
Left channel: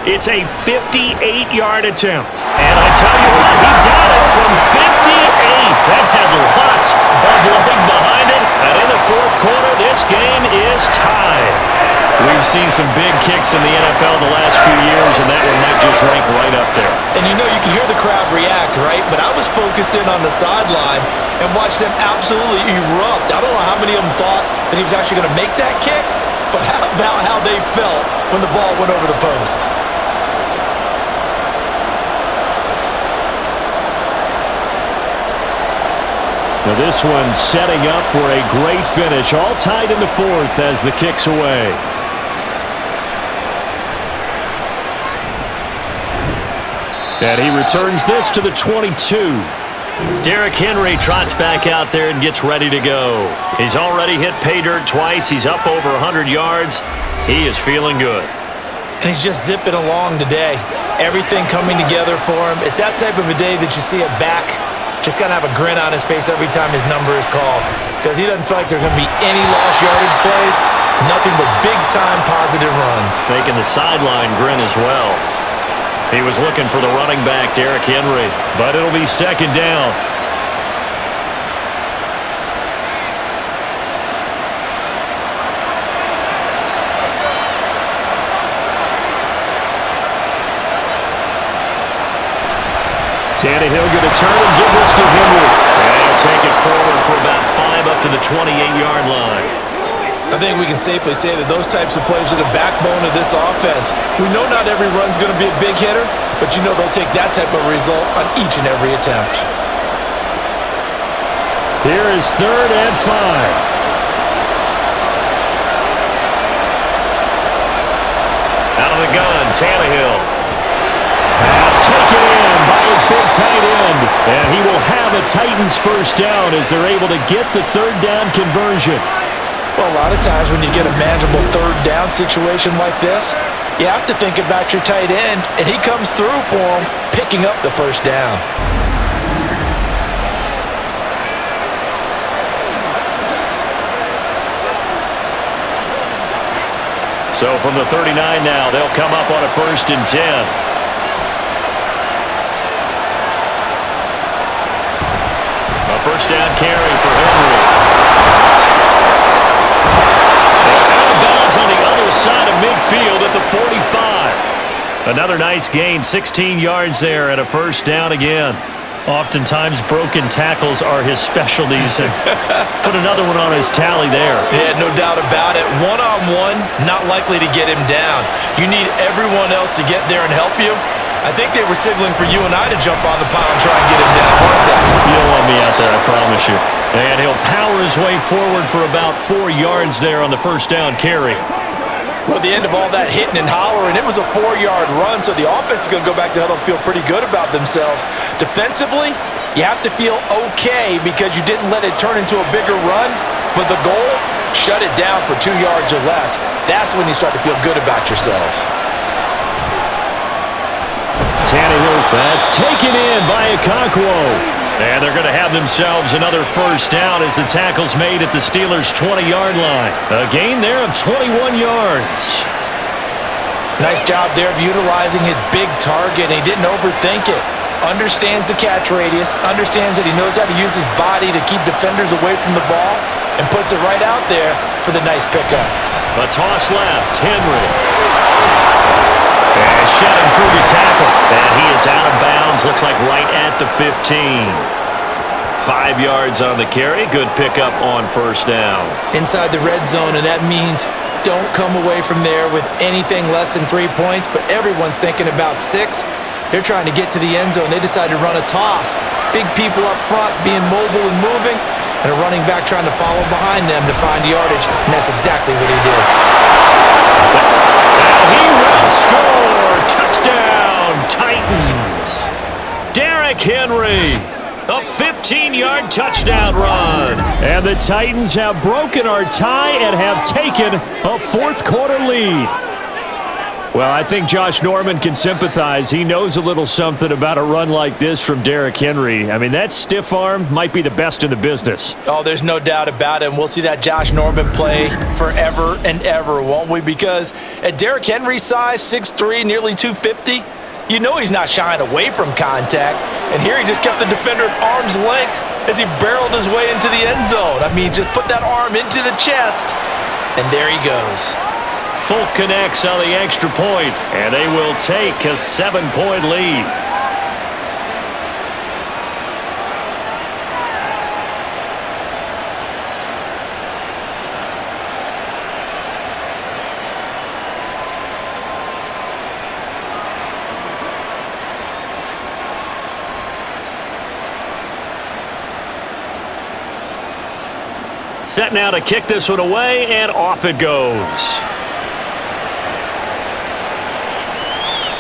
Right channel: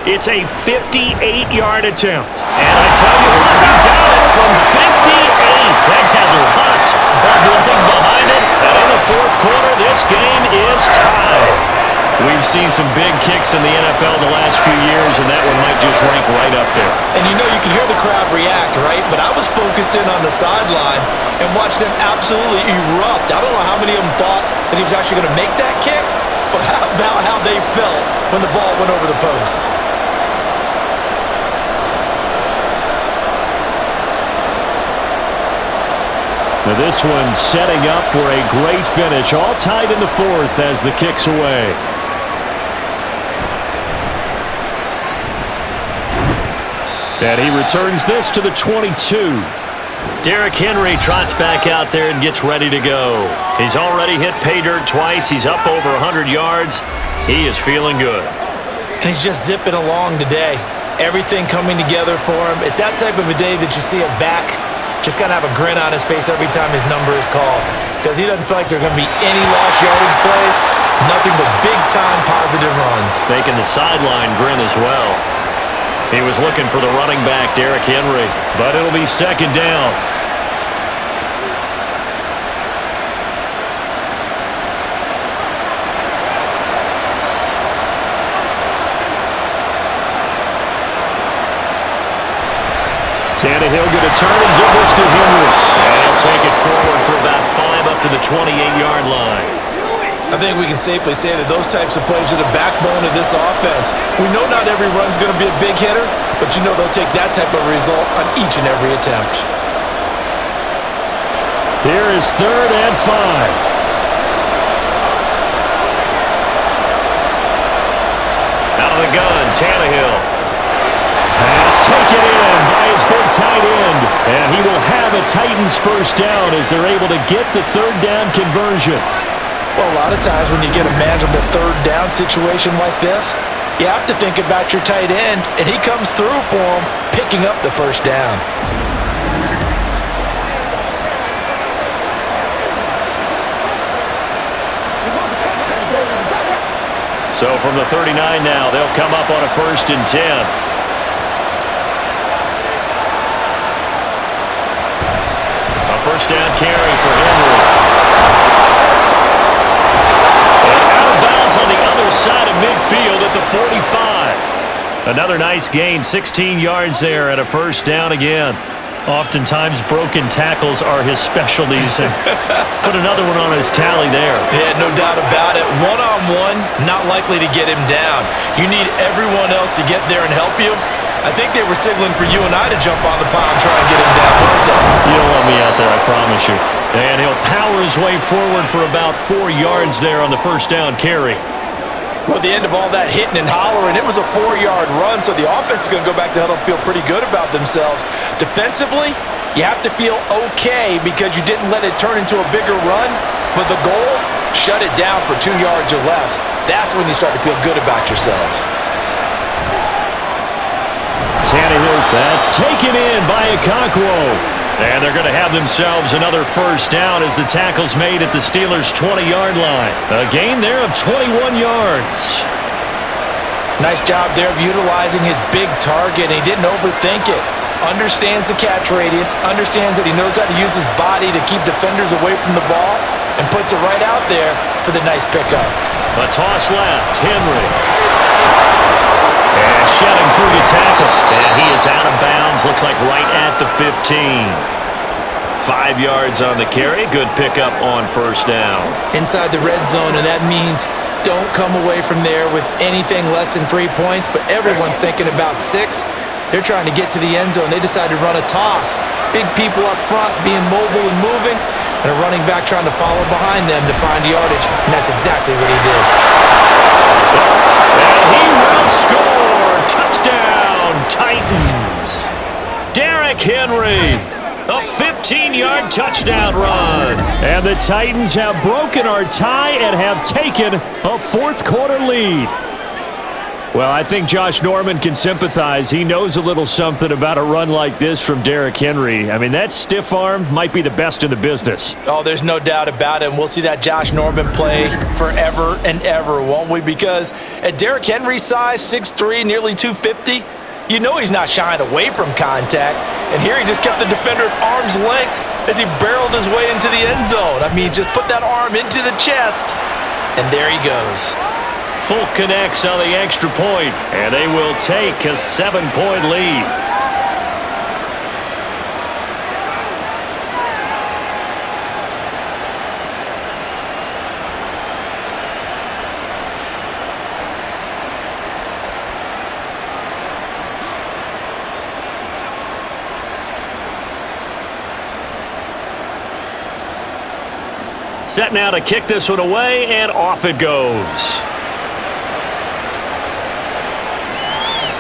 It's a 58-yard attempt. And I tell you what, he got it from 58. That had lots of leg behind it. And in the fourth quarter, this game is tied. We've seen some big kicks in the NFL the last few years, and that one might just rank right up there. And you know, you can hear the crowd react, right? But I was focused in on the sideline and watched them absolutely erupt. I don't know how many of them thought that he was actually going to make that kick, but how about how they felt when the ball went over the post? Now this one setting up for a great finish, all tied in the fourth as the kick's away. And he returns this to the 22. Derrick Henry trots back out there and gets ready to go. He's already hit pay dirt twice. He's up over 100 yards. He is feeling good. And he's just zipping along today. Everything coming together for him. It's that type of a day that you see a back just kind of have a grin on his face every time his number is called, because he doesn't feel like there are going to be any lost yardage plays, nothing but big-time positive runs. Making the sideline grin as well. He was looking for the running back, Derrick Henry, but it'll be second down. Tannehill going to turn and give this to Henry. And he'll take it forward for about 5 up to the 28-yard line. I think we can safely say that those types of plays are the backbone of this offense. We know not every run's going to be a big hitter, but you know they'll take that type of result on each and every attempt. Here is 3rd and 5. Out of the gun, Tannehill. Pass taken in by his big tight end. And he will have a Titans first down as they're able to get the 3rd down conversion. Well, a lot of times when you get a manageable 3rd down situation like this, you have to think about your tight end, and he comes through for him, picking up the first down. So from the 39 now, they'll come up on a 1st and 10. A first down carry for Henry. And out of bounds on the other side of midfield at the 45. Another nice gain, 16 yards there and a first down again. Oftentimes broken tackles are his specialties, and put another one on his tally there. Yeah, no doubt about it. One-on-one, not likely to get him down. You need everyone else to get there and help you. I think they were signaling for you and I to jump on the pile and try and get him down, weren't they? You don't want me out there, I promise you. And he'll power his way forward for about 4 yards there on the first down carry. Well, at the end of all that hitting and hollering, it was a 4-yard run, so the offense is going to go back to huddle and feel pretty good about themselves. Defensively, you have to feel okay because you didn't let it turn into a bigger run, but the goal, shut it down for 2 yards or less. That's when you start to feel good about yourselves. Tannehill's that's taken in by Okonkwo. And they're going to have themselves another first down as the tackle's made at the Steelers' 20-yard line. A gain there of 21 yards. Nice job there of utilizing his big target. He didn't overthink it. Understands the catch radius, understands that he knows how to use his body to keep defenders away from the ball, and puts it right out there for the nice pickup. A toss left, Henry. And shedding through the tackle. And he is out of bounds, looks like right at the 15. 5 yards on the carry. Good pickup on first down. Inside the red zone, and that means don't come away from there with anything less than 3 points, but everyone's thinking about 6. They're trying to get to the end zone. They decided to run a toss. Big people up front being mobile and moving, and a running back trying to follow behind them to find yardage, and that's exactly what he did. And he will score. Touchdown, Titans. Derrick Henry. A 15-yard touchdown run. And the Titans have broken our tie and have taken a fourth-quarter lead. Well, I think Josh Norman can sympathize. He knows a little something about a run like this from Derrick Henry. I mean, that stiff arm might be the best in the business. Oh, there's no doubt about it. And we'll see that Josh Norman play forever and ever, won't we? Because at Derrick Henry's size, 6'3", nearly 250, you know he's not shying away from contact. And here he just kept the defender at arm's length as he barreled his way into the end zone. I mean, just put that arm into the chest, and there he goes. Folk connects on the extra point, and they will take a 7-point lead. Set now to kick this one away, and off it goes.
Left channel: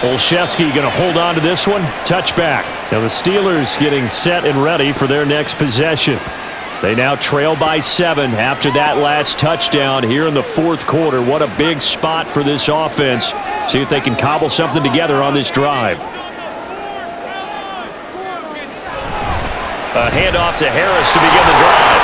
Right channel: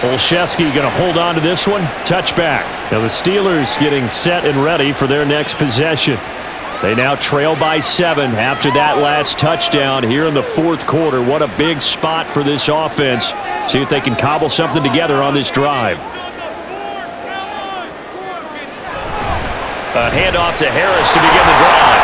Olszewski going to hold on to this one. Touchback. Now the Steelers getting set and ready for their next possession. They now trail by 7 after that last touchdown here in the fourth quarter. What a big spot for this offense. See if they can cobble something together on this drive. A handoff to Harris to begin the drive.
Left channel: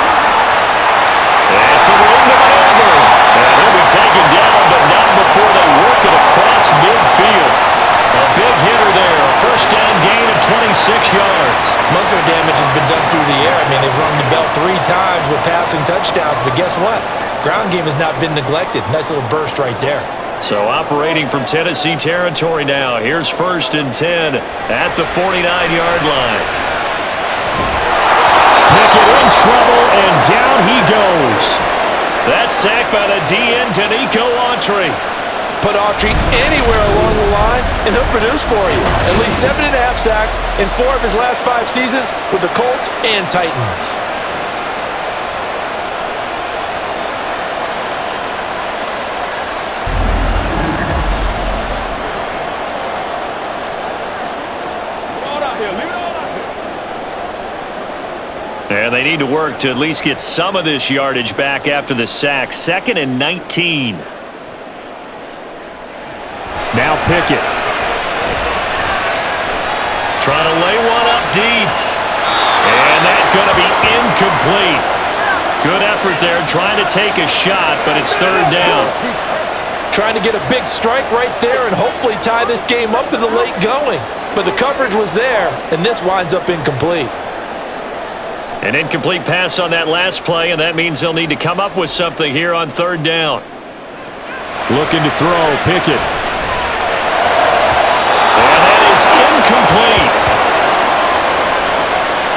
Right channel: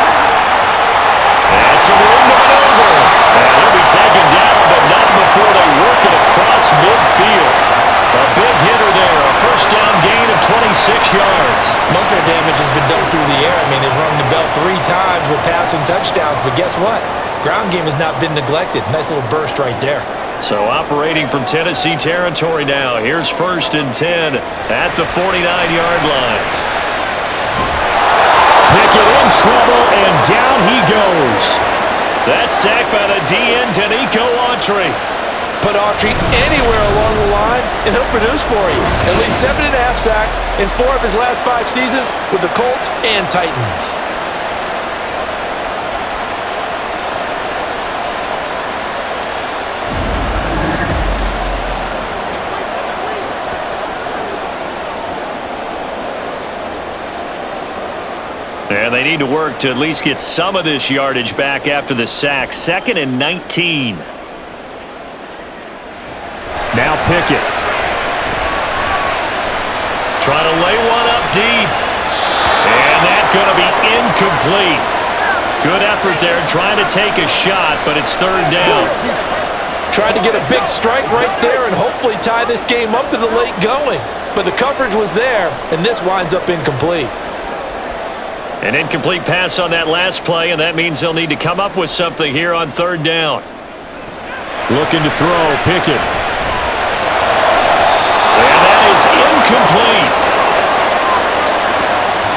And some room to maneuver. And he'll be taken down, but not before they work it across midfield. A big hitter there. A first down gain of 26 yards. Most of their damage has been done through the air. I mean, they've rung the bell 3 times with passing touchdowns, but guess what? Ground game has not been neglected. Nice little burst right there. So operating from Tennessee territory now. Here's 1st and 10 at the 49-yard line. Pickett in trouble, and down he goes. That's sacked by the DN, Danico Autry. Put Autry anywhere along the line, and he'll produce for you. At least 7.5 sacks in 4 of his last 5 seasons with the Colts and Titans. And they need to work to at least get some of this yardage back after the sack. 2nd and 19. Now Pickett. Trying to lay one up deep. And that's going to be incomplete. Good effort there trying to take a shot, but it's 3rd down. Trying to get a big strike right there and hopefully tie this game up in the late going. But the coverage was there, and this winds up incomplete. An incomplete pass on that last play, and that means they'll need to come up with something here on 3rd down. Looking to throw, Pickett. And that is incomplete.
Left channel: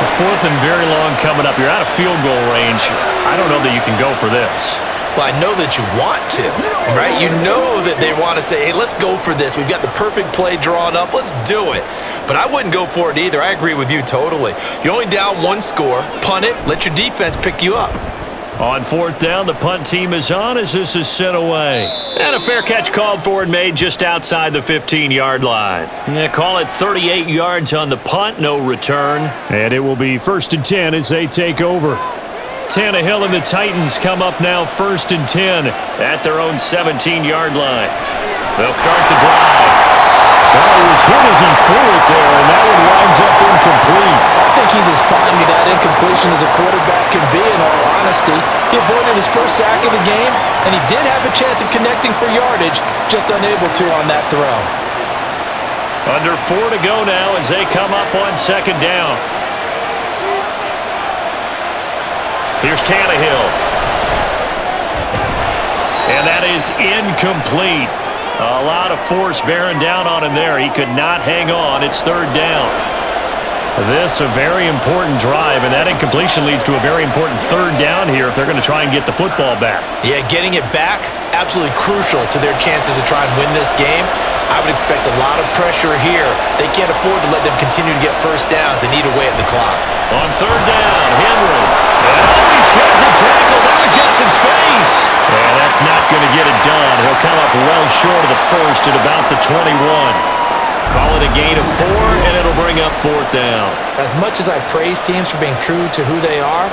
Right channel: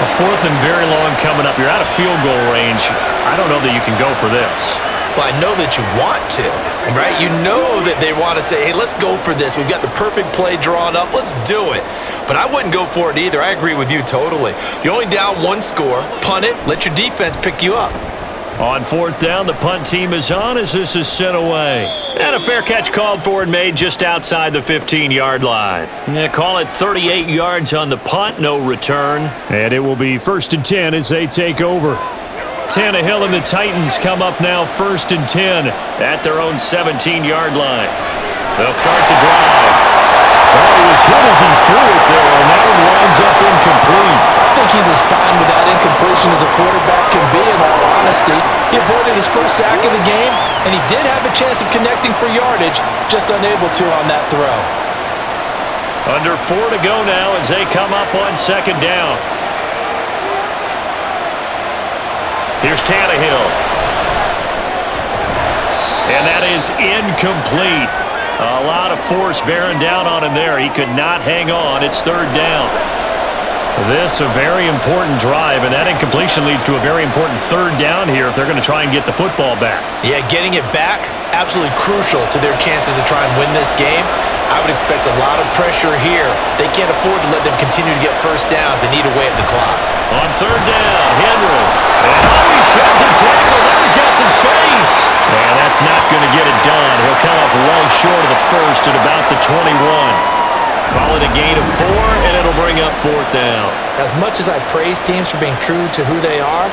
A 4th and very long coming up. You're out of field goal range. I don't know that you can go for this. Well, I know that you want to, right? You know that they want to say, hey, let's go for this. We've got the perfect play drawn up. Let's do it. But I wouldn't go for it either. I agree with you totally. You're only down 1 score. Punt it. Let your defense pick you up. On 4th down, the punt team is on as this is sent away. And a fair catch called for and made just outside the 15-yard line. Yeah, call it 38 yards on the punt, no return. And it will be 1st and 10 as they take over. Tannehill and the Titans come up now 1st and 10 at their own 17-yard line. They'll start the drive. Oh, he was hit as he threw it there, and that one winds up incomplete. I think he's as fine with that incompletion as a quarterback can be, in all honesty. He avoided his first sack of the game, and he did have a chance of connecting for yardage, just unable to on that throw. Under 4 to go now as they come up on 2nd down. Here's Tannehill. And that is incomplete. A lot of force bearing down on him there. He could not hang on. It's 3rd down. This a very important drive, and that incompletion leads to a very important 3rd down here if they're going to try and get the football back. Yeah, getting it back, absolutely crucial to their chances to try and win this game. I would expect a lot of pressure here. They can't afford to let them continue to get 1st downs and eat away at the clock. On 3rd down, Henry. And he sheds a tackle. Now he's got some space. And that's not going to get it done. He'll come up well short of the first at about the 21. Call it a gain of 4, and it'll bring up 4th down. As much as I praise teams for being true to who they are,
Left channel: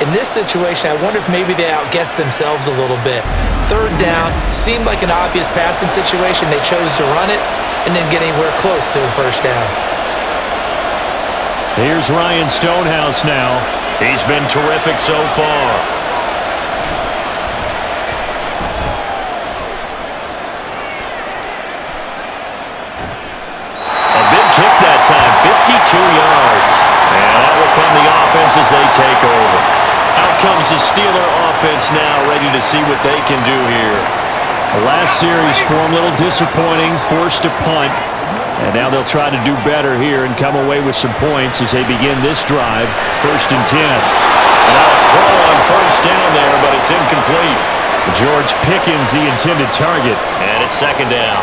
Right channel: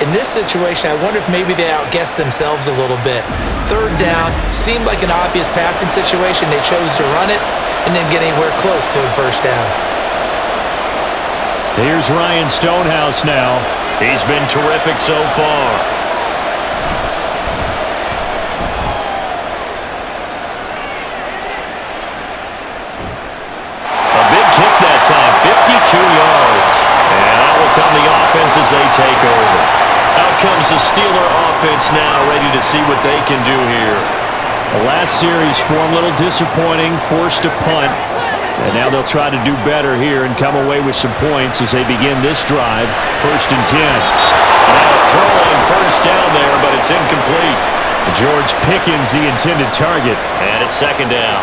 in this situation, I wonder if maybe they outguessed themselves a little bit. 3rd down seemed like an obvious passing situation. They chose to run it and didn't get anywhere close to the 1st down. Here's Ryan Stonehouse now. He's been terrific so far. A big kick that time, 52 yards. And out will come the offense as they take over. Out comes the Steeler offense now, ready to see what they can do here. The last series for them, a little disappointing, forced to punt. And now they'll try to do better here and come away with some points as they begin this drive. 1st and 10. And now a throw on 1st down there, but it's incomplete. George Pickens, the intended target. And it's 2nd down.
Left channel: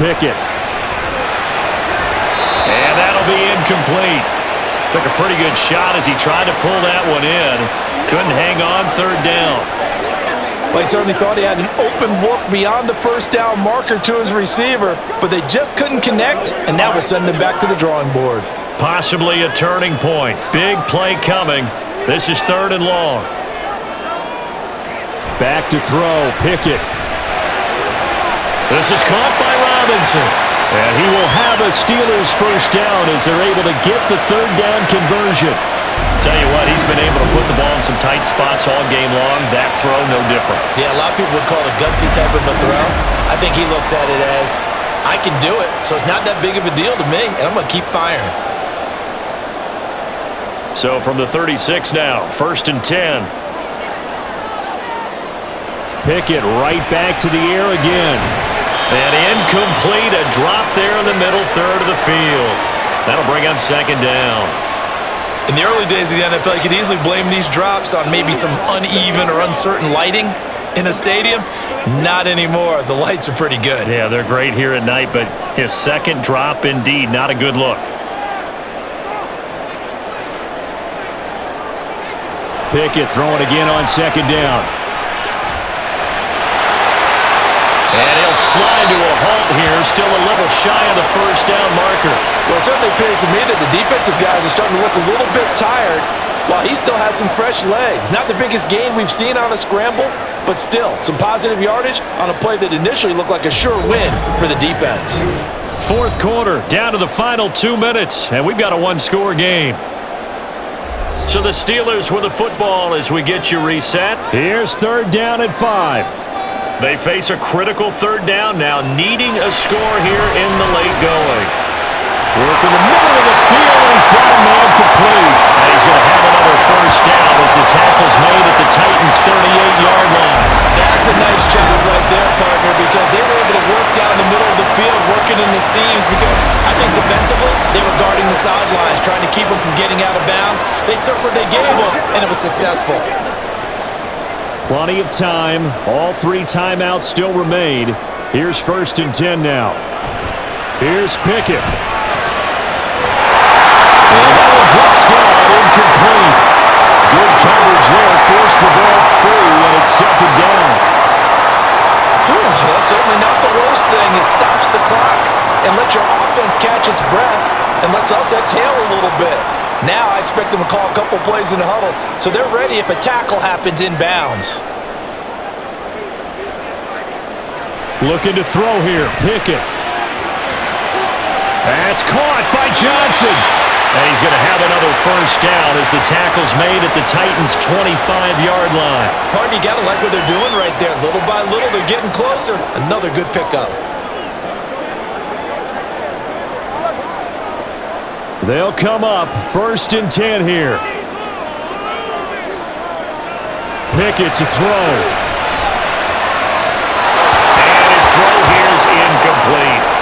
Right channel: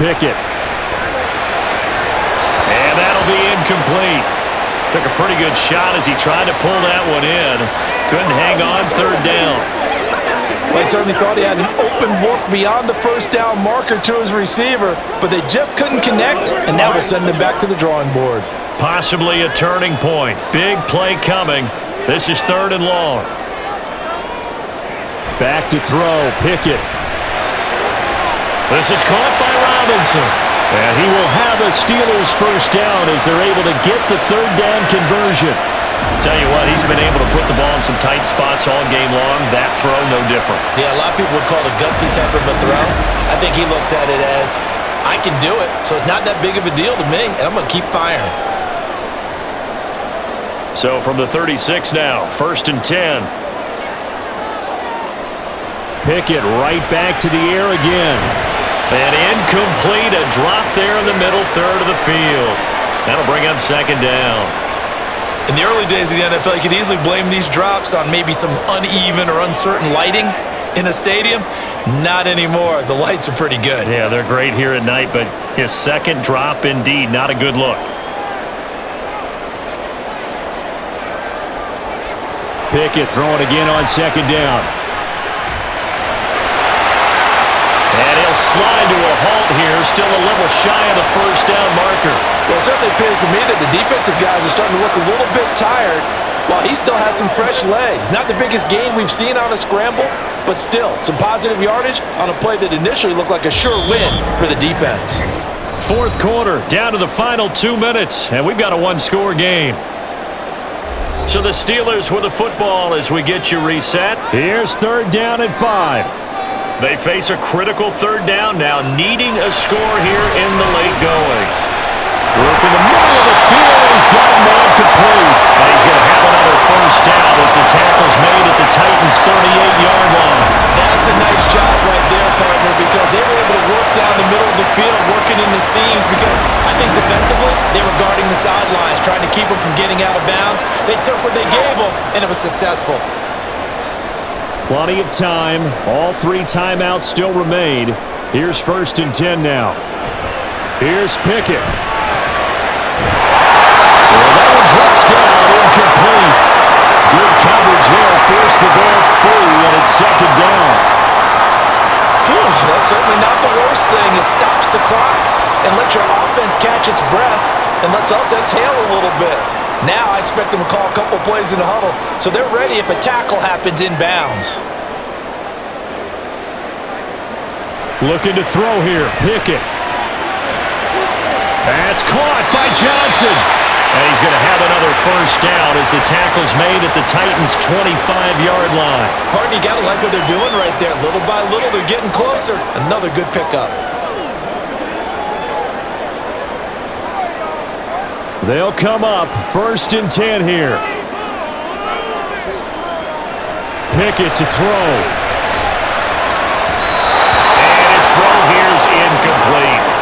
Pickett. And that'll be incomplete. Took a pretty good shot as he tried to pull that one in. Couldn't hang on. 3rd down. Well, he certainly thought he had an open look beyond the 1st down marker to his receiver, but they just couldn't connect, and that will send them back to the drawing board. Possibly a turning point. Big play coming. This is 3rd and long. Back to throw. Pickett. This is caught by Robinson. And he will have a Steelers first down as they're able to get the third down conversion. Tell you what, he's been able to put the ball in some tight spots all game long. That throw, no different. Yeah, a lot of people would call it a gutsy type of a throw. I think he looks at it as, I can do it, so it's not that big of a deal to me, and I'm going to keep firing. So from the 36 now, 1st and 10. Pickett right back to the air again. And incomplete, a drop there in the middle third of the field. That'll bring up 2nd down. In the early days of the NFL, you could easily blame these drops on maybe some uneven or uncertain lighting in a stadium. Not anymore. The lights are pretty good. Yeah, they're great here at night, but his second drop, indeed, not a good look. Pickett throwing again on 2nd down. And he'll slide to a halt here, still a little shy of the first down marker. Well, it certainly appears to me that the defensive guys are starting to look a little bit tired while he still has some fresh legs. Not the biggest gain we've seen on a scramble, but still some positive yardage on a play that initially looked like a sure win for the defense. 4th quarter, down to the final 2 minutes, and we've got a one-score game. So the Steelers with the football as we get you reset. Here's 3rd down and 5. They face a critical 3rd down now, needing a score here in the late going. Work in the middle of the field, and he's got a man complete. And he's going to have another first down as the tackle's made at the Titans' 38-yard line. That's a nice job right there, partner, because they were able to work down the middle of the field, working in the seams, because I think defensively, they were guarding the sidelines, trying to keep them from getting out of bounds. They took what they gave them, and it was successful. Plenty of time. All 3 timeouts still remain. Here's 1st and 10 now. Here's Pickett. Well, that one drops down, incomplete. Good coverage there, forced the ball free, and it's 2nd down. Whew, that's certainly not the worst thing. It stops the clock and lets your offense catch its breath and lets us exhale a little bit. Now I expect them to call a couple plays in the huddle, so they're ready if a tackle happens inbounds. Looking to throw here, Pickett. That's caught by Johnson. And he's going to have another first down as the tackle's made at the Titans' 25-yard line. Partner, you got to like what they're doing right there. Little by little, they're getting closer. Another good pickup. They'll come up 1st and 10 here. Pickett to throw. And his throw here's incomplete.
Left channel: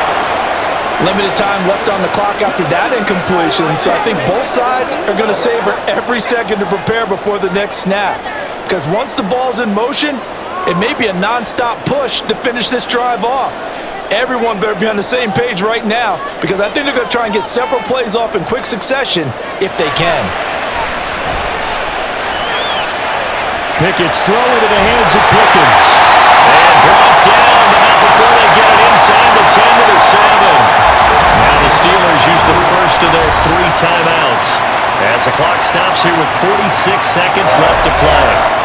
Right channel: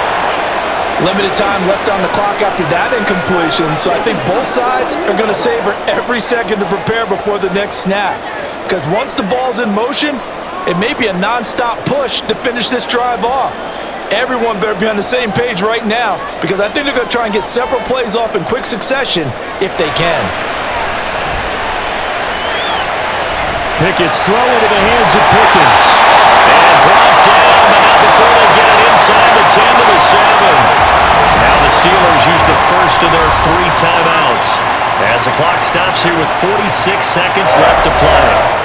Limited time left on the clock after that incompletion, so I think both sides are going to savor every second to prepare before the next snap. Because once the ball's in motion, it may be a non-stop push to finish this drive off. Everyone better be on the same page right now, because I think they're going to try and get several plays off in quick succession if they can. Pickett's throw into the hands of Pickens. And brought down, but not before they get it inside the 10 to the 7. Now the Steelers use the first of their 3 timeouts as the clock stops here with 46 seconds left to play.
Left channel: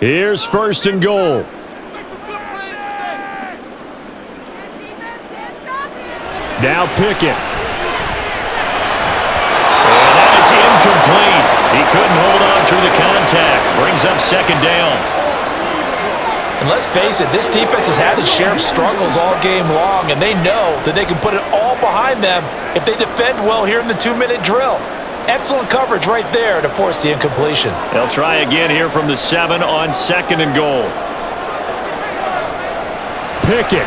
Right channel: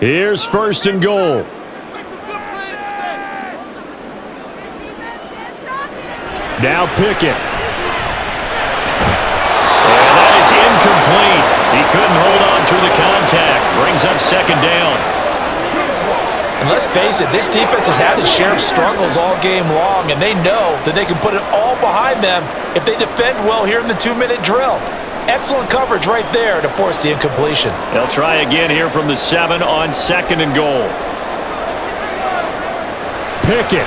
Here's 1st and goal. Now Pickett. And that is incomplete. He couldn't hold on through the contact. Brings up 2nd down. And let's face it, this defense has had its share of struggles all game long, and they know that they can put it all behind them if they defend well here in the 2-minute drill. Excellent coverage right there to force the incompletion. They'll try again here from the 7 on 2nd and goal. Pickett.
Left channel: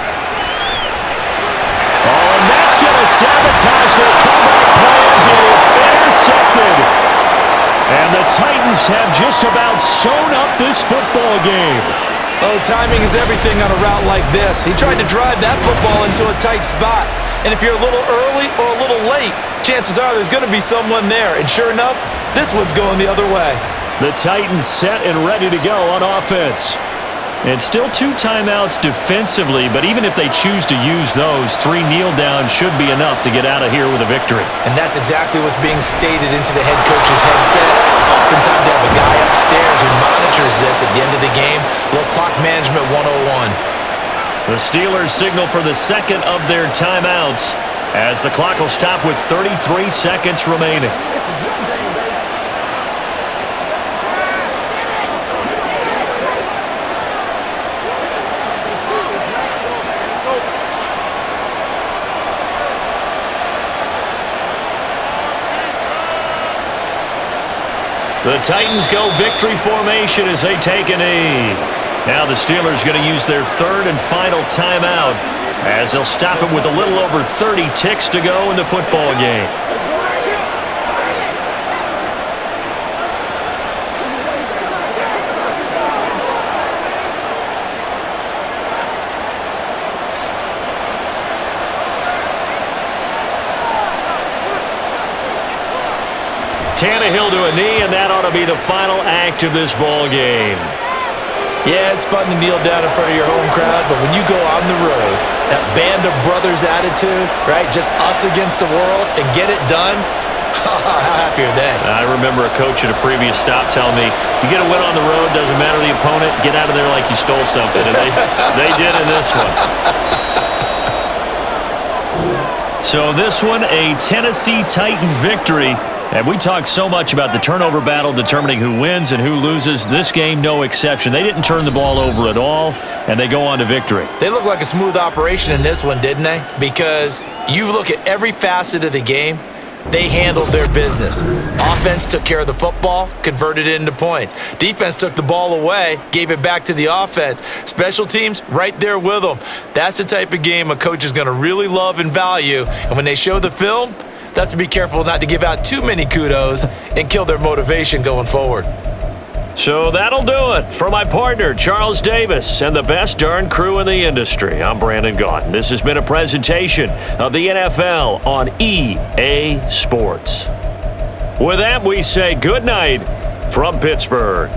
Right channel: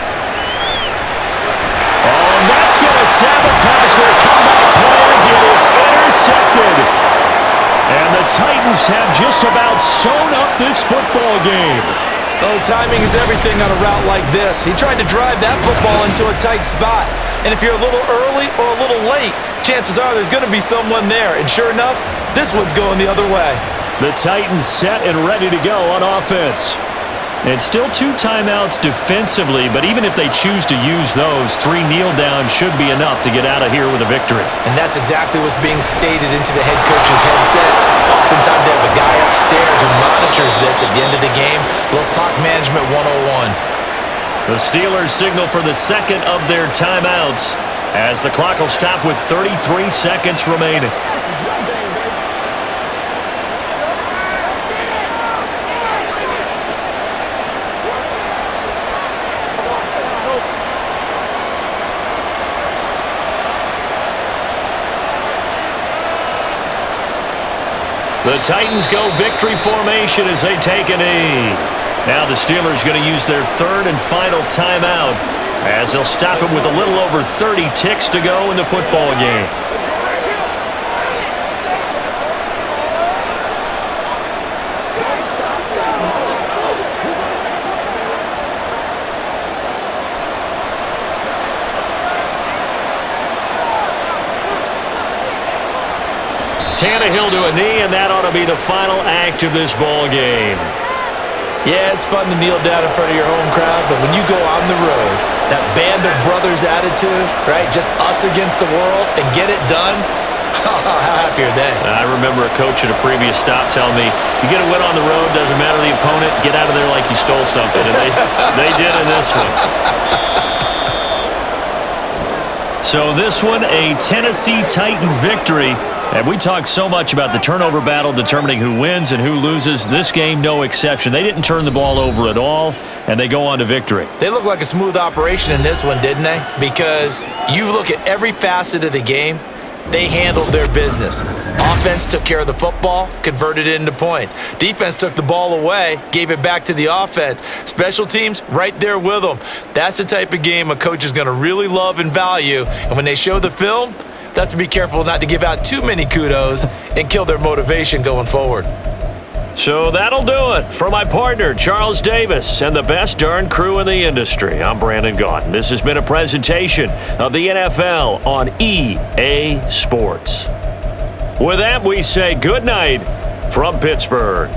Oh, and that's going to sabotage their comeback plans. It is intercepted. And the Titans have just about sewn up this football game. Oh, timing is everything on a route like this. He tried to drive that football into a tight spot. And if you're a little early or a little late, chances are there's going to be someone there. And sure enough, this one's going the other way. The Titans set and ready to go on offense. And still 2 timeouts defensively, but even if they choose to use those, 3 kneel downs should be enough to get out of here with a victory. And that's exactly what's being stated into the head coach's headset. Oftentimes they have a guy upstairs who monitors this at the end of the game. Little clock management 101. The Steelers signal for the second of their timeouts as the clock will stop with 33 seconds remaining. This is your game, baby. The Titans go victory formation as they take a knee. Now the Steelers going to use their third and final timeout as they'll stop it with a little over 30 ticks to go in the football game. Tannehill to a knee, and that ought to be the final act of this ball game. Yeah, it's fun to kneel down in front of your home crowd, but when you go on the road, that band of brothers attitude, right? Just us against the world and get it done. How happy are they? I remember a coach at a previous stop telling me, you get a win on the road, doesn't matter the opponent, get out of there like you stole something. And they did in this one. So this one, a Tennessee Titan victory. And we talked so much about the turnover battle determining who wins and who loses. This game, no exception. They didn't turn the ball over at all, and they go on to victory. They look like a smooth operation in this one, didn't they? Because you look at every facet of the game, they handled their business. Offense took care of the football, converted it into points. Defense took the ball away, gave it back to the offense. Special teams, right there with them. That's the type of game a coach is going to really love and value. And when they show the film, they have to be careful not to give out too many kudos and kill their motivation going forward. So that'll do it. For my partner, Charles Davis, and the best darn crew in the industry, I'm Brandon Gaudin. This has been a presentation of the NFL on EA Sports. With that, we say good night from Pittsburgh.